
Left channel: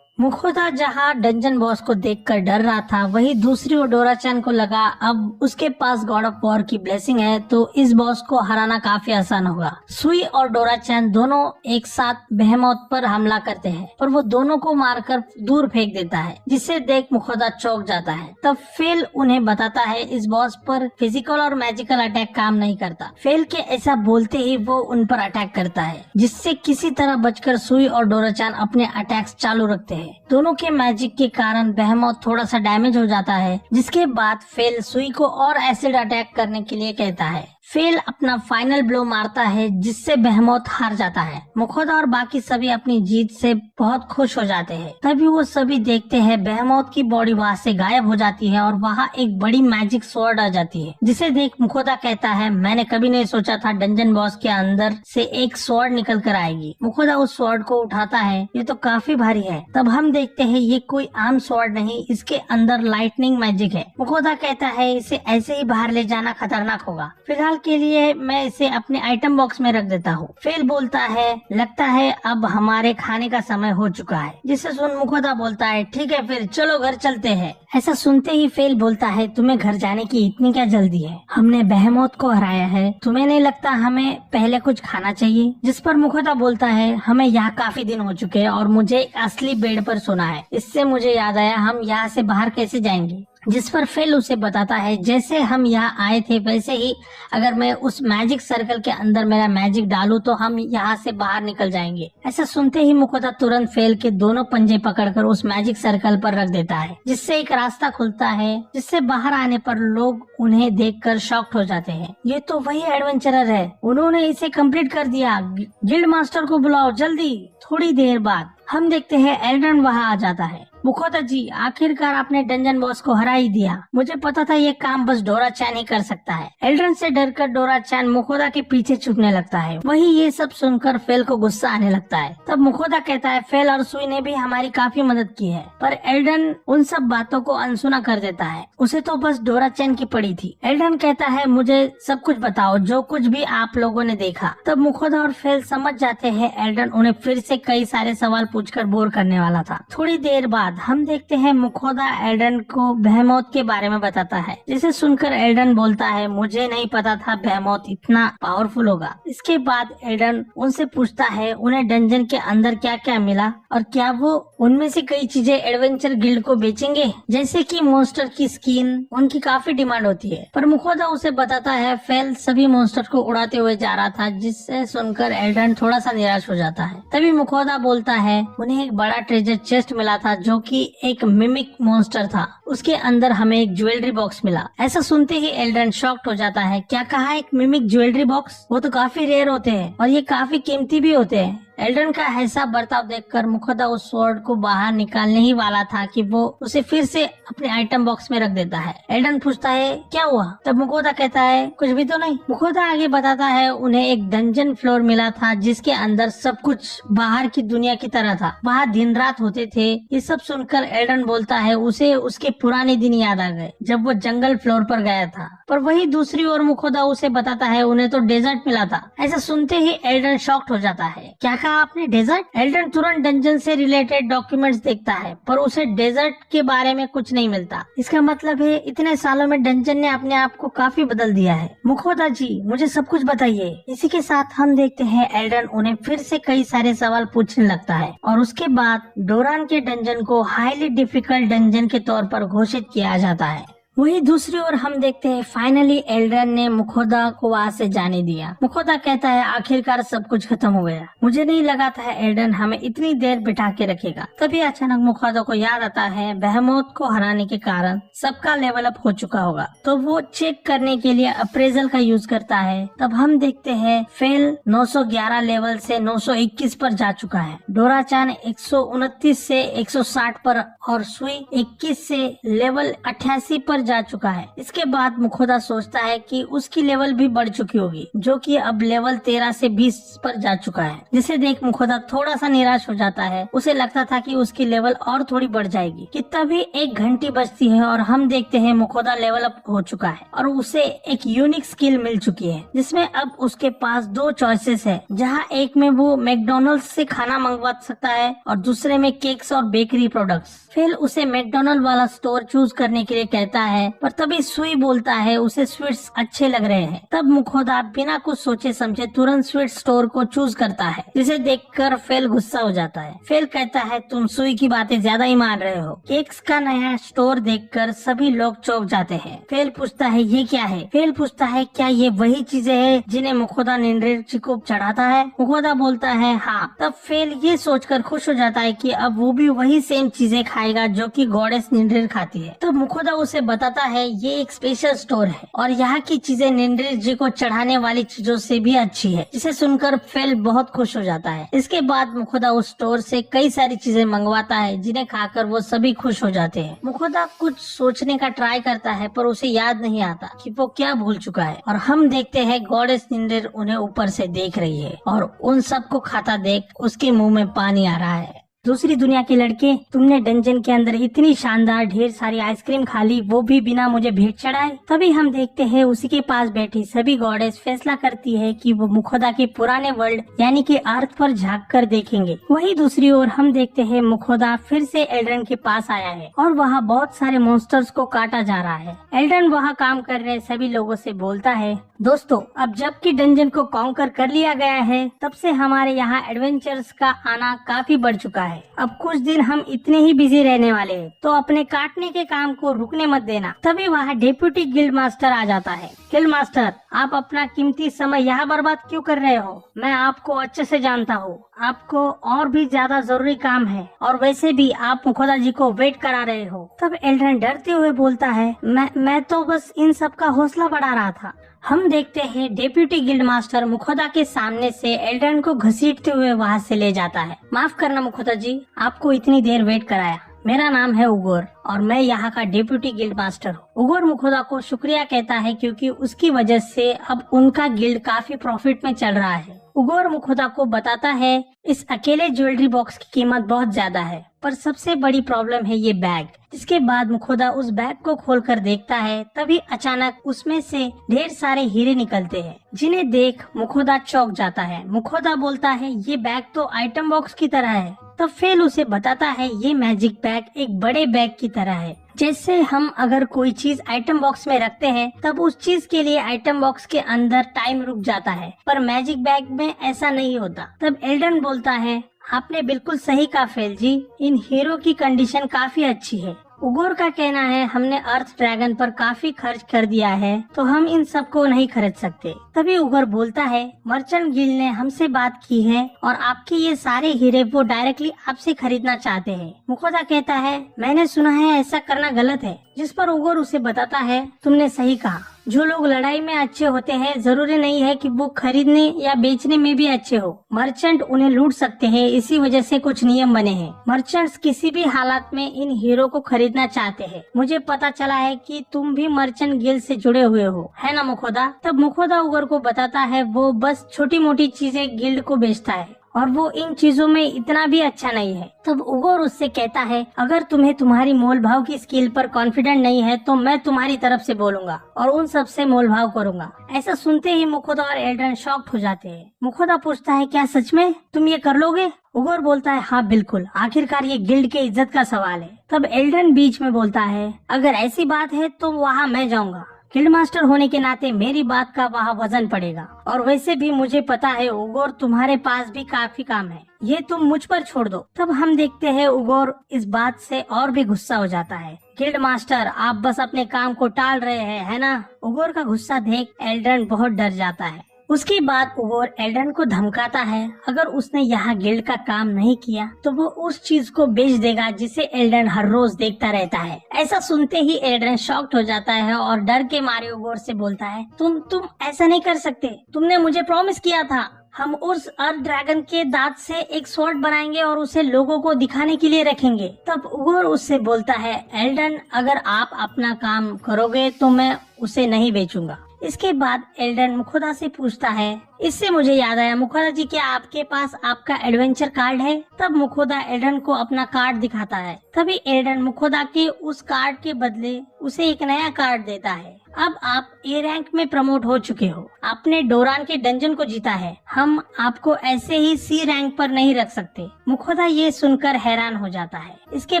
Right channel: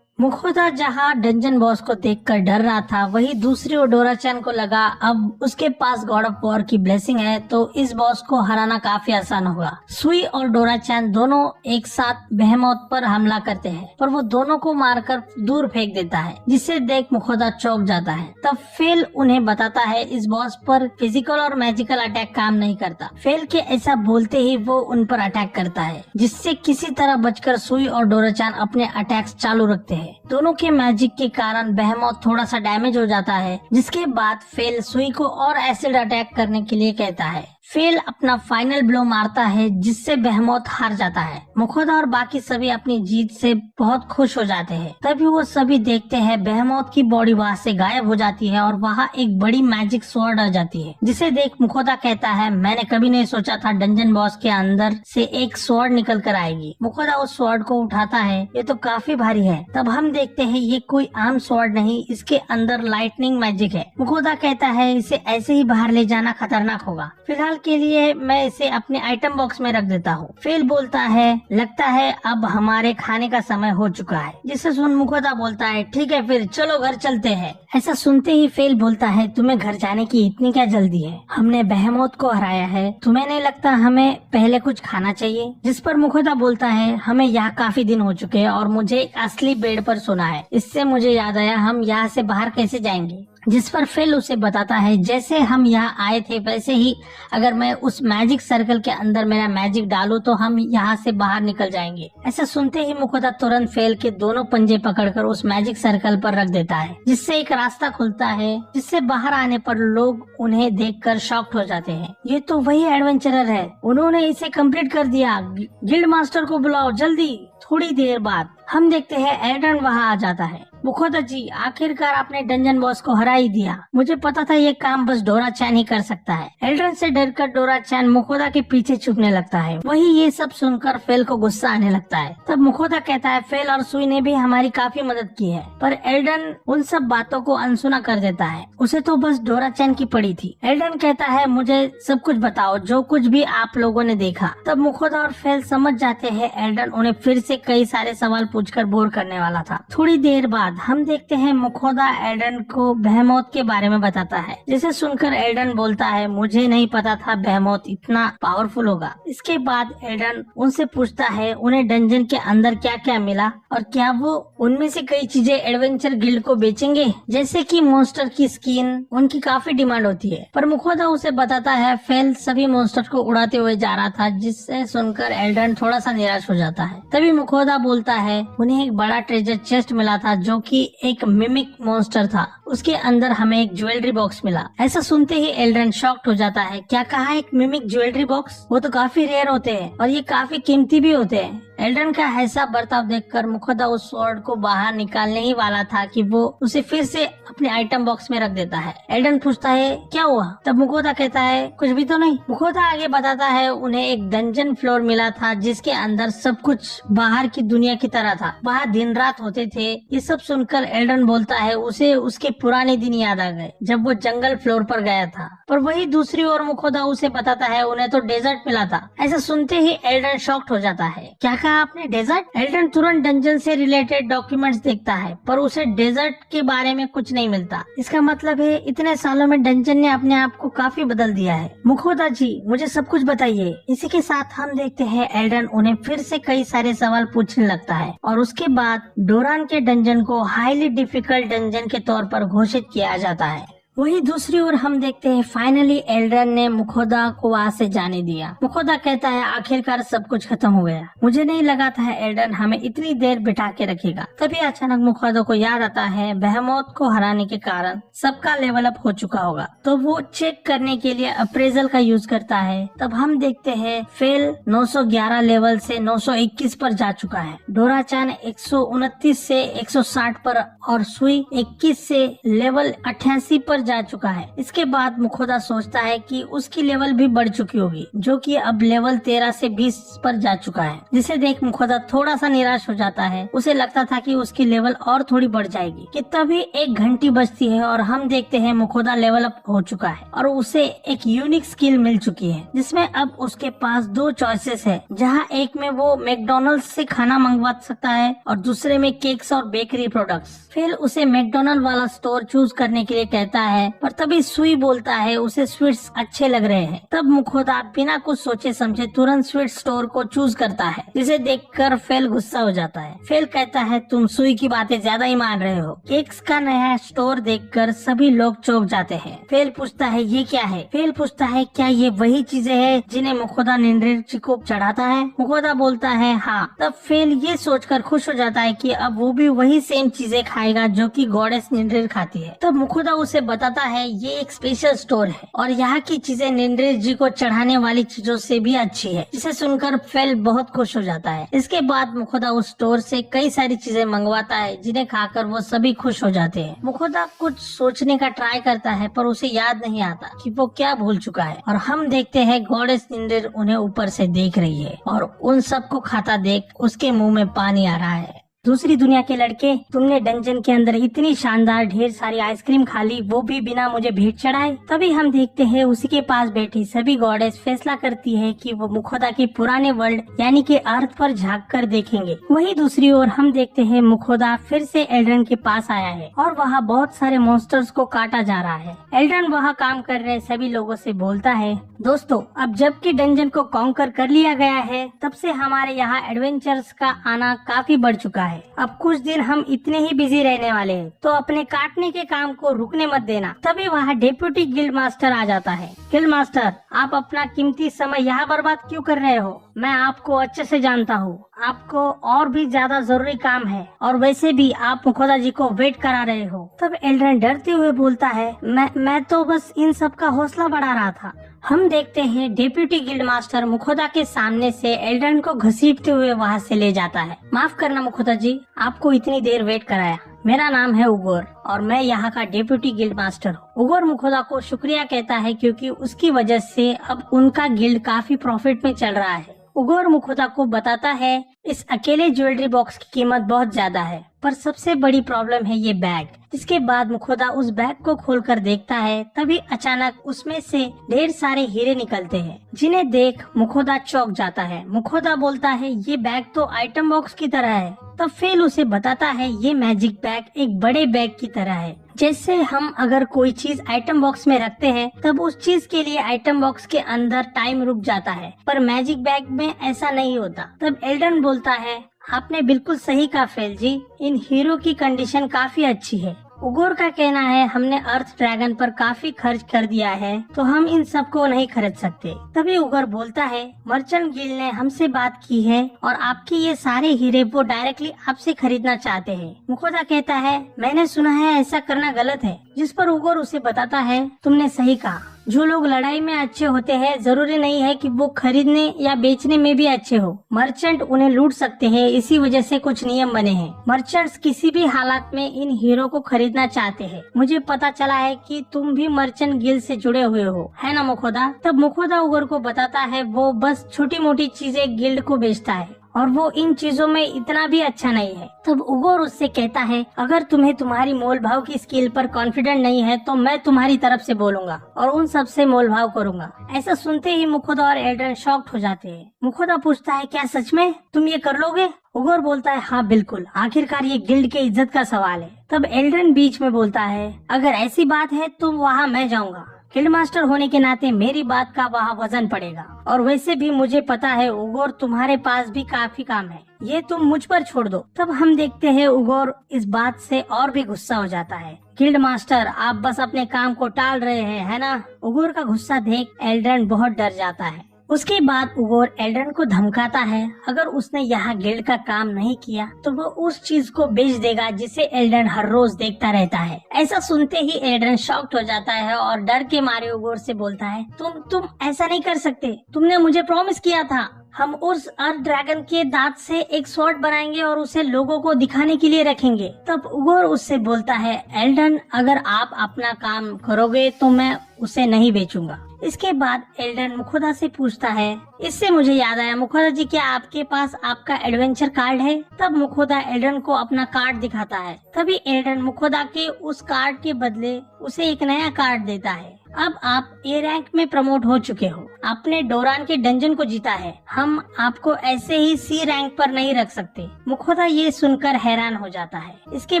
मुखोदा जहाँ डंजन बॉस को देखकर डर रहा था वही दूसरी ओर डोरा-चान को लगा अब उसके पास गॉड ऑफ वॉर की ब्लेसिंग है तो इस बॉस को हराना काफी आसान होगा। सुई और डोरा-चान दोनों एक साथ बेहेमोथ पर हमला करते हैं पर वो दोनों को मारकर दूर फेंक देता है जिसे देख मुखोदा चौंक जाता है। तब फेल उन्हें बताता है इस बॉस पर फिजिकल और मैजिकल अटैक काम नहीं करता। फेल के ऐसा बोलते ही वो उन पर अटैक करता है जिससे किसी तरह बचकर सुई और डोरा-चान अपने अटैक्स चालू रखते हैं। दोनों के मैजिक के कारण बेहेमोथ थोड़ा सा डैमेज हो जाता है जिसके बाद फेल सुई को और एसिड अटैक करने के लिए कहता है। फेल अपना फाइनल ब्लो मारता है जिससे बेहेमोथ हार जाता है। मुखोदा और बाकी सभी अपनी जीत से बहुत खुश हो जाते हैं। तभी वो सभी देखते हैं बेहेमोथ की बॉडी वहाँ से गायब हो जाती है और वहाँ एक बड़ी मैजिक स्वॉर्ड आ जाती है जिसे देख मुखोदा कहता है मैंने कभी नहीं सोचा था डंजन बॉस के अंदर से एक स्वॉर्ड निकल कर आएगी। मुखोदा उस स्वॉर्ड को उठाता है, ये तो काफी भारी है। तब हम देखते हैं ये कोई आम स्वॉर्ड नहीं, इसके अंदर लाइटनिंग मैजिक है। मुखोदा कहता है इसे ऐसे ही बाहर ले जाना खतरनाक होगा, फिलहाल के लिए मैं इसे अपने आइटम बॉक्स में रख देता हूँ। फेल बोलता है लगता है अब हमारे खाने का समय हो चुका है। जिसे सुन मुखोदा बोलता है ठीक है फिर चलो घर चलते हैं। ऐसा सुनते ही फेल बोलता है तुम्हें घर जाने की इतनी क्या जल्दी है, हमने बेहेमोथ को हराया है, तुम्हें नहीं लगता हमें पहले कुछ खाना चाहिए। जिस पर मुखोदा बोलता है हमें यहाँ काफी दिन हो चुके हैं और मुझे एक असली बेड पर सोना है। इससे मुझे याद आया हम यहाँ से बाहर कैसे जाएंगे। जिस पर फेल उसे बताता है जैसे हम यहाँ आए थे वैसे ही अगर मैं उस मैजिक सर्कल के अंदर मेरा मैजिक डालूं तो हम यहाँ से बाहर निकल जाएंगे। ऐसा सुनते ही मुखोदा तुरंत फेल के दोनों पंजे पकड़कर उस मैजिक सर्कल पर रख देता है, जिससे एक रास्ता खुलता है, जिससे बाहर आने पर लोग उन्हें देखकर शॉक्ड हो जाते हैं। ये तो वही एडवेंचरर है, उन्होंने इसे कंप्लीट कर दिया, गिल्ड मास्टर को बुलाओ जल्दी। थोड़ी देर बाद हम देखते हैं एल्ड्रन वहाँ आ जाता है। मुखोदा जी, आखिरकार आपने डंजन बॉस को हरा ही दिया, मुझे पता था ये काम बस डोरा चैन ही कर सकता है। एल्ड्रन से डरकर डोरा चैन मुखोदा के पीछे छुपने लगता है। वही ये सब सुनकर फेल को गुस्सा आने लगता है। तब मुखोदा कहता है फेल और सुई ने भी हमारी काफी मदद की है, पर एल्ड्रन उन सब बातों को अनसुना कर देता है, उसे तो बस डोरा चैन की पड़ी थी। एल्ड्रन कहता है मुझे सब कुछ बताओ, जो कुछ भी आप लोगों ने देखा। तब मुखोदा और फेल समझ जाते हैं एल्ड्रन उन्हें फिर से कई सारे सवाल पूछकर बोर करने वाला था। थोड़ी देर बाद हम देखते हैं मुखोदा एल्ड्रन को बेहेमोथ के बारे में बताता है, जिसे सुनकर एल्ड्रन बोलता है मुझे नहीं पता था बेहेमोथ इतना पावरफुल होगा। इसके बाद एल्ड्रन उनसे पूछता है उन्हें डंजन के अंदर क्या क्या मिला और क्या वो उनमें से कई चीजें एडवेंचर गिल्ड को बेचेंगे, जैसे कि मॉन्स्टर की स्किन, उनकी काफी डिमांड होती है। पर मुखोदा उसे बताता है फेल सभी मॉन्स्टर को उड़ाते हुए जा रहा था, जिससे सुनकर एल्ड्रन थोड़ा सा निराश हो जाता है। तभी मुखोदा बोलता है उन्हें एक बड़ा ट्रेजर चेस्ट मिला था जो कि एक मिमिक मॉन्स्टर था, उसके अंदर हमें एक ज्वेलरी बॉक्स मिला। ऐसा सुनते ही एल्ड्रन शॉक्ड हो जाता है। क्या कहा, एक मिमिक ज्वेलरी बॉक्स? वो तो काफी रेयर होते हैं और ये काफी कीमती भी होते हैं। एल्ड्रन का ऐसा बर्ताव देखकर मुखोदा उस स्वॉर्ड को बाहर निकालने ही वाला था कि वो उसे फिर से अपने आइटम बॉक्स में रख देता है। एल्ड्रन पूछता है क्या हुआ? तब मुखोदा कहता है कुछ भी तो नहीं। मुखोदा आगे बताता है उन्हें एक डंजन फ्लोर मिला था जिसके अंदर सब कुछ बाहर की दुनिया की तरह था, वहाँ दिन रात होते थे। ये सब सुनकर एल्ड्रन बोलता है उसे उसके पुराने दिन याद आ गए जब वो जंगल फ्लोर पर गया था। पर वही दूसरी ओर मुखोदा उसे बताता है उन्हें तो डेजर्ट मिला था। ऐसा सुनते ही एल्ड्रन शॉक्ड हो जाता है। क्या आपने डेजर्ट? एल्ड्रन तुरंत डंजन से रिलेटेड डॉक्यूमेंट्स देखता है पर उसे डेजर्ट के बारे में कुछ नहीं मिलता। इसका मतलब है इतने सालों में डंजन ने अपने आप को काफी बदल दिया है। मुखोदा जी मुझे सब कुछ बताइए। इसी के साथ हम देखते हैं एल्ड्रन उन्हें फिर से कई सारे सवाल पूछने लगता है और उसके बाद डोरान के डंजन को हाईली डिफिकल्ट डंजन के तौर पर घोषित किया जाता है। वहीं दूसरी ओर हम देखते हैं फाइनली एल्ड्रन ने मुखोदा को वहाँ से जाने दिया। मुखोदा कहता है आखिरकार सब कुछ खत्म हो गया, मुझे नहीं लगा था एल्ड्रन हमें इतनी देर बिठा के रखेगा। तभी अचानक मुखोदा को याद आता है बेहेमोथ को हराने के कारण सबका लेवल अप हो चुका होगा, तो वो चेक करने के लिए अप्रेजल का यूज करता है। तब हम देखते हैं फेल 911 लेवल से 921 पर जा चुका है, डोरा-चान 129 से 160 पर और सुई 21 से लेवल 88 पर जा चुका है। इसके बाद मुखोदा सोचता है कि उसकी लेवल भी बढ़ चुकी होगी, जो कि अब लेवल 13 से 20 पर जा चुका है, जिसे देख मुखोदा थोड़ा सा निराश हो जाता है। उसे लगता था कि उसकी लेवल और थोड़ी बढ़ जाएगी कि तभी एक घंटी बजती है और हम देखते हैं मुखोदा लेवल अप हो चुका है और उसे एक यूनिक स्किल मिल चुकी है, जिसमें अब उसके पास 2 चॉइसेस है, जहाँ एक में वो मैकडॉनल्ड से खाना मंगवा सकता है और दूसरे में केक्स और बेकरी प्रोडक्ट्स। फिर उसे मैकडॉनल्ड वाला स्टोर चूज करने के लिए कहता है, पर तभी सुई बोलता है उसे स्वीट्स अच्छे लग रहे हैं। तब मुखोदा बिना कुछ सोचे समझे तुरंत स्वीट स्टोर को चूज करता है, जिसे देखकर फेल गुस्सा हो जाता है। फेल कहता है तुम सुई की बातें ज्यादा ही मान रहे हो। केक्स का नया स्टोर देखकर सभी लोग चौंक जाते हैं। फेल पूछता है ये क्या है? फेल पूछता है क्या ये वही चीजें हैं जिन्हें मुखोदा निंद्रेची को चढ़ाता है? मुखोदा बोलता है हाँ। तब फेल ये सोचकर खुश हो जाता है कि अब वो भी वही सेम चीजें खाएगा जो कि गॉडेस निंद्रेर खाती है। तब मुखोदा उसे बताता है ये एक स्पेशल स्टोर है और यहाँ की चीजें निंद्रेर जी को चढ़ाने वाली चीजों से भी अच्छी है, जिसे सुनकर फेल बहुत खुश हो जाता है। इसके बाद मुखोदा उस स्टोर से कई सारी चीजें मंगवाता है, जिन्हें खाकर वो सभी खुश हो जाते हैं। मुखोदा कुछ सोचने का ट्राई करता है पर उसे याद नहीं आता कि वो क्या भूल चुका है और हम देखते हैं गॉडेस निंद्रेर उन्हें ऊपर से देख रही है और उन सबको खाता देख उसके मुंह में पानी आ रहा है। दूसरी दुनिया के लड़के, तुमने डंजन के अंदर इतनी शानदार ढेर सारी आइसक्रीम खा ली, वो भी बिना मुझे भेंट चढ़ाए। तभी हम देखते हैं उसी के पास बैठी सभी गॉडेस फैसला करती है कि वो मुखोदा के पुराने वर्ल्ड यानी कि अर्थ पर झांक कर देखेंगे। वहीं दूसरी ओर हम देखते हैं मुखोदा फिर से एल्ड्रन के पास आया है और वहाँ बहुत सारे मॉन्स्टर्स को काटा जा रहा है। एल्ड्रन वहाँ काम कर रहे सभी लोगों से बोलता है दोस्तों, अब जबकि डंजन को कॉन्कर कर लिया गया है, तब से हमारे यहाँ एडवेंचर्स का आना काफी बढ़ चुका है। है। अब कुछ दिन हम इतने ही बिजी रहने वाले हैं, तो अपने काटने के काम को रुकने मत देना। तभी वहाँ डेप्यूटी गिल्ड मास्टर आ जाता है। गिल्ड मास्टर, आप अपना कीमती समय यहाँ बर्बाद क्यों कर रहे हो? मैं आपको अच्छे से जानता हूँ, आपको और भी ज्यादा जरूरी काम है, और वैसे भी आप मुखोदा जी को वेट करा रहे हो। तब एल्ड्रन डरते हुए बोलता है, मैं तो बस इन सब का हौसला बढ़ा रहा था। हम देखते हैं डेप्यूटी गिल्ड मास्टर मुखोदा के सामने से एल्ड्रन को घसीटते हुए वहाँ से ले जाता है। माफ करना मुखोदा जी, आपको इतनी देर वेट कराया। मेरा नाम है उगोर और मैं यहाँ का डेप्यूटी गिल्ड मास्टर हूँ। उगोर मुखोदा को शुक्रिया कहता है क्योंकि उसकी वजह से अब उनका गिल्ड काफी प्रॉफिट में चल रहा है। उगोर मुखोदा को बताता है इस अकेले ज्वेलरी बॉक्स की कीमत बहुत ज्यादा है, पर सबसे बड़ी प्रॉब्लम है ये बैग। इसके बाद मुखोदा उस बैग को खोलकर देखता है, तभी अचानक उसमें से ढेर सारे हीरे निकलते हैं, जिन्हें देख मुखोदा चौंक जाता है। मुखोदा बोलता है ये बैग तो आइटम बॉक्स की तरह है। तब फेल उसे बताता है ये मैजिक बैग एक बड़े बैग की तरह है। जैसे हम अगर कोई चीज आइटम बॉक्स में रखते हैं तब उस चीज के लिए आइटम बॉक्स के अंदर टाइम रुक जाता है, पर मैजिक बैग में ऐसा नहीं होता। तब एल्ड्रन बोलता है आपने बिल्कुल सही कहा फेल जी, इन हीरो की कंडीशन काफी अच्छी है। उगोर का कहना है हमने अर्थ ड्रैगन पर काफी खर्च कर दिया है, तो हम इन सब को नहीं खरीद सकते। तभी उगोर बोलता है मर्चेंट गिल्ड ने हमसे बात की है और आपके ये सारे हीरे वो डायरेक्टली आपसे खरीदना चाहते हैं। मुखोदा कहता है मैंने सुना है ऐसा करना गलत है, जिस पर उगोर उसे बताता है तुमने सही कहा, जो लोग लड़ाई में अच्छे होते हैं जरूरी नहीं है कि वो खरीदने या बेचने में भी अच्छे हो। मर्चेंट उन्हें लूट सकते हैं, इसी वजह से कुछ नियम बने हैं। मर्चेंट्स किसी भी हालात में इन हीरो को खरीदना चाहते हैं। मुझे पता चला है कि तुम भी मर्चेंट गिल्ड से जुड़े हुए हो, है ना मुखोदा? तब मुखोदा उगोर को बताता है वो बस छोटी मोटी चीजें गिल्ड को बेचता है और वो इन चीजों में इतना भी अच्छा नहीं है। तब उगोर उससे कहता है अगर तुम्हें तुम्हारी मोल भाव की स्किल पर कॉन्फिडेंट नहीं है तो मैं तुम्हारी तरफ से बोलूंगा और उन सब से मोल भाव करूंगा। ऐसा सुनते ही मुखोदा और एल्ड्रन शॉक्ड हो जाते हैं। मुखोदा पूछता है क्या सच में तुम ये कर लोगे? उगोर बोलता है हाँ बिल्कुल, आखिरकार ये गिल्ड के इज्जत का सवाल है। तब एल्ड्रन बीच में बोलता है अगर ऐसी बात है तो वहाँ मैं जाऊँगा, गिल्ड मास्टर होने के नाते मेरी बात का वहाँ वजन पड़ेगा, और वैसे भी मुझे पता है उगोर तुम्हारे पास भी काफी काम है, ये तुम मुझ पर छोड़ दो। तब हम देखते हैं उगोर इस बात से और भी गुस्सा हो जाता है। गिल्ड मास्टर आप बस अपने काम को टाल रहे हैं, है ना? उगोर का गुस्सा देख एल्ड्रन बहुत डर जाता है। उसके बाद उगोर एल्ड्रन को धमकाता है अगर उसने यहाँ गिल्ड का काम नहीं किया तो वो उस चीज को बेच देगा जिसे एल्ड्रन हर रोज देखता रहता है। ऐसा सुनते ही एल्ड्रन शॉक्ड हो जाता है और डर के मारे उगोर से बोलता है तुम ऐसा नहीं कर सकते, तुमने मुझे प्रॉमिस किया था हम उस अर्थ ड्रैगन के दांत से एक स्वॉर्ड बनाएंगे और उसे लोगों को दिखाने के लिए रखेंगे। तब उगोर उससे बोलता है एल्ड्रन अगर आप अपना काम करोगे तो मैं उसे नहीं बेचूंगा। इसके बाद एल्ड्रन मुखोदा से पूछता है इससे मुझे याद आया मुखोदा जी क्या आपके पास आपका एडवेंचर कार्ड है? तब मुखोदा एल्ड्रन को अपना कार्ड दिखाता है। तभी एल्ड्रन मुखोदा के उस कार्ड के बदले उसे एक नया कार्ड देता है। अब आप ए रैंक में प्रमोट हो चुके हो, आपने डोरान के डंजन को जीता है, हम आपको ऐसे ही सी रैंक पर नहीं रख सकते। मुखोदा ये सुनकर हैरान हो जाता है। इसके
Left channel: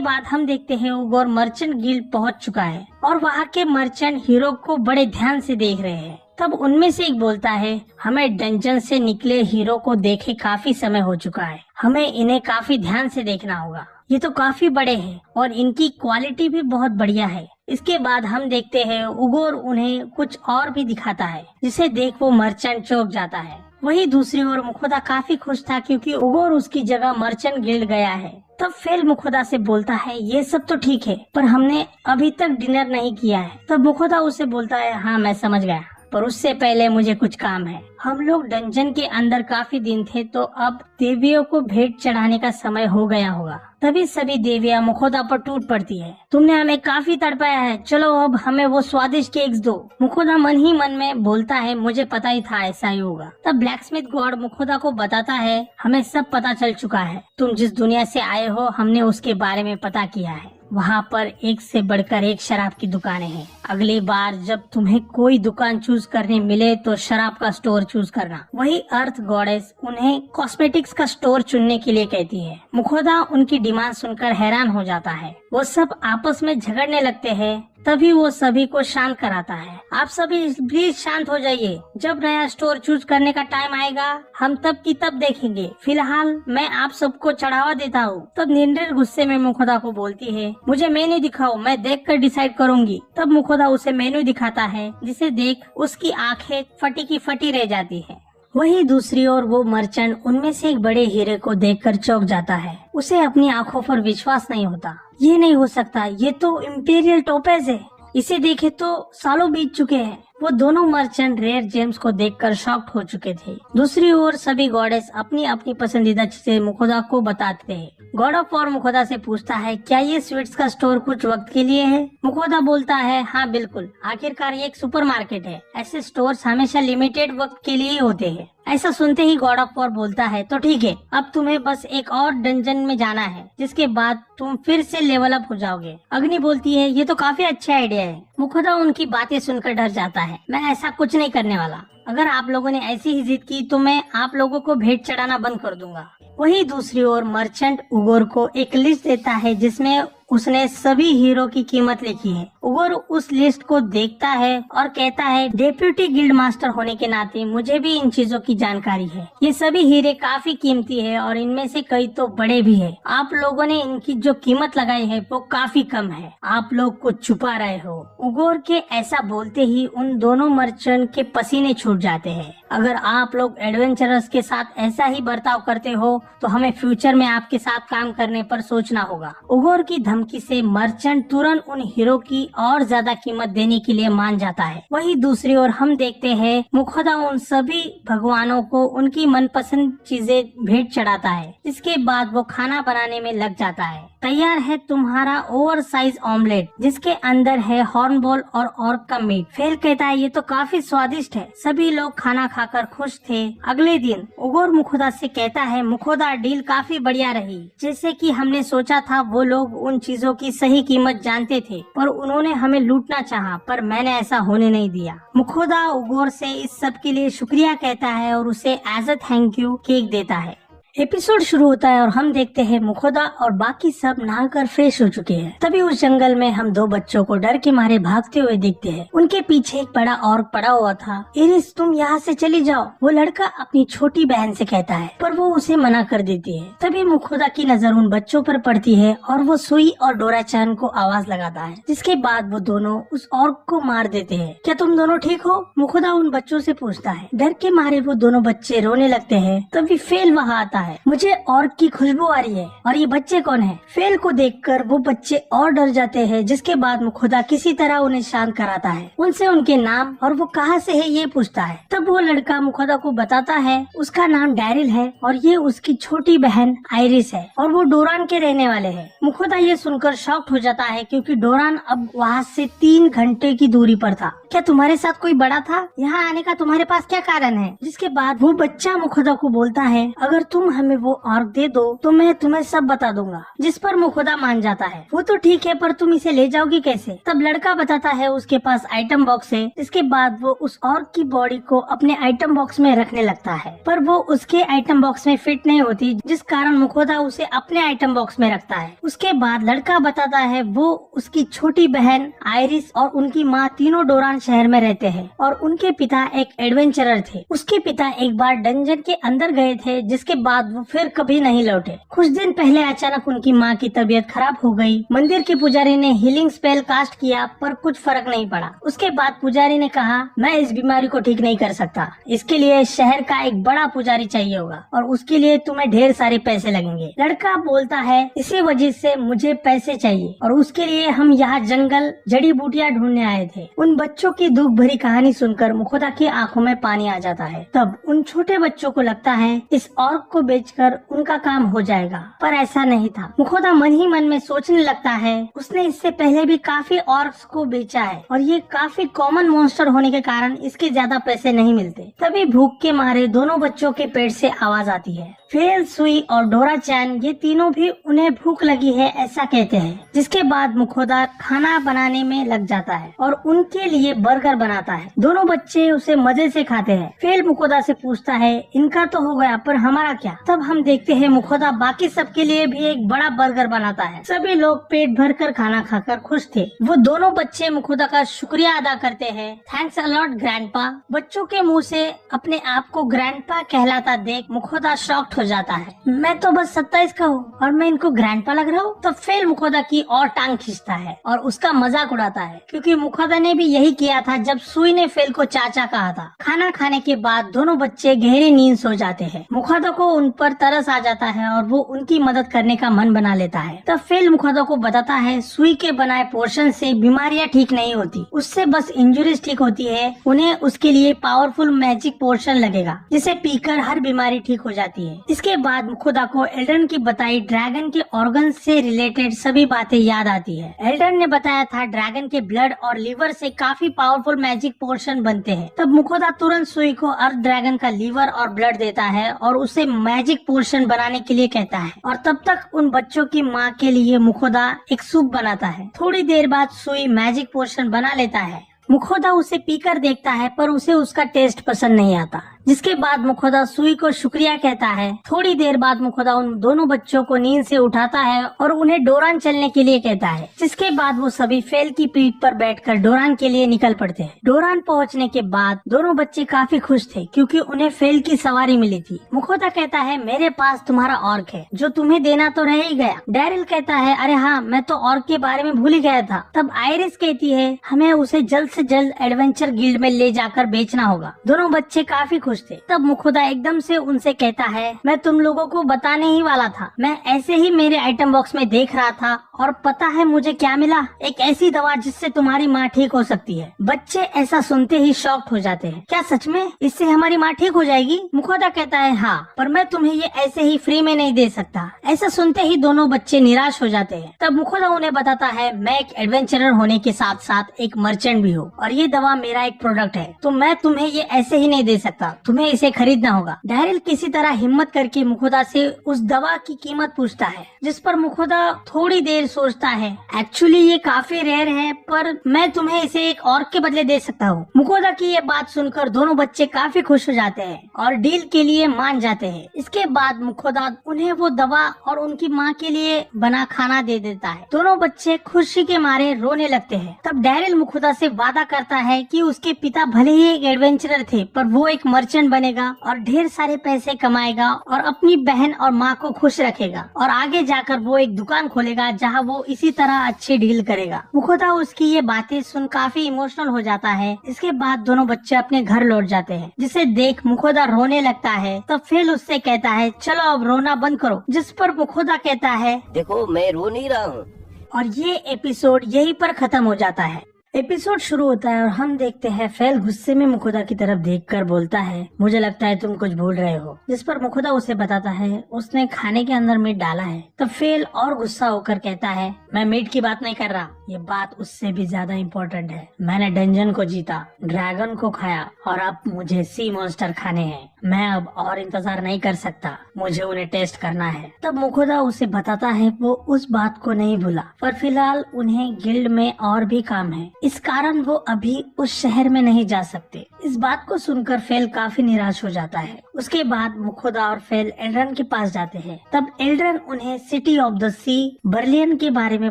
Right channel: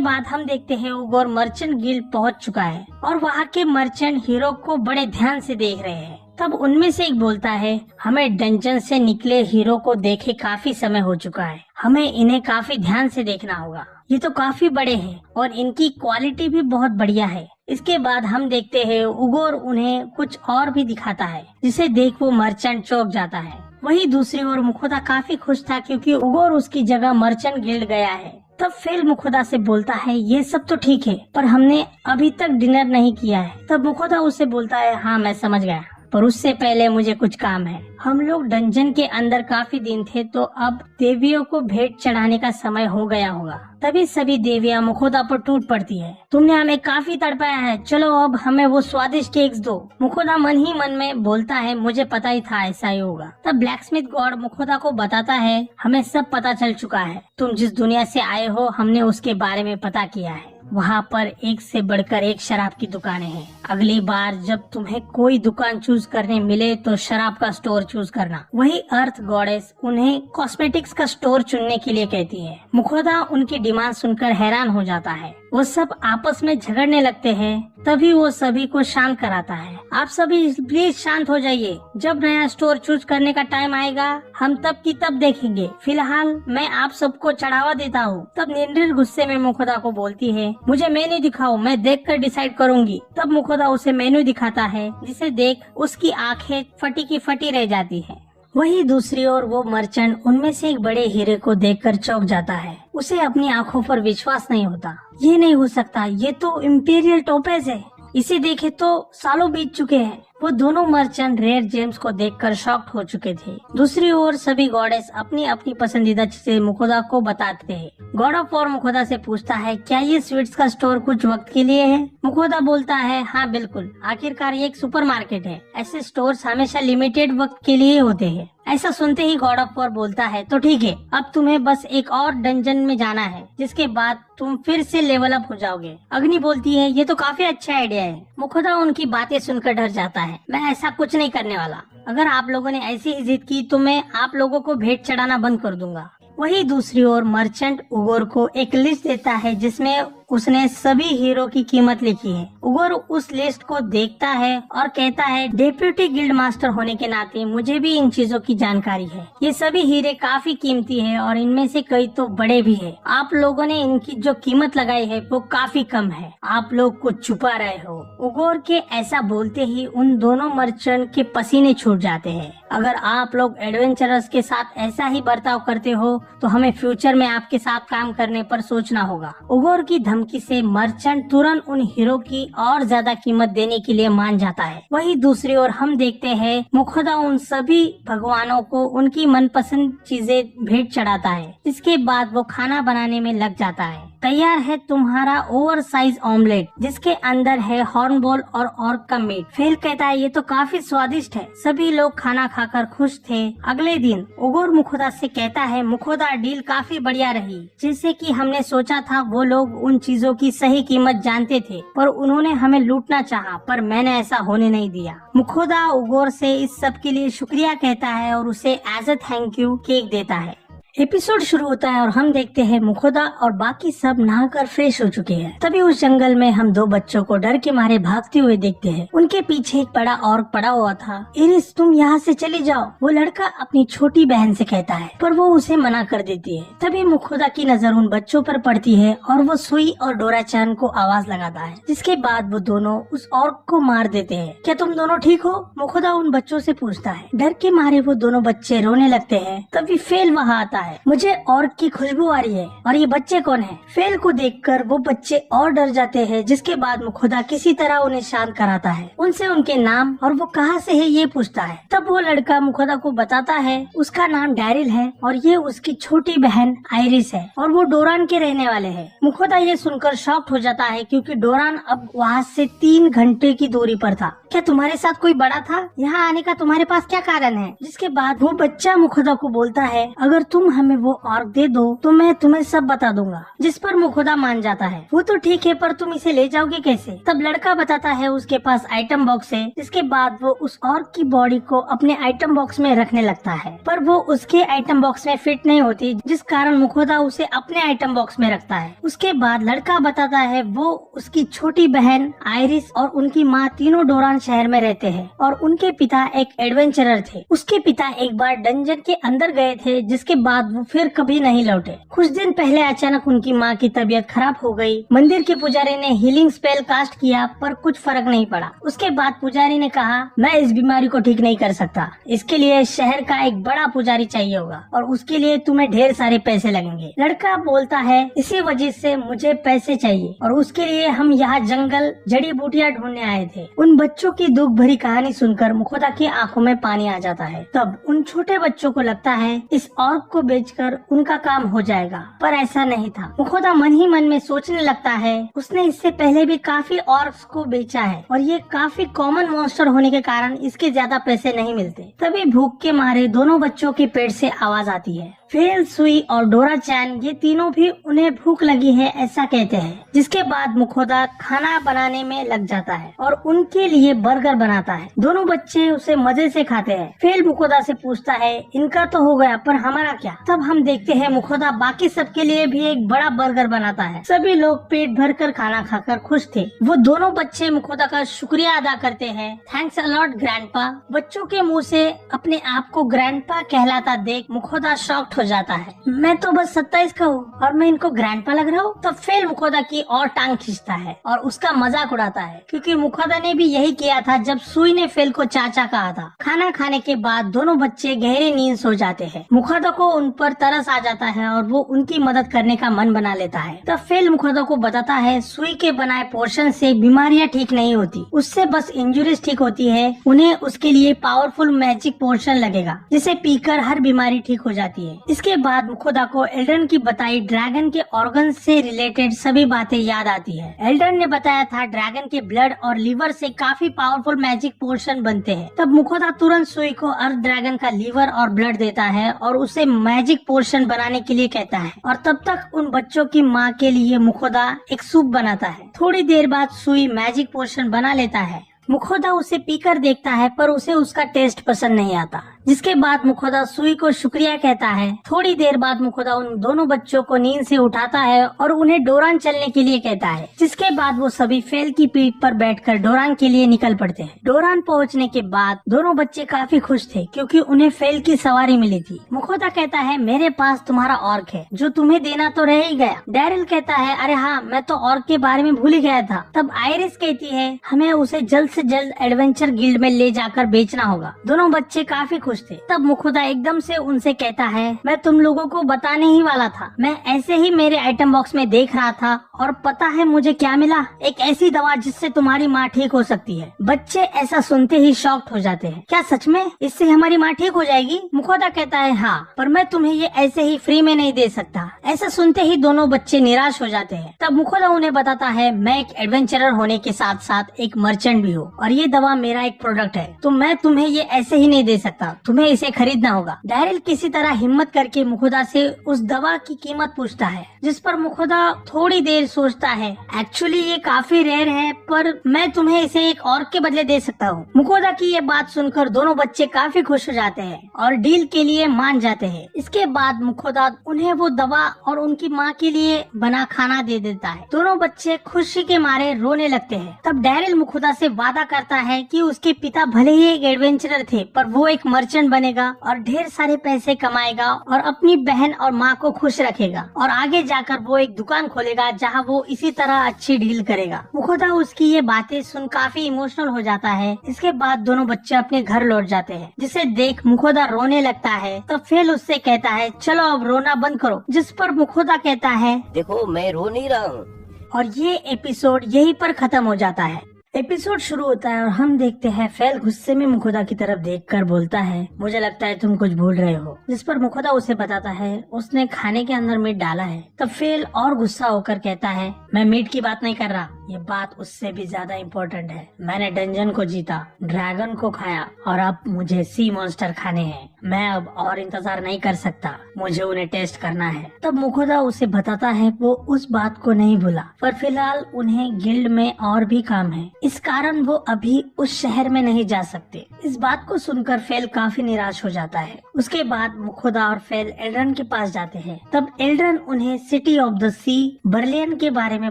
बाद हम देखते हैं उगोर मर्चेंट गिल्ड पहुंच चुका है और वहाँ के मर्चेंट हीरो को बड़े ध्यान से देख रहे हैं। तब उनमें से एक बोलता है हमें डंजन से निकले हीरो को देखे काफी समय हो चुका है, हमें इन्हें काफी ध्यान से देखना होगा, ये तो काफी बड़े हैं और इनकी क्वालिटी भी बहुत बढ़िया है। इसके बाद हम देखते हैं उगोर उन्हें कुछ और भी दिखाता है जिसे देख वो मर्चेंट चौंक जाता है। वहीं दूसरी ओर मुखोदा काफी खुश था क्योंकि उगोर उसकी जगह मर्चेंट गिल्ड गया है। तब फेल मुखोदा से बोलता है ये सब तो ठीक है पर हमने अभी तक डिनर नहीं किया है। तब मुखोदा उसे बोलता है हाँ मैं समझ गया, पर उससे पहले मुझे कुछ काम है। हम लोग डंजन के अंदर काफी दिन थे तो अब देवियों को भेंट चढ़ाने का समय हो गया होगा। तभी सभी देवियां मुखोदा पर टूट पड़ती है। तुमने हमें काफी तड़पाया है, चलो अब हमें वो स्वादिष्ट केक्स दो। मुखोदा मन ही मन में बोलता है मुझे पता ही था ऐसा ही होगा। तब ब्लैकस्मिथ गॉड मुखोदा को बताता है हमें सब पता चल चुका है, तुम जिस दुनिया से आए हो हमने उसके बारे में पता किया है। वहाँ पर एक से बढ़कर एक शराब की दुकानें हैं। अगली बार जब तुम्हें कोई दुकान चूज करने मिले तो शराब का स्टोर चूज करना। वही अर्थ गॉडेस उन्हें कॉस्मेटिक्स का स्टोर चुनने के लिए कहती है। मुखोदा उनकी डिमांड सुनकर हैरान हो जाता है। वो सब आपस में झगड़ने लगते हैं। तभी वो सभी को शांत कराता है। आप सभी प्लीज शांत हो जाइए। जब नया स्टोर चूज करने का टाइम आएगा हम तब की तब देखेंगे। फिलहाल मैं आप सबको चढ़ावा देता हूँ। तब निंद्रिल गुस्से में मुखोदा को बोलती है, मुझे मेन्यू दिखाओ, मैं देखकर डिसाइड करूंगी। तब मुखोदा उसे मेन्यू दिखाता है, जिसे देख उसकी आंखें फटी की फटी रह जाती है। वहीं दूसरी ओर वो मर्चेंट उनमें से एक बड़े हीरे को देखकर चौंक जाता है। उसे अपनी आंखों पर विश्वास नहीं होता। ये नहीं हो सकता, ये तो इम्पीरियल टोपेज है। इसे देखे तो सालों बीत चुके हैं। वो दोनों मर्चेंट रेयर जेम्स को देखकर शॉक्ड हो चुके थे। दूसरी ओर सभी गॉडेस अपनी अपनी पसंदीदा चीजें मुखोदा को बताते हैं। गॉड ऑफ वॉर मुखोदा से पूछता है, क्या ये स्वीट्स का स्टोर कुछ वक्त के लिए है? मुखोदा बोलता है, हाँ बिल्कुल, आखिरकार ये एक सुपरमार्केट है। ऐसे स्टोर्स हमेशा लिमिटेड वक्त के लिए होते हैं। ऐसा सुनते ही गॉड ऑफ वॉर बोलता है, तो ठीक है, अब तुम्हें बस एक और डंजन में जाना है, जिसके बाद तुम फिर से लेवल अप हो जाओगे। अग्नि बोलती है, ये तो काफी अच्छा आइडिया है। मुखोदा उनकी बातें सुनकर डर जाता है। मैं ऐसा कुछ नहीं करने वाला। अगर आप लोगों ने ऐसी ही जिद की तो मैं आप लोगों को भेंट चढ़ाना बंद कर दूंगा। वहीं दूसरी ओर मर्चेंट उगोर को एक लिस्ट देता है जिसमें उसने सभी हीरो की कीमत लिखी है। उगोर उस लिस्ट को देखता है और कहता है, डेप्यूटी गिल्ड मास्टर होने के नाते मुझे भी इन चीजों की जानकारी है। ये सभी हीरे काफी कीमती है और इनमें से कई तो बड़े भी है। आप लोगों ने इनकी जो कीमत लगाई है वो काफी कम है। आप लोग कुछ छुपा रहे हो। उगोर के ऐसा बोलते ही उन दोनों मर्चेंट के पसीने छूट जाते हैं। अगर आप लोग एडवेंचरर्स के साथ ऐसा ही बर्ताव करते हो तो हमें फ्यूचर में आपके साथ काम करने पर सोचना होगा। उगोर की धमकी से मर्चेंट तुरंत उन हीरो की और ज्यादा कीमत देने के लिए मान जाता है। वहीं दूसरी ओर हम देखते हैं मुखोदा उन सभी भगवानों को उनकी मनपसंद चीजें भेंट चढ़ाता है। इसके बाद वो खाना बनाने में लग जाता है। तैयार है तुम्हारा ओवर साइज ऑमलेट, जिसके अंदर है हॉर्नबॉल और ऑर्क का मीट। फेल कहता है, ये तो काफी स्वादिष्ट है। सभी लोग खाना खाकर खुश थे। अगले दिन उगोर मुखोदा से कहता है, मुखोदा डील काफी बढ़िया रही। जैसे कि हमने सोचा था वो लोग उन चीजों की सही कीमत जानते थे, पर उन्होंने हमें लूटना चाहा, पर मैंने ऐसा होने नहीं दिया। मुखोदा उगोर से इस सब के लिए शुक्रिया कहता है और उसे as a thank you cake देता है। एपिसोड शुरू होता है और हम देखते हैं मुखोदा और बाकी सब नहाकर फ्रेश हो चुके हैं। तभी उस जंगल में हम दो बच्चों को डर के मारे भागते हुए देखते हैं। उनके पीछे एक बड़ा ऑर्क पड़ा हुआ था। इरिस, तुम यहाँ से चली जाओ, वो लड़का अपनी छोटी बहन से कहता है, पर वो उसे मना कर देती है। तभी मुखोदा की नजर उन बच्चों पर पड़ती है और वो सुई और डोरा चान को आवाज लगाता है, जिसके बाद वो दोनों उस ऑर्क को मार देते हैं। क्या तुम दोनों ठीक हो? मुखोदा उन बच्चों से पूछता है। डर के मारे वो दोनों बच्चे रोने लगते हैं। तभी फेल वहाँ आता है। मुझे ऑर्क की खुशबू आ रही है, और ये बच्चे कौन है? फेल को देखकर वो बच्चे और डर जाते हैं, जिसके बाद मुखोदा किसी तरह उन्हें शांत कराता है। उनसे उनके नाम और वो कहाँ से है ये पूछता है। तब वो लड़का मुखोदा को बताता है उसका नाम डैरिल है और ये उसकी छोटी बहन आइरिस है और वो डोरान के रहने वाले हैं। मुखोदा ये सुनकर शॉक्ड हो जाता है, क्योंकि डोरान अब वहाँ से 3 घंटे की दूरी पर था। क्या तुम्हारे साथ कोई बड़ा था? यहाँ आने का तुम्हारे पास क्या कारण है? जिसके बाद वो बच्चा मुखोदा को बोलता है, अगर तुम हमें वो ऑर्क दे दो तो मैं तुम्हें सब बता दूंगा। जिस पर मुखोदा मान जाता है। वो तो ठीक है, पर तुम इसे ले जाओगे कैसे? तब लड़का बताता है उसके पास आइटम बॉक्स है। इसके बाद वो उस ऑर्क की बॉडी को अपने आइटम बॉक्स में रखने लगता है, पर वो उसके आइटम बॉक्स में फिट नहीं होती, जिस कारण मुखोदा उसे अपने आइटम बॉक्स में रखता है। उसके बाद लड़का बताता है वो उसकी छोटी बहन आइरिस और उनकी माँ तीनों डोरान शहर में रहते हैं और उनके पिता एक एडवेंचरर थे। उसके पिता एक बार डंजन के अंदर गए थे, जिसके बाद वो फिर कभी नहीं लौटे। कुछ दिन पहले अचानक उनकी माँ की तबीयत खराब हो गई। मंदिर के पुजारी ने हीलिंग स्पेल कास्ट किया, पर कुछ फर्क नहीं पड़ा। उसके बाद पुजारी ने कहा, मैं इस बीमारी को ठीक नहीं कर सकता, इसके लिए शहर का एक बड़ा पुजारी चाहिए होगा और उसके लिए तुम्हें ढेर सारे पैसे लगेंगे। लड़का बोलता है, इसी वजह से मुझे पैसे चाहिए और उसके लिए हम यहाँ जंगल जड़ी बूटियाँ ढूंढने आए थे। उन बच्चों की दुख भरी कहानी सुनकर मुखोदा के आंखों में पानी आ जाता है। तब उन छोटे बच्चों को लगता है इस ऑर्क को बेचकर उनका काम हो जाएगा, पर ऐसा नहीं था। मुखोदा मन ही मन में सोचने लगता है, उसने इससे पहले भी काफी ऑर्क्स को बेचा है और ये काफी कॉमन मॉन्स्टर होने के कारण इसके ज्यादा पैसे नहीं मिलते। तभी भूख के मारे दोनों बच्चों के पेट से आवाज आती है। फेल, सुई और डोरा चैन ये तीनों भी उन्हें भूख लगी है ऐसा कहते हैं। जिसके बाद मुखोदा खाना बनाने में लग जाता है और उनके लिए बर्गर बनाता है। दोनों बच्चे उसे मजे से खाते हैं। फेल मुखोदा से पूछता है, इनका तो हो गया, पर हमारा क्या? तब हम देखते हैं मुखोदा बाकी सबके लिए भी एक बड़ा बर्गर बनाता है। सभी लोग पेट भर कर खाना खाकर खुश थे। वो दोनों बच्चे मुखोदा का शुक्रिया अदा करते हैं। Thanks a lot grandpa. बच्चों के मुंह से अपने आप को ग्रैंडपा कहलाता देख मुखोदा शॉक्ड हो जाता है। मैं तो बस 27 का हूँ और मैं इनको ग्रैंडपा लग रहा हूँ। तो फिर मुखोदा की और टांग खींचता है और उसका मजाक उड़ाता है, क्योंकि मुखोदा ने भी यही किया था जब सुई ने फेल को चाचा कहा था। खाना खाने के बाद दोनों बच्चे गहरी नींद सो जाते हैं। मुखोदा को उन पर तरस आ जाता है और वो उनकी मदद करने का मन बना लेता है। तब फेल मुखोदा को बताता है सुई के बनाए पोर्शन से बीमारियां ठीक नहीं होती, उससे बस इंजुरीज ठीक होती है। उन्हें उसके लिए पावरफुल मैजिक पोर्शन लगेगा जिसे पीकर हर बीमारी ठीक हो जाती है। इसके बाद मुखोदा को एल्ड्रन की बताई ड्रैगन के ऑर्गन से रिलेटेड सभी बातें याद आती है। एल्ड्रन ने बताया था ड्रैगन के ब्लड और लिवर से काफी पावरफुल मैजिक पोर्शन बनते हैं। तब मुखोदा तुरंत सुई को अर्थ ड्रैगन का लिवर और ब्लड देता है और उसे मैजिक पोर्शन बनाने के लिए कहता है। और तब तक उन बच्चों की माँ के लिए मुखोदा एक सूप बनाता है। थोड़ी देर बाद सुई मैजिक पोर्शन बना लेता है। मुखोदा उसे पीकर देखता है पर उसे उसका टेस्ट पसंद नहीं आता, जिसके बाद मुखोदा सुई को शुक्रिया कहता है। थोड़ी देर बाद मुखोदा उन दोनों बच्चों को नींद से उठाता है और उन्हें डोरान चलने के लिए कहता है, जिसके बाद वो सभी फेल की पीठ पर बैठकर डोरान के लिए निकल पड़ते हैं। डोरान पहुंचने के बाद दोनों बच्चे काफी खुश थे क्योंकि उन्हें फेल की सवारी मिली थी। मुखोदा कहता है मेरे पास तुम्हारा ऑर्क है जो तुम्हें देना तो रह ही गया। डैरिल कहता है अरे हाँ, मैं तो ऑर्क के बारे में भूल ही गया था। तब आयरिस कहती है हमें उसे जल्द से जल्द एडवेंचर गिल्ड में ले जाकर बेचना होगा। दोनों बच्चे काफी खुश थे। तब मुखोदा एकदम से उनसे कहता है मैं तुम लोगों को बताने ही वाला था। मैं ऐसे ही मेरे आइटम बॉक्स में देख रहा था और पता है मुझे क्या मिला, एक ऐसी दवा जिससे तुम्हारी माँ ठीक हो सकती है। बच्चे ऐसा सुनते ही शॉक्ड हो जाते हैं। क्या सच में इससे हमारी माँ ठीक हो जाएगी? मुखोदा कहता है हाँ, पर मैं तुम्हें ये ऐसे ही फ्री में नहीं दे सकता। ऐसा सुनते ही दोनों बच्चे निराश हो जाते हैं। तब मुखोदा उन्हें बताता है मैं एक एडवेंचरर होने के साथ साथ एक मर्चेंट भी हूँ और ये दवा मेरा एक प्रोडक्ट है, तो मैं तुम्हें ये ऐसे ही नहीं दे सकता, तुम्हें इसे खरीदना होगा। डैरिल किसी तरह हिम्मत करके मुखोदा से उस दवा की कीमत पूछता है, जिस पर मुखोदा थोड़ी देर सोचता है एक्चुअली ये काफी रेयर है, पर मैं तुम्हें इसे एक और के बदले दे सकता हूँ। मुखोदा की ये बात सुनकर दोनों बच्चे काफी खुश हो जाते हैं और डील के लिए मान जाते हैं। इसके बाद मुखोदा उन्हें वो दवा और उनकी माँ के लिए बना खाना दे देता है। दोनों बच्चे खुशी के मारे रोने लगते हैं। तब डैरिल मुखोदा से वादा करता है कि उसके पिता भले ही एक एडवेंचरर थे, पर वो एक मर्चेंट बनेगा और ढेर सारे पैसे कमाएगा और अपनी बहन और माँ को खुश रखेगा और आगे जाकर वो एक दुकान खोलेगा जहाँ वो इसी तरह अच्छी डील करेगा। मुखोदा उसकी ये बातें सुन काफी इमोशनल हो जाता है। इसके बाद दोनों बच्चे अपने घर लौट जाते हैं, जिसे देख मुखोदा रोने लगता है। तो फिर उससे कहता है चलो अब रोना बंद करो, जिस पर मुखोदा कहता है देखो मैं रो नहीं रहा हूँ। और ये एपिसोड यहीं पर खत्म हो जाता है। एपिसोड शुरू होता है और हम देखते हैं फेल गुस्से में मुखोदा की तरफ देखकर बोलता है मुझे लगता है तुम कुछ भूल रहे हो, जिस पर मुखोदा उसे बताता है उसने खाने के अंदर मीट डाला है। तब फेल और गुस्सा होकर कहता है मैं मीट की बात नहीं कर रहा, ये बात उससे भी ज्यादा इम्पोर्टेंट है। मैंने डंजन को जीता, ड्रैगन को खाया और अब मुझे सी मॉन्स्टर खाने हैं। मैं अब और इंतजार नहीं कर सकता, मुझे उन्हें टेस्ट करना है। तब मुखोदा उसे बताता है वो उस बात को नहीं भूला, पर फिलहाल उन्हें गिल्ड में और भी काम है, इस कारण वो अभी उस शहर में नहीं जा सकते। इस बात को सुनकर फेल काफी निराश हो जाता है। उसके बाद मुखोदा और फेल एल्ड्रन के पास जाते हैं। तब एल्ड्रन उन्हें सिटी ऑफ द सी बर्लियन के बारे में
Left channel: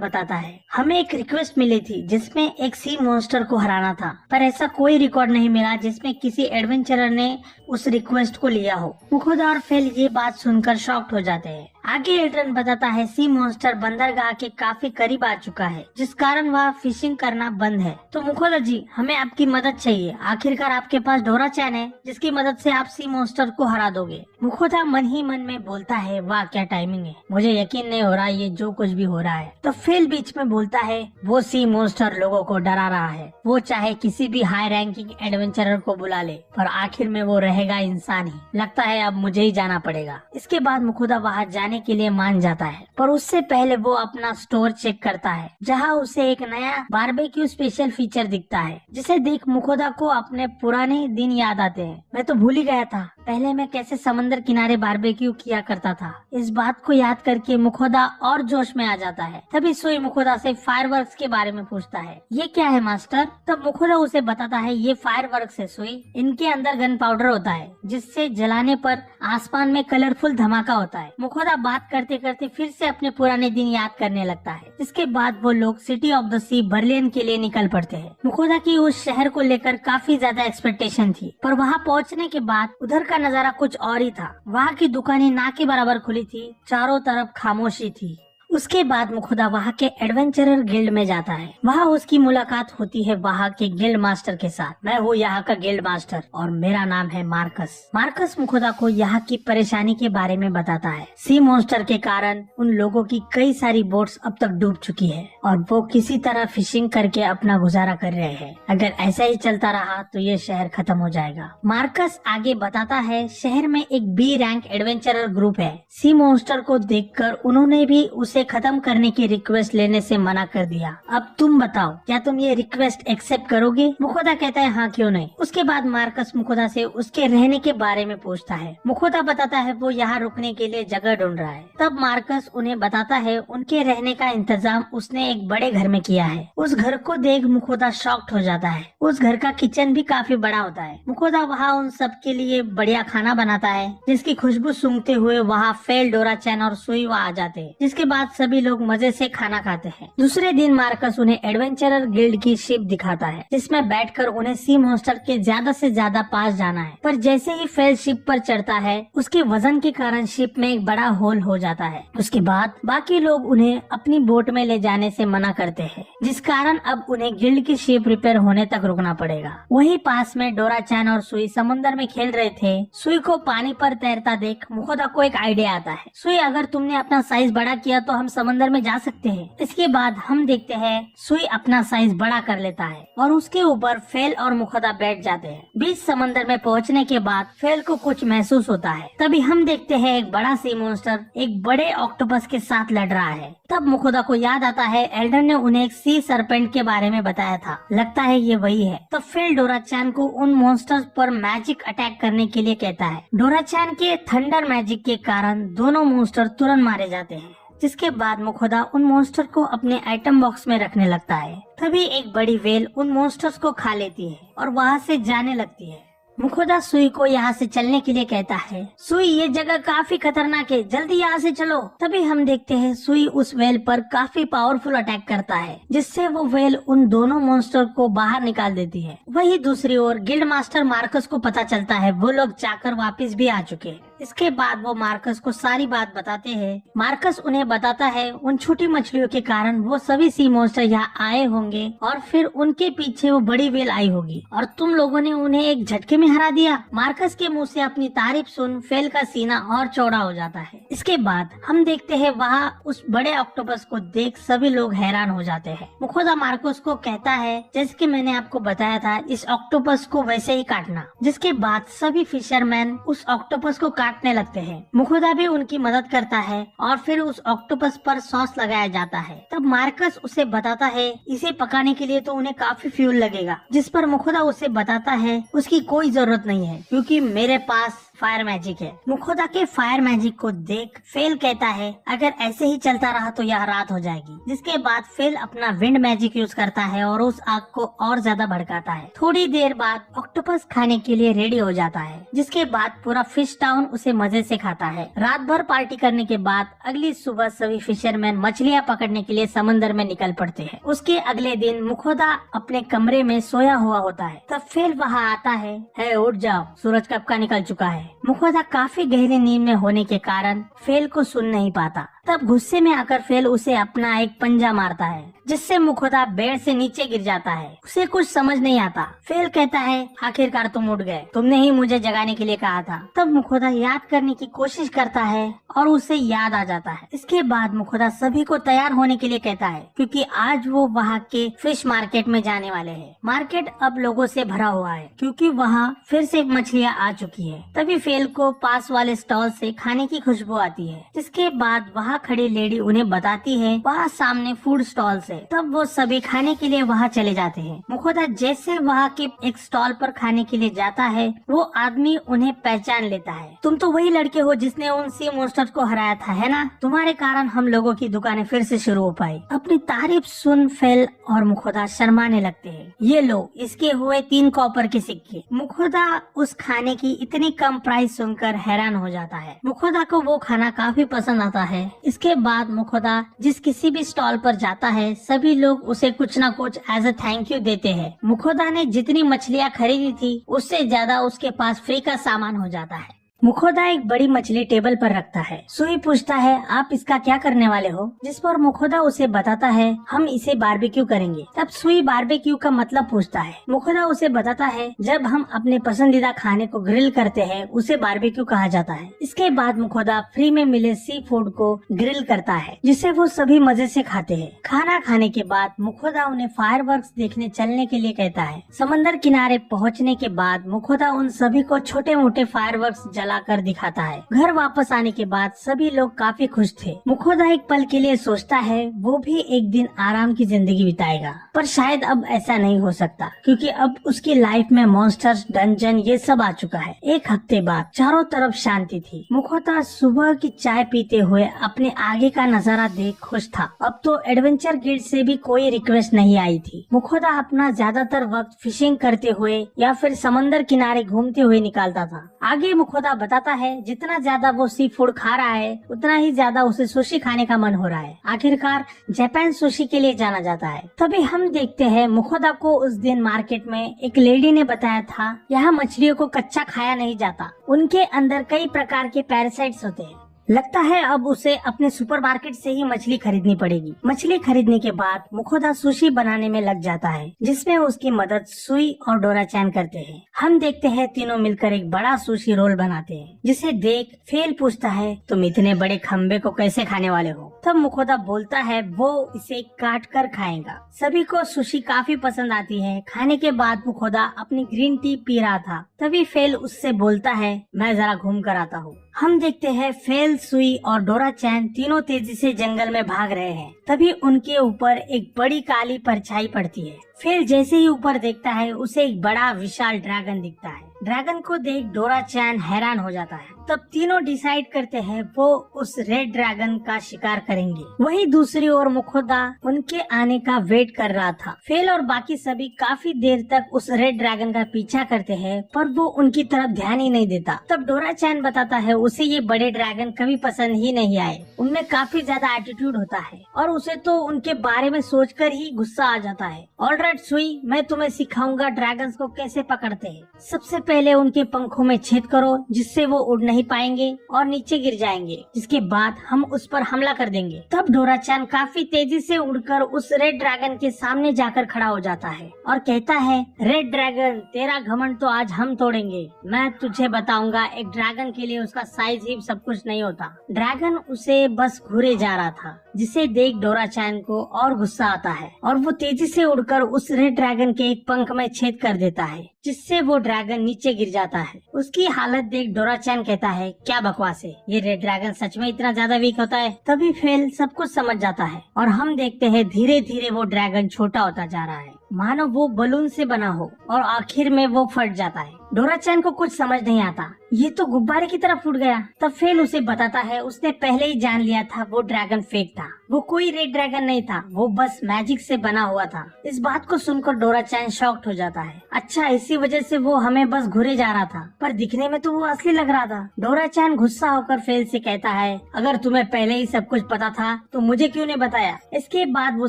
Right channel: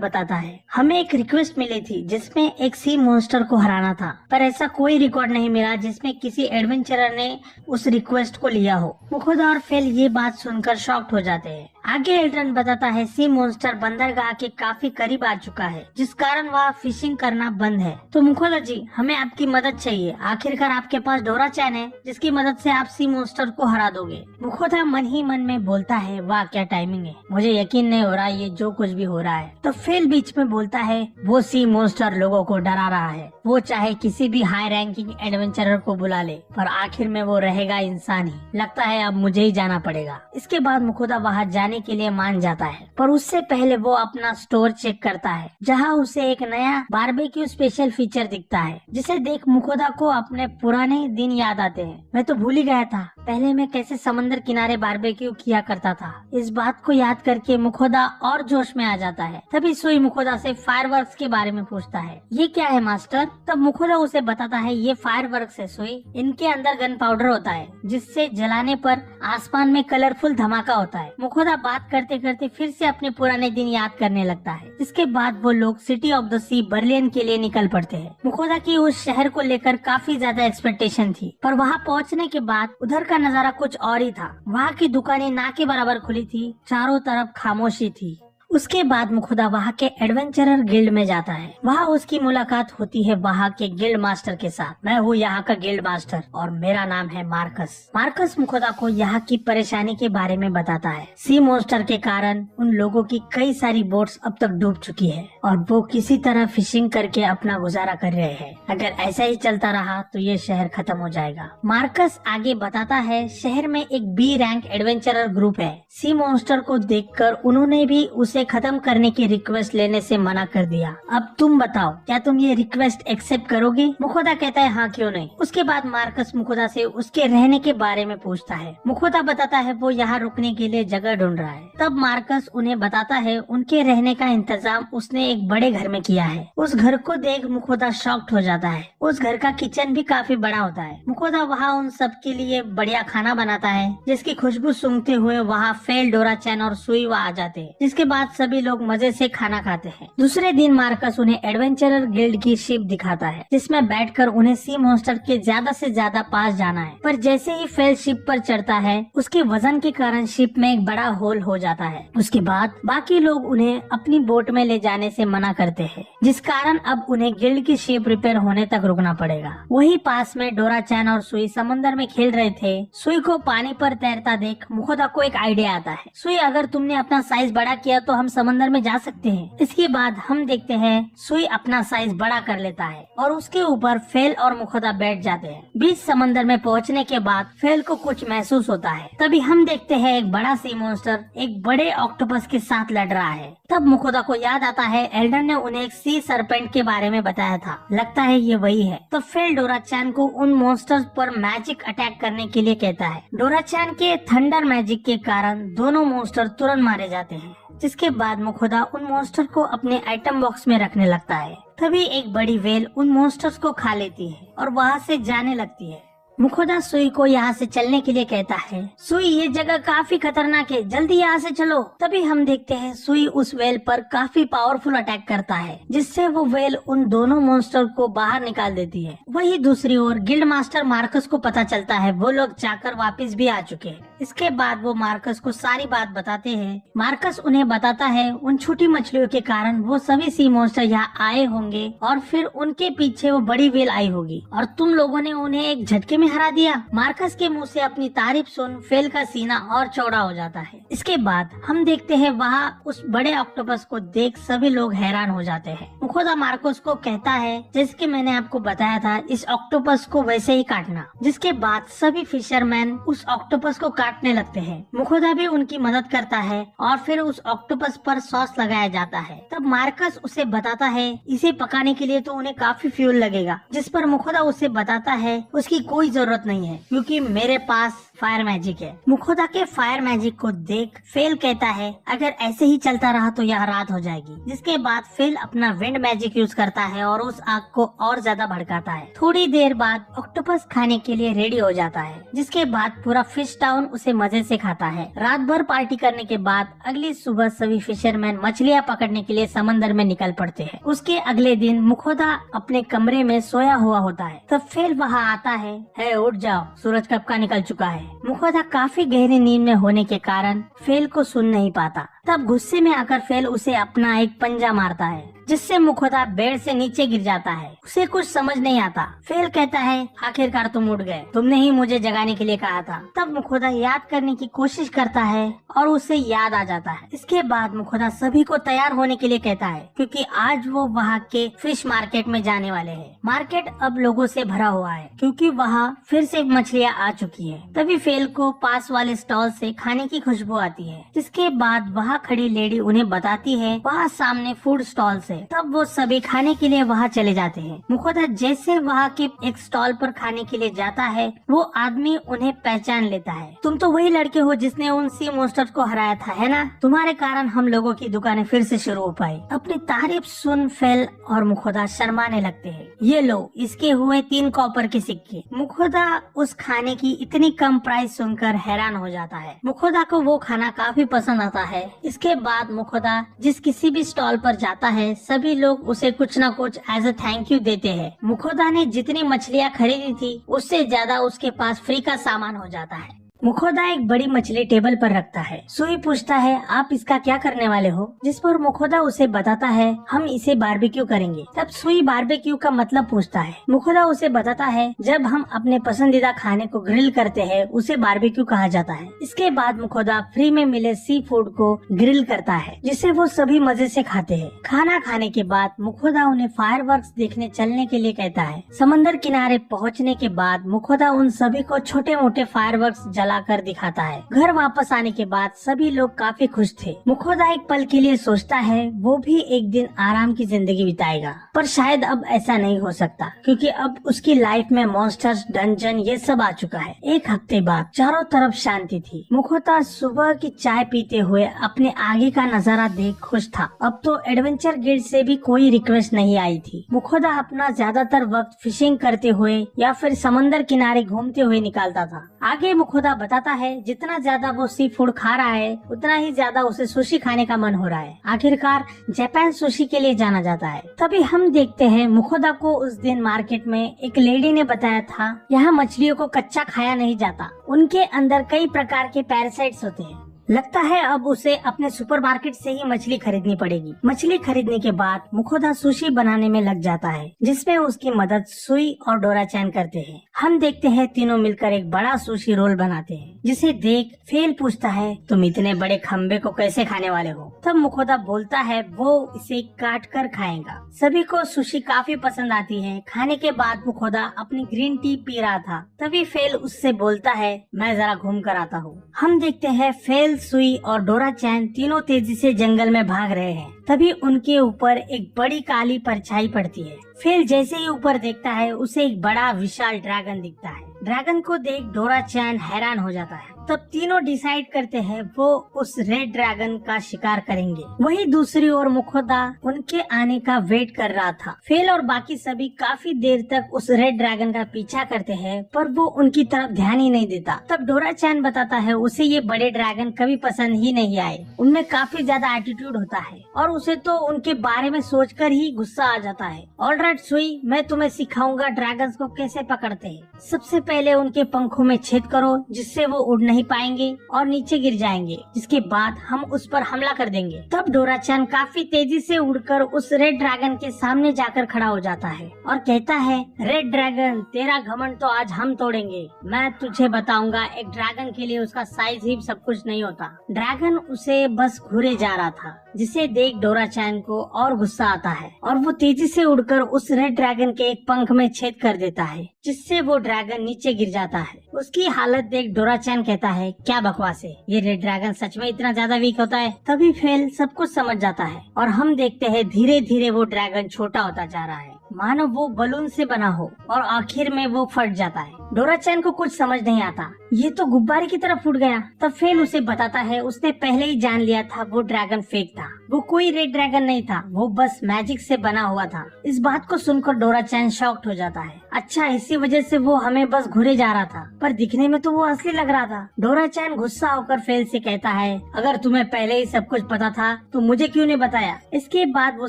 बताता है। हमें एक रिक्वेस्ट मिली थी जिसमें एक सी मॉन्स्टर को हराना था, पर ऐसा कोई रिकॉर्ड नहीं मिला जिसमें किसी एडवेंचरर ने उस रिक्वेस्ट को लिया हो। मुखोदा और फेल ये बात सुनकर शॉक्ड हो जाते हैं। आगे एल्ड्रन बताता है सी मॉन्स्टर बंदरगाह के काफी करीब आ चुका है, जिस कारण वहाँ फिशिंग करना बंद है। तो मुखोदा जी हमें आपकी मदद चाहिए। आखिरकार आपके पास डोरा चैन है जिसकी मदद से आप सी मॉन्स्टर को हरा दोगे। मुखोदा मन ही मन में बोलता है वाह क्या टाइमिंग है, मुझे यकीन नहीं हो रहा ये जो कुछ भी हो रहा है। तो फेल बीच में बोलता है वो सी मॉन्स्टर लोगों को डरा रहा है, वो चाहे किसी भी हाई रैंकिंग एडवेंचरर को बुला ले, पर आखिर में वो रहेगा इंसान ही। लगता है अब मुझे ही जाना पड़ेगा। इसके बाद मुखोदा वहाँ जाने जाने के लिए मान जाता है, पर उससे पहले वो अपना स्टोर चेक करता है, जहाँ उसे एक नया बारबेक्यू स्पेशल फीचर दिखता है, जिसे देख मुखोदा को अपने पुराने दिन याद आते हैं। मैं तो भूल ही गया था पहले मैं कैसे समंदर किनारे बारबेक्यू किया करता था। इस बात को याद करके मुखोदा और जोश में आ जाता है। तभी सोई मुखोदा से फायरवर्क्स के बारे में पूछता है, ये क्या है मास्टर? तब मुखोदा उसे बताता है, ये फायरवर्क्स है सोई, इनके अंदर गन पाउडर होता है, जिससे जलाने पर आसमान में कलरफुल धमाका होता है। मुखोदा बात करते करते फिर से अपने पुराने दिन याद करने लगता है। इसके बाद वो लोग city of the sea Berlin के लिए निकल पड़ते हैं। मुखोदा की उस शहर को लेकर काफी ज्यादा एक्सपेक्टेशन थी, पर वहाँ पहुँचने के बाद उधर का नजारा कुछ और ही था। वहाँ की दुकानें ना के बराबर खुली थी, चारों तरफ खामोशी थी। उसके बाद मुखोदा वहाँ के एडवेंचरर गिल्ड में जाता है। वहाँ उसकी मुलाकात होती है वहाँ के गिल्ड मास्टर के साथ। मैं हूँ यहाँ का गिल्ड मास्टर और मेरा नाम है मार्कस। मार्कस मुखोदा को यहाँ की परेशानी के बारे में बताता है। सी मॉन्स्टर के कारण उन लोगों की कई सारी बोट्स अब तक डूब चुकी है और वो किसी तरह फिशिंग करके अपना गुजारा कर रहे हैं। अगर ऐसा ही चलता रहा तो ये शहर खत्म हो जाएगा। मार्कस आगे बताता है, शहर में एक बी रैंक एडवेंचरर ग्रुप है। सी मॉन्स्टर को देखकर उन्होंने भी उसे खत्म करने की रिक्वेस्ट लेने से मना कर दिया। अब तुम बताओ, क्या तुम ये रिक्वेस्ट एक्सेप्ट करोगी? मुखोदा कहता है, हाँ क्यों नहीं। उसके बाद मार्कस मुखोदा से उसके रहने के बारे में पूछता है। मुखोदा बताता है वो यहाँ रुकने के लिए जगह ढूंढ रहा है। तब मार्कस उन्हें बताता है उनके रहने का इंतजाम उसने एक बड़े घर में किया है। उस घर को देख मुखोदा शॉक्ड हो जाता है। उस घर का किचन भी काफी बड़ा होता है। मुखोदा वहाँ उन सब के लिए बढ़िया खाना बनाता है, जिसकी खुशबू सूंघते हुए वहाँ फेल, डोरा चैन और सुई वहाँ आ जाते हैं, जिसके बाद सभी लोग मजे से खाना खाते हैं। दूसरे दिन मार्कस उन्हें एडवेंचरर गिल्ड की शिप दिखाता है, जिसमें बैठकर उन्हें सी मॉन्स्टर के ज्यादा से ज्यादा पास जाना है। पर जैसे ही फेल शिप पर चढ़ता है, उसके वजन के कारण शिप में एक बड़ा होल हो जाता है। उसके बाद बाकी लोग उन्हें अपनी बोट में ले जाने से मना करते हैं, जिस कारण अब उन्हें गिल्ड की शिप रिपेयर होने तक रुकना पड़ेगा। वही पास में डोरा चैन और सुई समुद्र में खेल रहे थे। सुई को पानी पर तैरता देख मुखोदा को एक आइडिया आता है। सुई, अगर तुमने अपना साइज बड़ा किया तो हम समंदर में जा सकते हैं। इसके बाद हम देखते हैं सुई अपना साइज बड़ा कर लेता है और उसके ऊपर फेल और मुखोदा बैठ जाते हैं। बीच समंदर में पहुंचने के बाद फेल को कुछ महसूस होता है। तभी हम देखते हैं एक बड़ा सी मॉन्स्टर एक बड़े ऑक्टोपस के साथ लड़ रहा है। तब मुखोदा को याद आता है एल्डर ने उन्हें एक सी सरपेंट के बारे में बताया था, लगता है ये वही है। तो फेल डोरा चैन को उन मॉन्स्टर्स पर मैजिक अटैक करने के लिए कहता है। डोरा चैन के थंडर मैजिक के कारण दोनों मॉन्स्टर तुरंत मारे जाते हैं, जिसके बाद मुखोदा उन मॉन्स्टर को अपने आइटम बॉक्स में रखने लगता है। तभी एक बड़ी वेल उन मॉन्स्टर्स को खा लेती है और वहाँ से जाने लगती है। मुखोदा सुई को यहाँ से चलने के लिए कहता है। सुई, ये जगह काफी खतरनाक है, जल्दी यहाँ से चलो। तभी हम देखते हैं सुई उस वेल पर काफी पावरफुल अटैक करता है, जिससे वो वेल उन दोनों मॉन्स्टर को बाहर निकाल देती है। वही दूसरी ओर गिल्ड मास्टर मार्कस को पता चलता है वो लोग जाकर वापस भी आ चुके हैं। इसके बाद वो मार्कस को सारी बात बताते हैं। मार्कस उन्हें बताता है उन छोटी मछलियों के कारण वो सभी सी मॉन्स्टर यहाँ आए होंगे और फिर उनके पीछे वो बड़ी वेल आई होगी और तुम लोगों ने उन्हें एक झटके में हरा दिया। मार्कस के मुंह से अपनी तारीफ सुन फेल का सीना और चौड़ा हो जाता है। इसके बाद हम देखते हैं वहाँ उस बड़े ऑक्टोपस को देख सभी लोग हैरान हो जाते हैं। मुखोदा मार्कस को कहता है, जैसे कि मैंने आपको बताया था, इस ऑक्टोपस को वैसे ही काटना। जिसके बाद सभी फिशरमैन उस ऑक्टोपस को काटने लगते हैं। मुखोदा भी उनकी मदद करता है और फिर उस ऑक्टोपस पर सॉस लगाया जाता है। तब मार्कस उसे बताता है इसे पकाने के लिए तो उन्हें काफी फ्यूल लगेगा, जिस पर मुखोदा उसे बताता है उसकी कोई जरूरत नहीं है क्योंकि मेरे पास फायर मैजिक है। मुखोदा के फायर मैजिक को देख फेल कहता है अगर ऐसे ही चलता रहा तो यह रात हो जाएगी। जिसके बाद फेल अपना विंड मैजिक यूज करता है और उस आग को और ज्यादा भड़काता है। थोड़ी देर बाद ऑक्टोपस खाने के लिए रेडी हो जाता है, जिसके बाद पूरा फिश टाउन उसे मजे से खाता है। रात भर पार्टी करने के बाद अगली सुबह सभी फिशरमैन मछलियाँ पकड़ने के लिए समंदर में निकल पड़ते हैं। उसके अगले दिन मुखोदा अपने कमरे में सोया हुआ होता है। तब फेल वहाँ आता है, उठ जाओ, सूरज कब का निकल चुका है। मुखोदा काफी गहरी नींद में होने के कारण फेल को सुन नहीं पाता। तब गुस्से में आकर फेल उसे अपना एक पंजा मारता है, जिससे मुखोदा बेड से नीचे गिर जाता है। उसे कुछ समझ नहीं आता। फेल कहता है, आखिरकार तुम उठ गए, तुमने ही मुझे जगाने के लिए कहा था। तब मुखोदा याद करने की कोशिश करता है और उसे याद आ जाता है। इसके बाद मुखोदा सभी को तैयार होने के लिए कहता है, क्योंकि आज वो वहाँ के फिश मार्केट में जाने वाले हैं। मार्केट अब लोगों से भरा हुआ है, क्योंकि वहाँ फिर से मछलियाँ आ चुकी हैं। तभी फेल को पास वाले स्टॉल से खाने की खुशबू आती है। इसके बाद वहाँ खड़ी लेडी उन्हें बताती है वहाँ सामने फूड स्टॉल है। तब वो सभी खाने के लिए वहाँ चले जाते हैं। मुखोदा जैसे वहाँ के एक स्टॉल पर खाने के लिए जाता है, वो आदमी उन्हें पहचान लेता है। तुम तो वही लड़के हो जिसने उन सी मोस्टर्स को हराया था, है ना? तुम्हारे कारण हम लोगों की दुकानें फिर से शुरू हो पाई। अपनी तारीफ सुन फेल और मुखोदा शर्माने लगते हैं। ये लो, इसके हुए 3 कॉपर के सिक्के। मुखोदा उस खाने की इतनी कम प्राइस सुनकर हैरान हो जाता है। मुखोदा को वो खाना काफी पसंद आता है। इसके बाद मुखोदा जिस किसी भी स्टॉल पर जाता है, सभी लोग उसे कुछ न कुछ एज अ थैंक यू देते हैं। मुखोदा ने जितनी मछलियाँ खरीदी थी, उससे ज्यादा उसके पास फ्री का सामान हो जाता है। मुखोदा एक बड़ी मछली टेबल पर रखता है। सुई पूछता है, आप इसका क्या करने वाले हो? जिस पर मुखोदा उसे बताता है, हम इसे बारबेक्यू करेंगे। तब सुई बारबेक्यू का मतलब पूछता है। मुखोदा उसे बताता है, जब हम अपने पसंदीदा खाने को ग्रिल करते हैं, उसे बारबेक्यू कहा जाता है। इसके बाद मुखोदा फ्री में मिले सी फूड को ग्रिल करता है, जिसे वो सभी मजे से खाते हैं। खाना खाने के बाद मुखोदा उन्हें फायरवर्क्स देखने चलने के लिए कहता है। समंदर किनारे पहुँचने के बाद मुखोदा उन सभी को छोटे मोटे फायरवर्क्स जलाकर दिखाता है। घर वापस आने के बाद सभी लोग काफी खुश थे। मुखोदा एक पल के लिए सोचता है वो भी एक दिन आराम की जिंदगी बिताएगा, पर शायद अब ऐसा नहीं हो सकता, क्योंकि अब उसकी लाइफ में मॉन्स्टर्स, डंजन ये सब आ चुका है। एक हफ्ते बाद चारों तरफ शांति थी। मुखोदा सुबह की चाय पीते हुए अपने आगे का नजारा देख खुश था। अब तो एडवेंचर गिल्ड से भी कोई रिक्वेस्ट नहीं आई थी। मुखोदा अपना ज्यादातर वक्त फिशिंग करते हुए या फिर समंदर किनारे घूमते हुए निकालता था। आगे मुखोदा बताता है, जितना ज्यादा वो सी फूड खा रहा है, उतना ही ज्यादा उसे सुशी खाने का मन हो रहा है। आखिरकार जापान सुशी के लिए जाना जाता है। तभी हम देखते हैं मुखोदा को उस दिन मार्केट में एक लेडी ने बताया था, यहाँ मछलियों को कच्चा खाया नहीं जाता, उनके अंदर कई प्रकार के पैरासाइट्स होते हैं। लगता है अब उसे अपने सुपरमार्केट से ही मछली खरीदनी पड़ेगी। मछली खरीदने के बाद मुखोदा सुशी बनाने में लग जाता है, जिसमें उसकी मदद सुई और डोरा-चैन करते हैं। हम देखते हैं तीनों मिलकर एक बड़ा सुशी रोल बनाते हैं, जिसे देख फेल पूछता है, तुम इतने बड़े खम्बे को कैसे खाने वाले हो? तब मुखोदा बोलता है वो इसे काट कर खाएगा। सभी को सुशी काफी पसंद आती है। खाने के बाद मुखोदा अपनी ग्रीन टी पी रहा था। तभी फेल उससे बोलता है, मैं जरा घूम कर आता हूँ। हम देखते हैं फेल, सुई और डोरा-चैन तीनों तेजी से जंगल में भाग रहे हैं। तभी उनके ऊपर एक बड़ी काली परछाई पड़ती है। फेल जैसे ही ऊपर देखता है, उसे एक बड़ा विशाल ड्रैगन दिखता है। ड्रैगन को देख डोरा-चैन हैरान हो जाता है। तब तीनों डिसाइड करते हैं वो उस रेड ड्रैगन का शिकार करेंगे। वहीं दूसरी ओर मुखोदा उनके आने का वेट कर रहा था। फेल और बाकी सभी काफी देर तक उस रेड ड्रैगन का पीछा करते हैं, पर वो उनकी तरफ ध्यान ही नहीं देता। तब डोरा-चैन बताता है उसे ये बड़े ड्रैगन कभी पसंद ही नहीं आए, उनमें काफी ज्यादा एटीट्यूड होता है और उसे तो उनके बारे में सोचकर ही गुस्सा आ जाता है। ऑलराइट सुई, मैं तुम्हें सिखाऊंगा ड्रैगन्स को कैसे पकड़ते हैं। सबसे पहले उनके पंखों में छेद करो, जिससे वो उड़ नहीं पाएंगे और नीचे गिर जाएंगे, जिसके बाद हम उस पर हमला कर देंगे। तब डोरा-चैन काफी तेजी से उड़कर उस रेड ड्रैगन के सामने जाकर खड़ा हो जाता है और कहता है, रेड ड्रैगन, तेरा घमंड तो आज हम तोड़ेंगे। मैं तुझे बताऊंगा, एक ड्रैगन के लिए उसका साइज ही सब कुछ नहीं होता। ड्रैगन उसे बस घूरे जा रहा था, जिसे देख डोरा-चैन को और गुस्सा आता है और वो तेजी से उड़कर उस रेड ड्रैगन के एक पंख में छेद कर देता है, जिससे वो ड्रैगन नीचे गिर जाता है। उसकी हालत देख डोरा-चैन कहता है, क्या बकवास है, ये रेड ड्रैगन सच में इतना ज्यादा वीक होता है? तभी फेल सब कुछ समझ जाता है और हम देखते हैं धीरे धीरे वो ड्रैगन छोटा होता जा रहा है, मानो वो बलून से बना हो, और आखिर में वो फट जाता है। डोरा-चैन को कुछ समझ नहीं आता, ये तो गुब्बारे की तरह फूट गया। तब फेल उसे बताता है उसने पहले ही जान लिया था वो ड्रैगन फेक था, वो कोई रेड ड्रैगन नहीं था, वो बस मैजिक से बना हुआ था। इस बात को सुनकर डोरा-चैन शॉक्ड हो जाता है। अच्छा, इसी वजह से वो हमें बस घुरे जा रहा था, पर दिखने में तो वो असली लग रहा था। डोरा-चैन गुस्सा होकर फेल से कहता है, अगर तुम्हें पहले ही सब कुछ पता था तो मुझे क्यों नहीं बताया? इसके बाद वो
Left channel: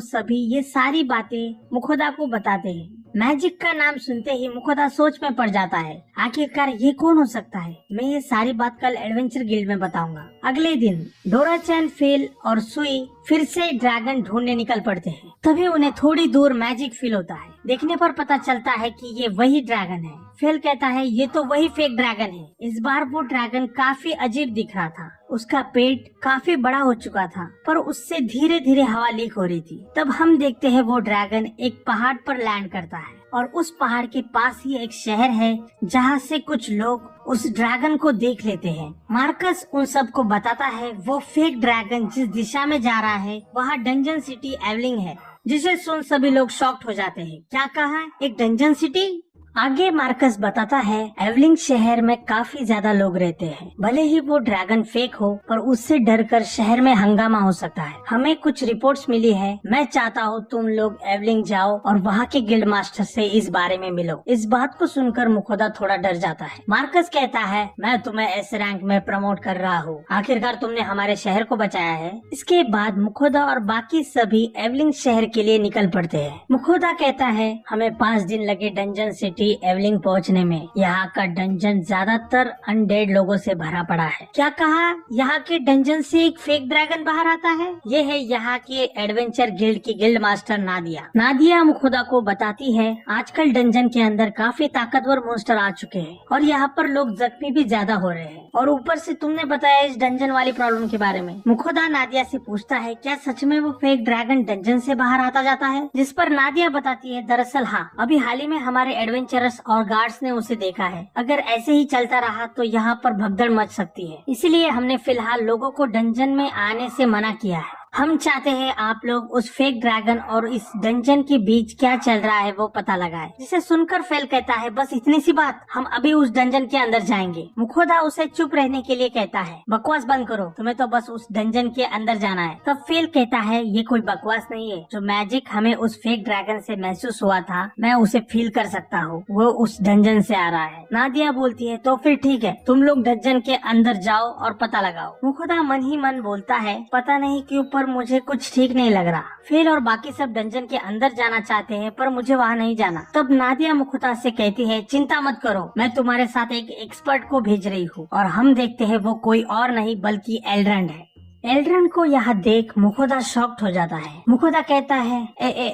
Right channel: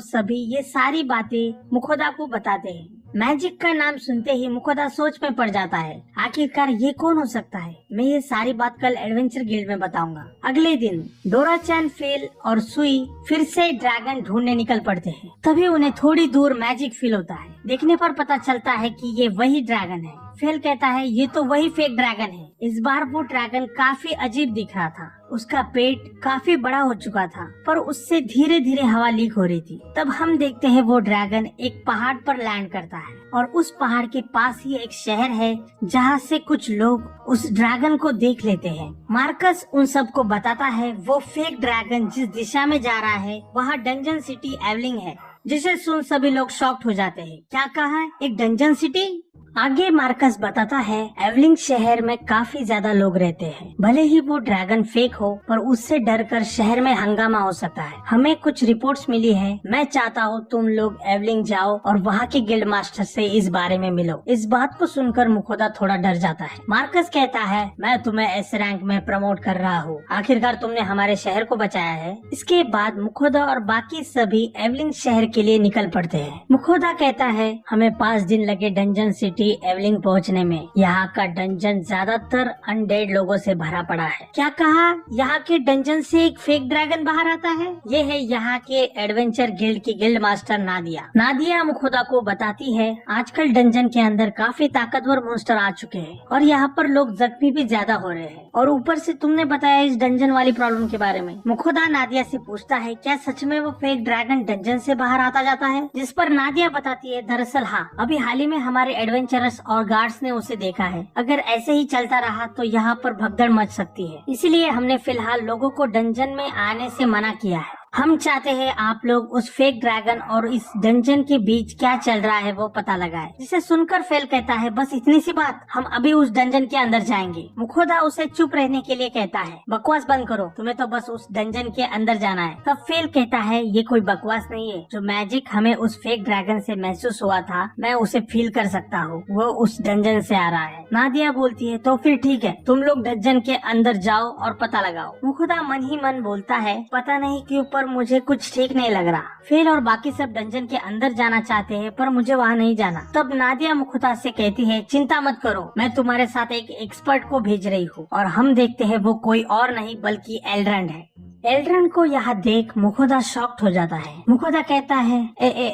सभी ये सारी बातें मुखोदा को बताते हैं। मैजिक का नाम सुनते ही मुखोदा सोच में पड़ जाता है, आखिरकार ये कौन हो सकता है। मैं ये सारी बात कल एडवेंचर गिल्ड में बताऊंगा। अगले दिन डोरा चैन, फेल और सुई फिर से ड्रैगन ढूंढने निकल पड़ते हैं। तभी उन्हें थोड़ी दूर मैजिक फील होता है। देखने पर पता चलता है कि ये वही ड्रैगन है। फेल कहता है ये तो वही फेक ड्रैगन है। इस बार वो ड्रैगन काफी अजीब दिख रहा था। उसका पेट काफी बड़ा हो चुका था, पर उससे धीरे धीरे हवा लीक हो रही थी। तब हम देखते हैं वो ड्रैगन एक पहाड़ पर लैंड करता है और उस पहाड़ के पास ही एक शहर है जहाँ से कुछ लोग उस ड्रैगन को देख लेते हैं। मार्कस उन सबको बताता है वो फेक ड्रैगन जिस दिशा में जा रहा है वहाँ डंजन सिटी एवलिंग है, जिसे सुन सभी लोग शॉक्ड हो जाते हैं। क्या कहा, एक डंजन सिटी? आगे मार्कस बताता है एवलिंग शहर में काफी ज्यादा लोग रहते हैं। भले ही वो ड्रैगन फेक हो, पर उससे डरकर शहर में हंगामा हो सकता है। हमें कुछ रिपोर्ट्स मिली है। मैं चाहता हूँ तुम लोग एवलिंग जाओ और वहाँ के गिल्ड मास्टर से इस बारे में मिलो। इस बात को सुनकर मुखोदा थोड़ा डर जाता है। मार्कस कहता है मैं तुम्हें एस रैंक में प्रमोट कर रहा हूँ, आखिरकार तुमने हमारे शहर को बचाया है। इसके बाद मुखोदा और बाकी सभी एवलिंग शहर के लिए निकल पड़ते हैं। मुखोदा कहता है हमें 5 दिन लगे डंजन सिटी एवलिंग पहुंचने में। यहाँ का डंजन ज्यादातर अनडेड लोगों से भरा पड़ा है। क्या कहा, यहाँ के डंजन से एक फेक ड्रैगन बाहर आता है? ये है यहाँ के एडवेंचर गिल्ड की गिल्ड मास्टर नादिया। नादिया मुखोदा को बताती है आजकल डंजन के अंदर काफी ताकतवर मॉन्स्टर आ चुके हैं और यहाँ पर लोग जख्मी भी ज्यादा हो रहे हैं, और ऊपर से तुमने बताया इस डंजन वाली प्रॉब्लम के बारे में। मुखोदा नादिया से पूछता है क्या सच में वो फेक ड्रैगन डंजन से बाहर आता जाता है? जिस पर नादिया बताती है दरअसल हाँ, अभी हाल ही में हमारे एडवेंचरर्स और गार्ड्स ने उसे देखा है। अगर ऐसे ही चलता रहा तो यहाँ पर भगदड़ मच सकती है, इसलिए हमने फिलहाल लोगों को डंजन में आने से मना किया है। हम चाहते हैं आप लोग उस फेक ड्रैगन और इस डंजन के बीच क्या चल रहा है वो पता लगाए। जिसे सुनकर फेल कहता है बस इतनी सी बात, हम अभी उस डंजन के अंदर जाएंगे। मुखोदा उसे चुप रहने के लिए कहता है बकवास बंद करो, तुम्हें तो बस उस डंजन के अंदर जाना है। तब फेल कहता है ये कोई बकवास नहीं है, जो मैजिक हमें उस फेक ड्रैगन से महसूस हुआ था मैं उसे फील कर सकता हूँ, वो उस डंजन से आ रहा है। नादिया बोलती है तो फिर ठीक है, तुम लोग डंजन के अंदर जाओ और पता लगाओ। मुखोदा मन ही मन बोलता है पता नहीं क्यों पर मुझे कुछ ठीक नहीं लग रहा। फेल और बाकी सब डंजन के अंदर जाना चाहते हैं पर मुझे वहाँ नहीं जाना। तब नादिया मुखोदा से कहती है चिंता मत करो, मैं तुम्हारे साथ एक एक्सपर्ट को भेज रही हूँ। और हम देखते हैं वो कोई और नहीं बल्कि एल्ड्रन है। एल्ड्रन को यहाँ देख मुखोदा शॉक्ड हो जाता है। मुखोदा कहता है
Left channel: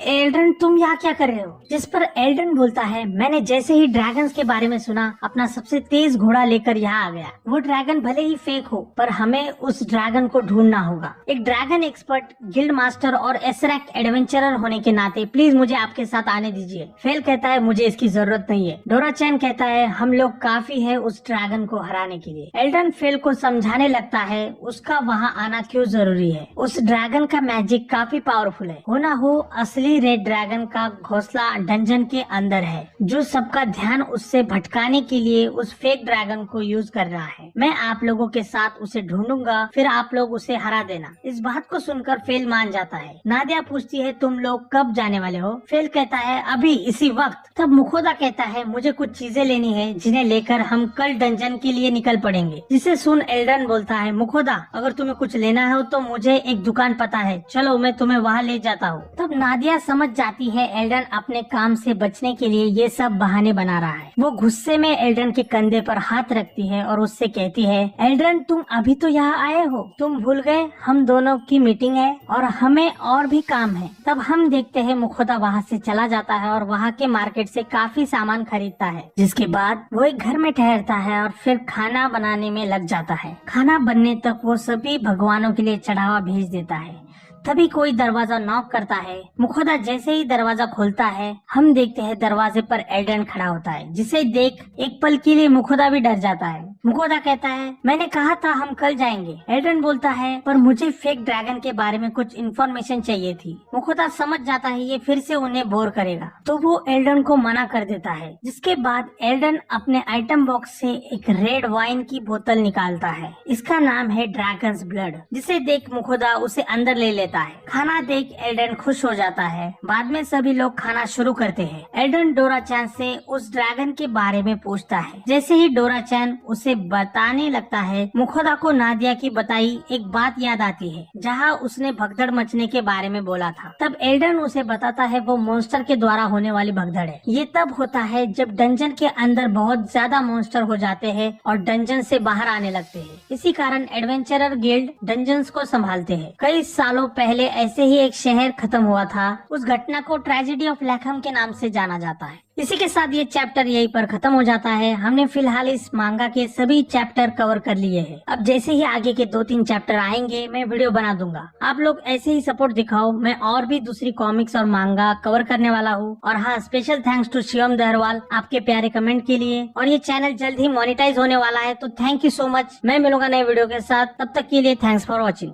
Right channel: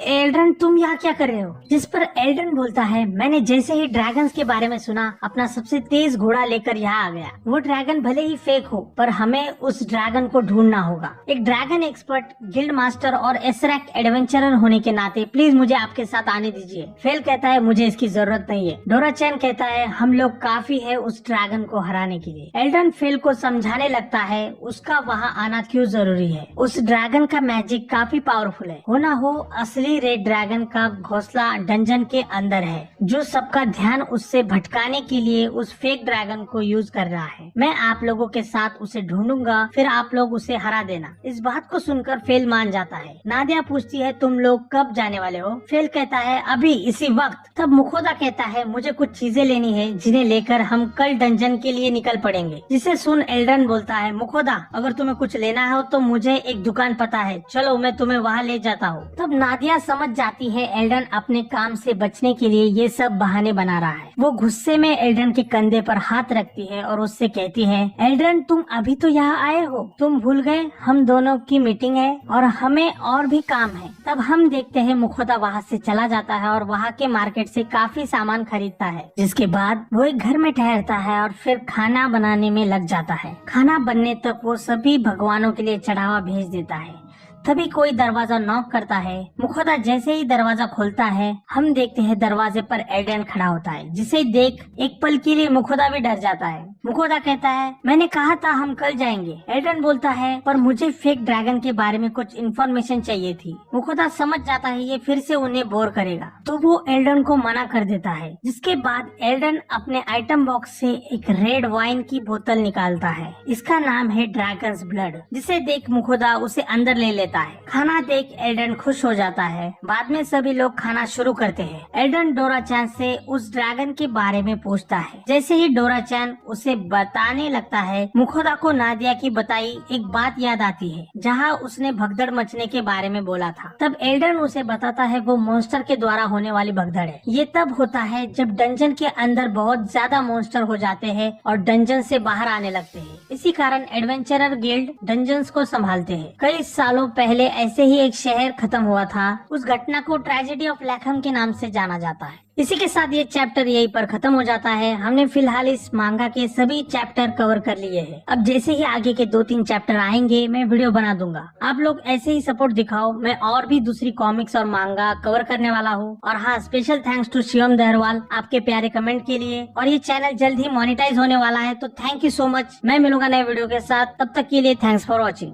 एल्ड्रन तुम यहाँ क्या कर रहे हो? जिस पर एल्ड्रन बोलता है मैंने जैसे ही ड्रैगन्स के बारे में सुना अपना सबसे तेज घोड़ा लेकर यहाँ आ गया। वो ड्रैगन भले ही फेक हो पर हमें उस ड्रैगन को ढूंढना होगा। एक ड्रैगन एक्सपर्ट, गिल्ड मास्टर और एसरैक एडवेंचरर होने के नाते प्लीज मुझे आपके साथ आने दीजिए। फेल कहता है मुझे इसकी जरूरत नहीं है। डोरा चैन कहता है हम लोग काफी है उस ड्रैगन को हराने के लिए। एल्ड्रन फेल को समझाने लगता है उसका वहाँ आना क्यों जरूरी है। उस ड्रैगन का मैजिक काफी पावरफुल है। हो ना हो असली रेड ड्रैगन का घोंसला डंजन के अंदर है, जो सबका ध्यान उससे भटकाने के लिए उस फेक ड्रैगन को यूज कर रहा है। मैं आप लोगों के साथ उसे ढूंढूंगा, फिर आप लोग उसे हरा देना। इस बात को सुनकर फेल मान जाता है। नादिया पूछती है तुम लोग कब जाने वाले हो? फेल कहता है अभी इसी वक्त। तब मुखोदा कहता है मुझे कुछ चीजें लेनी है जिन्हें लेकर हम कल डंजन के लिए निकल पड़ेंगे। जिसे सुन एल्ड्रन बोलता है मुखोदा अगर तुम्हें कुछ लेना है तो मुझे एक दुकान पता है, चलो मैं तुम्हें वहाँ ले जाता हूँ। तब नादिया समझ जाती है एल्ड्रन अपने काम से बचने के लिए ये सब बहाने बना रहा है। वो गुस्से में एल्ड्रन के कंधे पर हाथ रखती है और उससे कहती है एल्ड्रन तुम अभी तो यहाँ आए हो, तुम भूल गए हम दोनों की मीटिंग है और हमें और भी काम है। तब हम देखते हैं मुखोदा वहाँ से चला जाता है और वहाँ के मार्केट से काफी सामान खरीदता है। जिसके बाद वो एक घर में ठहरता है और फिर खाना बनाने में लग जाता है। खाना बनने तक वो सभी भगवानों के लिए चढ़ावा भेज देता है। तभी कोई दरवाजा नॉक करता है। मुखोदा जैसे ही दरवाजा खोलता है हम देखते हैं दरवाजे पर एल्ड्रन खड़ा होता है, जिसे देख एक पल के लिए मुखोदा भी डर जाता है। मुखोदा कहता है मैंने कहा था हम कल जाएंगे। एल्ड्रन बोलता है पर मुझे फेक ड्रैगन के बारे में कुछ इन्फॉर्मेशन चाहिए थी। मुखोदा समझ जाता है ये फिर से उन्हें बोर करेगा, तो वो एल्ड्रन को मना कर देता है। जिसके बाद एल्ड्रन अपने आइटम बॉक्स से एक रेड वाइन की बोतल निकालता है। इसका नाम है ड्रैगन्स ब्लड। जिसे देख मुखोदा उसे अंदर ले लेता देता है। खाना देख एल्डन खुश हो जाता है। बाद में सभी लोग खाना शुरू करते हैं। एल्डन डोरा चैन से उस ड्रैगन के बारे में पूछता है। जैसे ही डोरा चैन उसे बताने लगता है, मुखोदा को नादिया की बताई एक बात याद आती है, जहाँ उसने भगदड़ मचने के बारे में बोला था। तब एल्डन उसे बताता है वो मॉन्स्टर के द्वारा होने वाली भगदड़ है। ये तब होता है जब डंजन के अंदर बहुत ज्यादा मॉन्स्टर हो जाते हैं और डंजन से बाहर आने लगते हैं। इसी कारण एडवेंचरर गिल्ड डंजन्स को संभालते हैं। कई सालों पहले ऐसे ही एक शहर खत्म हुआ था। उस घटना को ट्रेजेडी ऑफ लैकहम के नाम से जाना जाता है। इसी के साथ ये चैप्टर यहीं पर खत्म हो जाता है। हमने फिलहाल इस मांगा के सभी चैप्टर कवर कर लिए हैं। अब जैसे ही आगे के 2-3 चैप्टर आएंगे मैं वीडियो बना दूंगा। आप लोग ऐसे ही सपोर्ट दिखाओ। मैं और भी दूसरी कॉमिक्स और मांगा कवर करने वाला हूँ। और हाँ, स्पेशल थैंक्स टू शिवम दहरवाल आपके प्यारे कमेंट के लिए। और ये चैनल जल्द ही मोनेटाइज होने वाला है, तो थैंक यू सो मच। मैं मिलूंगा नए वीडियो के साथ। तब तक के लिए थैंक्स फॉर वॉचिंग।